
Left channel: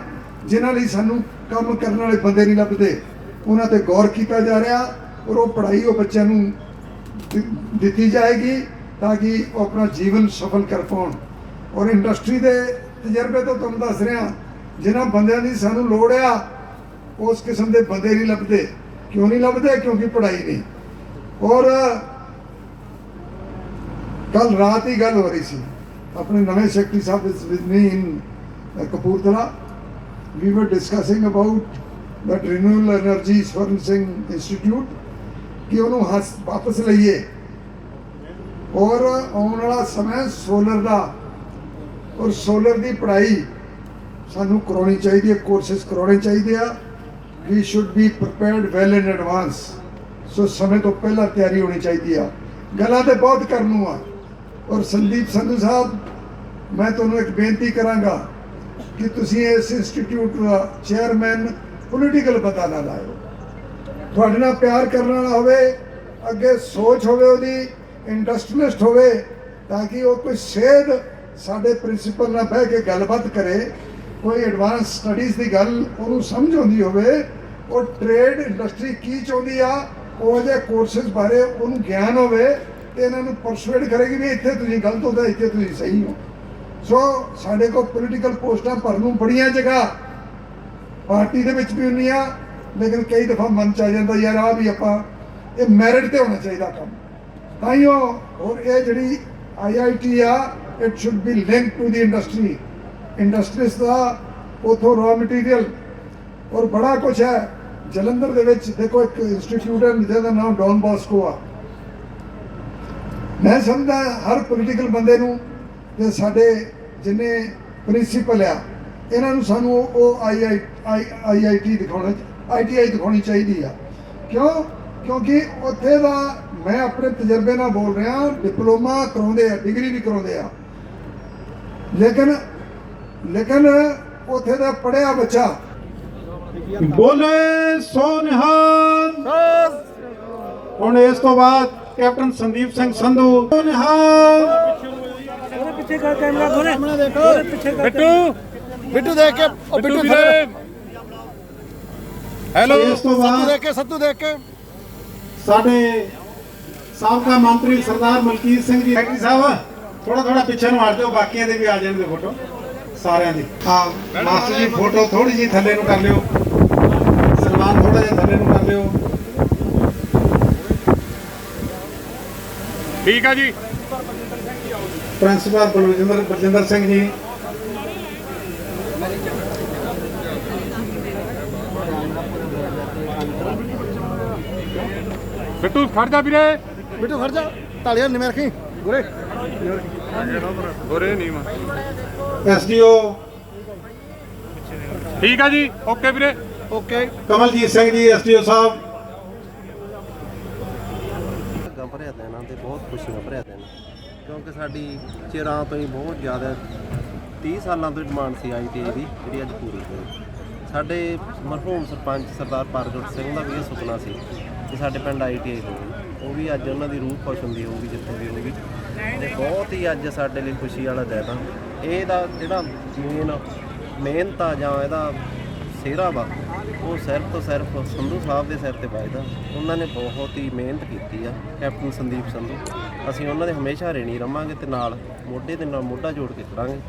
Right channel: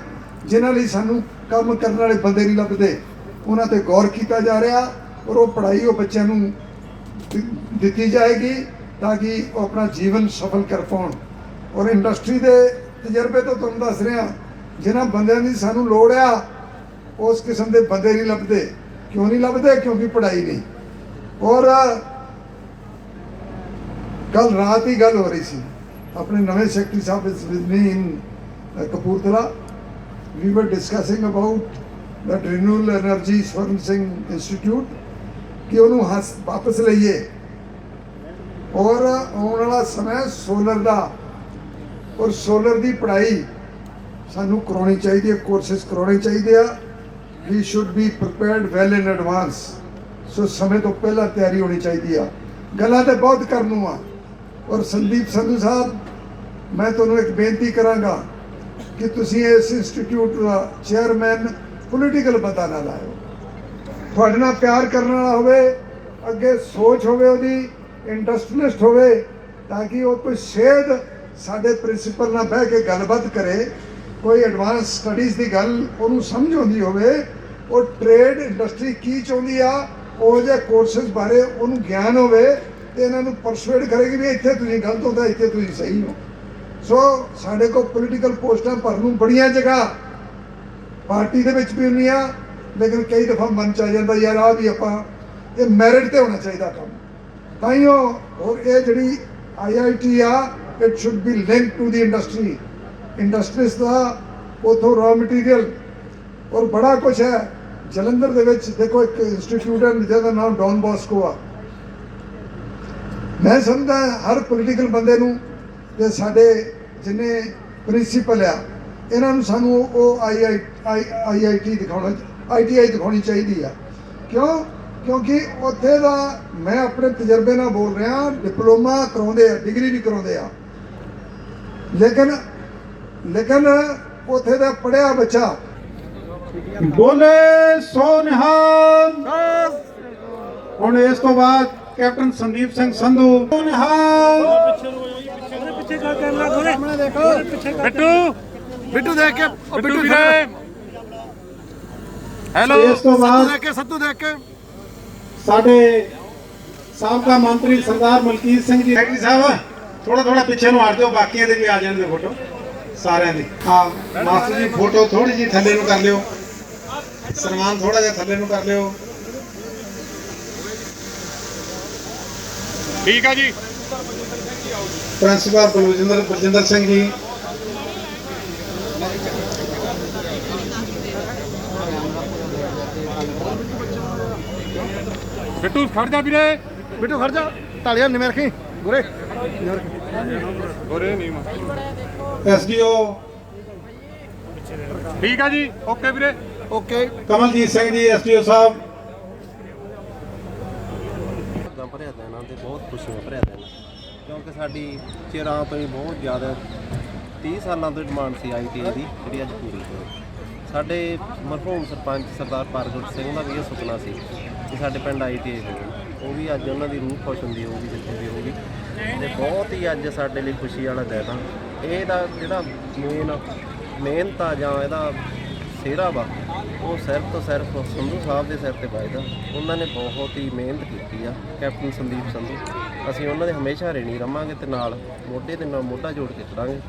ਜਿਨ੍ਹਾਂ ਲਈ ਸਾਨੂੰ ਕੰਮ ਕਰਨ ਵਾਲੇ ਬੰਦੇ ਨਹੀਂ ਲੱਭਦੇ, ਉਹਨਾਂ ਤੇ ਗੌਰ ਕੀਤਾ ਜਾ ਰਿਹਾ। ਔਰ ਉਹ ਪੜ੍ਹਾਈ ਉਹ ਬੱਚਿਆਂ ਨੂੰ ਦਿੱਤੀ ਜਾਏਗੀ ਤਾਂ ਕਿ ਉਹ ਆਪਣਾ ਜੀਵਨ ਸਫਲ ਕਰ ਪਾਉਣ। ਔਰ ਇੰਡਸਟਰੀ ਦੇ ਤਜਰਬੇ ਤੋਂ ਤੁਹਾਨੂੰ ਦੱਸ ਰਿਹਾ, ਜਿਨ੍ਹਾਂ ਬੰਦਿਆਂ ਦੀ ਸਾਨੂੰ ਲੋੜ ਆ ਉਸ ਕਿਸਮ ਦੇ ਬੰਦੇ ਨਹੀਂ ਲੱਭਦੇ। ਕਿਉਂ ਨਹੀਂ ਲੱਭਦੇ? ਕਿਉਂਕਿ ਪੜ੍ਹਾਈ ਨਹੀਂ। ਔਰ ਕੱਲ ਰਾਤ ਹੀ ਗੱਲ ਹੋ ਰਹੀ ਸੀ, ਆਪਣੇ ਨਵੇਂ secretary Sahib with me in Kapurthala, we were discussing about that renewable energy servicing institute ਕਿ ਉਹਨੂੰ ਵਾਪਸ ਲਈਏ। ਔਰ ਆਉਣ ਵਾਲਾ ਸਮਾਂ ਸੋਲਰ ਦਾ, ਔਰ ਸੋਲਰ ਦੀ ਪੜ੍ਹਾਈ ਸਾਨੂੰ ਕਰਾਉਣੀ ਚਾਹੀਦੀ ਹੈ, ਕੋਰਸਿਸ ਕਰਾਉਣੇ ਚਾਹੀਦੇ ਆ। We should be prepared well in advance. So ਸਮੇਂ ਤੋਂ ਪਹਿਲਾਂ ਤਿਆਰੀ ਹੋਣੀ ਚਾਹੀਦੀ ਆ। ਗੱਲਾਂ ਤੇ ਬਹੁਤ ਕਰਨ ਨੂੰ ਆ। ਔਰ ਸੰਦੀਪ ਸੰਧੂ ਸਾਹਿਬ, ਮੈਂ ਤੁਹਾਨੂੰ ਇੱਕ ਬੇਨਤੀ ਕਰਾਂਗਾ ਕਿ ਤੁਸੀਂ ਇਸ ਇੰਸਟੀਚਿਊਟ ਦਾ ਚੇਅਰਮੈਨ ਪੋਲੀਟੀਕਲ ਬੰਦਾ ਨਾ ਲਾਇਓ। ਤੁਹਾਡੇ ਨਾਲ ਪਿਆਰ ਕਰਨ ਵਾਲਾ ਹੋਵੇ, ਅੱਗੇ ਸੋਚ ਹੋਵੇ ਉਹਦੀ, ਇੰਡਸਟਰੀਲਿਸਟ ਹੋਵੇ, ਤਾਂ ਕਿ ਉਹ ਕੋਈ ਸੇਧ ਸਾਡੇ ਪ੍ਰਿੰਸੀਪਲ ਨਾਲ ਬਹਿ ਕੇ ਗੱਲਬਾਤ ਕਰੇ, ਕੋਈ ਐਡਵਾਂਸ ਸਟੱਡੀਜ਼ ਦੀ ਗੱਲ ਉਹਨੂੰ ਸਮਝ ਆਉਂਦੀ ਹੋਵੇ, ਉਹ ਟ੍ਰੇਡ ਇੰਡਸਟਰੀ ਕੀ ਚਾਹੁੰਦੀ ਆ, ਉਹ ਜਿਹੇ ਕੋਰਸਿਸ ਬਾਰੇ ਉਹਨੂੰ ਗਿਆਨ ਹੋਵੇ ਤੇ ਇਹਨਾਂ ਨੂੰ ਪਰਸੂਏਡ ਕਰੇਗੀ ਵੀ ਇੱਥੇ ਤੁਸੀਂ ਗਲਤ ਹੋ, ਇੱਥੇ ਤੁਸੀਂ ਸਹੀ ਹੋ। ਸੋ ਸਾਡੇ ਕੋਲ ਪੋਲੀਟੀਕਲ ਪੋਸਟਾਂ ਭਰਨ ਨੂੰ ਬੜੀਆਂ ਜਗ੍ਹਾ ਪਾਰਟੀ ਦੇ ਵਿੱਚ ਵੀ ਹੁੰਦੀਆਂ, ਲੇਕਿਨ ਕਈ ਦਫਾ ਮਨ ਚ ਆ ਜਾਂਦਾ ਯਾਰ ਆ ਵੀ ਆਪਾਂ ਇਹ ਮੈਰਿਟ ਤੇ ਹੋਣਾ ਚਾਹੀਦਾ ਕੰਮ। ਤਾਈਓ ਔਰ ਇਹ ਜਿਹੜੀ IIT ਆ, it should be link to the industry. Industries ਦਾ ਉਥੋਂ ਰॉ ਮਟੀਰੀਅਲ ਔਰ ਬੜਾ ਕੁਛ ਹੈ। ਜਲੰਧਰ ਦੇ ਵਿੱਚ ਦੇਖੋ ਇੱਕ ਇੰਸਟੀਚਿਊਟ ਹੈ ਜਿਹਦਾ ਨਾਮ ਡੌਨ ਬੋਸਕੋ ਆ। ਮੈਂ ਸਮਝਦਾ ਹਰ ਪੋਲੀਟੀਕਲ ਬੰਦੇ ਨੂੰ ਤੇ ਸਾਡੇ ਜਿੰਨੇ ਪ੍ਰਿੰਸੀਪਲ ਆ, ਇਹਨਾਂ ਨੂੰ ਸਾਨੂੰ ਉਹ IIT ਦਿਖਾਉਣਾ, ITI ਦਿਖਾਉਣੀ ਚਾਹੀਦੀ ਆ। ਕਿਉਂ? ਕਿਉਂਕਿ ਉੱਥੇ ਦਾ ਮੈਂ ਆਪਣੇ ਤਜਰਬੇ ਨਾਲ ਬੋਲ ਰਿਹਾ, ਡਿਪਲੋਮਾ ਕਰਾਉਂਦੇ ਆ, ਡਿਗਰੀ ਵੀ ਕਰਾਉਂਦੇ ਆ, ਲੇਕਿਨ ਉੱਥੇ ਦਾ ਪੜ੍ਹਿਆ ਬੱਚਾ ਬੋਲੇ ਸੋ ਨਿਹਾਲ। ਹੁਣ ਇਸ ਤੋਂ ਬਾਅਦ ਕੈਪਟਨ ਸੰਦੀਪ ਸਿੰਘ ਸੰਧੂ। ਨਿਹਾਲ। ਬਿੱਟੂ ਦੇਖ ਕੇ, ਉਹ ਬਿੱਟੂ ਵੀਰੇ, ਹੈਲੋ, ਇਸ ਤੋਂ ਬਾਅਦ ਸੱਤੂ ਦੇਖ ਕੇ ਸਾਡੇ ਸਾਬਕਾ ਮੰਤਰੀ ਸਰਦਾਰ ਮਲਕੀਤ ਸਿੰਘ ਜੀ। ਸੈਕਟਰੀ ਸਾਹਿਬ ਥੋੜਾ ਪਿੱਛੇ ਨੂੰ ਹਟ ਜਾਓ, ਬਾਕੀਆਂ ਦੇ ਵੀ ਆ ਜਾਣਗੇ ਫੋਟੋ ਸਾਰਿਆਂ ਦੀ। ਹਾਂ ਮਾਸਟਰ ਜੀ, ਫੋਟੋ ਥੋੜੀ ਜਿਹੀ ਥੱਲੇ ਨੂੰ ਕਰ ਲਿਓ, ਸਨਮਾਨ ਥੋੜਾ ਜਿਹਾ ਥੱਲੇ ਨੂੰ ਕਰ ਲਿਓ। ਠੀਕ ਆ ਜੀ। ਪ੍ਰਿੰਸੀਪਲ ਬਲਜਿੰਦਰ ਸਿੰਘ ਜੀ, ਬਿੱਟੂ ਖੜ ਜਾ ਵੀਰੇ, ਬਿੱਟੂ ਖੜ ਜਾ, ਤਾਲੀਆਂ ਨਿਵੇਂ ਰੱਖੀ ਗੁਰੇ ਗੁਰੇ ਨਹੀਂ ਮਾ। SDO ਠੀਕ ਆ ਜੀ, ਓਕੇ ਵੀਰੇ, ਓਕੇ। ਕਮਲਜੀਤ ਸਿੰਘ ਜੀ, SDO ਸਾਹਿਬ। ਭਰਿਆ ਦਿਨ ਆ ਤੇ ਬਹੁਤ ਖੁਸ਼ੀਆਂ ਭਰਿਆ ਦਿਨ, ਕਿਉਂਕਿ ਸਾਡੀ ਚਿਰਾਂ ਤੋਂ ਹੀ ਬਹੁਤ ਜ਼ਿਆਦਾ 30 ਸਾਲਾਂ ਤੋਂ ਡਿਮਾਂਡ ਸੀ ITI ਦੀ, ਜਿਹੜੀ ਅੱਜ ਪੂਰੀ ਹੋਈ। ਸਾਡੇ ਮਰਹੂਮ ਸਰਪੰਚ ਸਰਦਾਰ ਪ੍ਰਗਟ ਸਿੰਘ ਦਾ ਵੀ ਇਹ ਸੁਪਨਾ ਸੀ ਕਿ ਸਾਡੇ ਪਿੰਡ ITI ਹੋਵੇ। ਉਹ ਵੀ ਅੱਜ ਉਹਨਾਂ ਦੀ ਰੂਹ ਖੁਸ਼ ਹੁੰਦੀ ਹੋਊਗੀ ਜਿੱਥੇ ਵੀ ਹੋਊਗੀ, ਤੇ ਬਹੁਤ ਹੀ ਅੱਜ ਸਾਡੇ ਲਈ ਖੁਸ਼ੀ ਵਾਲਾ ਦਿਨ ਆ। ਇਹਦਾ ਜਿਹੜਾ ਮਿਹਨਤ ਆ ਜਾਂ ਇਹਦਾ ਸਿਹਰਾ ਵਾ ਉਹ ਸਿਰਫ ਤੋਂ ਸਿਰਫ ਸੰਧੂ ਸਾਹਿਬ ਦੇ ਸਿਰ ਤੇ ਵੱਜਦਾ। ਉਹਨਾਂ ਨੇ ਬਹੁਤ ਹੀ ਮਿਹਨਤ ਕੀਤੀ ਆ, ਕੈਪਟਨ ਸੰਦੀਪ ਸੰਧੂ। ਅਸੀਂ ਉਹਨਾਂ ਦੇ ਹਮੇਸ਼ਾ ਰੇਣੀ ਰਵਾਂਗੇ ਤੇ ਨਾਲ ਮੋਢੇ ਦੇ ਨਾਲ ਮੋਢਾ ਜੋੜ ਕੇ ਖੜਾਂਗੇ।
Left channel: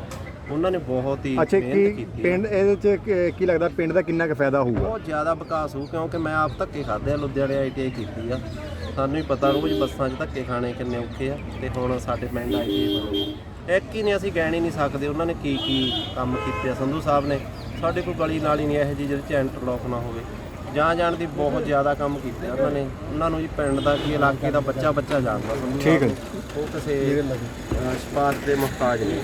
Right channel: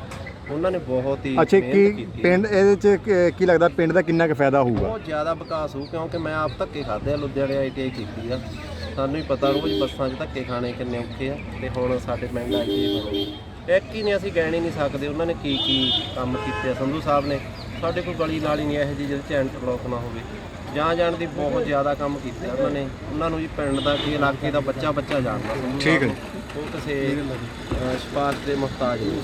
ਉਹਨਾਂ ਨੇ ਬਹੁਤ ਹੀ ਅੱਛਾ, ਮਿਹਨਤ ਕੀ ਕੀਤੀ ਆ। ਪਿੰਡ ਇਹਦੇ ਚ ਕੀ ਲੱਗਦਾ ਪਿੰਡ ਦਾ ਕਿੰਨਾ ਕੁ ਫਾਇਦਾ ਹੋਊਗਾ? ਬਹੁਤ ਜ਼ਿਆਦਾ ਵਿਕਾਸ ਹੋਊ, ਕਿਉਂਕਿ ਮੈਂ ਆਪ ਧੱਕੇ ਖਾਦੇ ਆ, ਲੁਧਿਆਣੇ ITI ਕੀਤੀ ਆ। ਸਾਨੂੰ ਹੀ ਪਤਾ ਰੋਜ਼ ਬੱਸਾਂ 'ਚ ਧੱਕੇ ਖਾਣੇ ਕਿੰਨੇ ਔਖੇ ਆ, ਤੇ ਹੁਣ ਸਾਡੇ ਪਿੰਡ ITI ਬਣ ਗਈ। ਇੱਕ ਹੀ ਨਹੀਂ, ਅਸੀਂ ਕਹਿ ਨਹੀਂ ਸਕਦੇ ਉਹਨਾਂ ਨੇ ਕੀ ਕੰਮ ਕੀਤੇ ਆ। ਸੰਧੂ ਸਾਹਿਬ ਨੇ ਸਾਡੇ ਕੋਈ ਗਲੀ ਨਾਲੀ ਨਹੀਂ ਇਹੋ ਜਿਹੀ ਜਿਹਦੇ 'ਚ ਇੰਟਰਲੋਕ ਨਾ ਹੋਵੇ। ਜਾਣ ਦੀ ਬਹੁਤ ਜ਼ਿਆਦਾ ਕੰਮ ਕੀਤੇ ਉਹਨਾਂ ਨੇ। ਉਹਨਾਂ ਨੂੰ ਜੀ ਪਿੰਡ ਦਾ ਕੀ ਇਲਾਕੇ ਦਾ ਬੱਚਾ ਜਾਣਦਾ ਸੰਧੂ ਸਾਹਿਬ ਨੂੰ। ਉਹ ਕਿਸੇ ਸਿਫਾਰਿਸ਼ ਦੇ ਮੁਹਤਾਜ ਨਹੀਂ।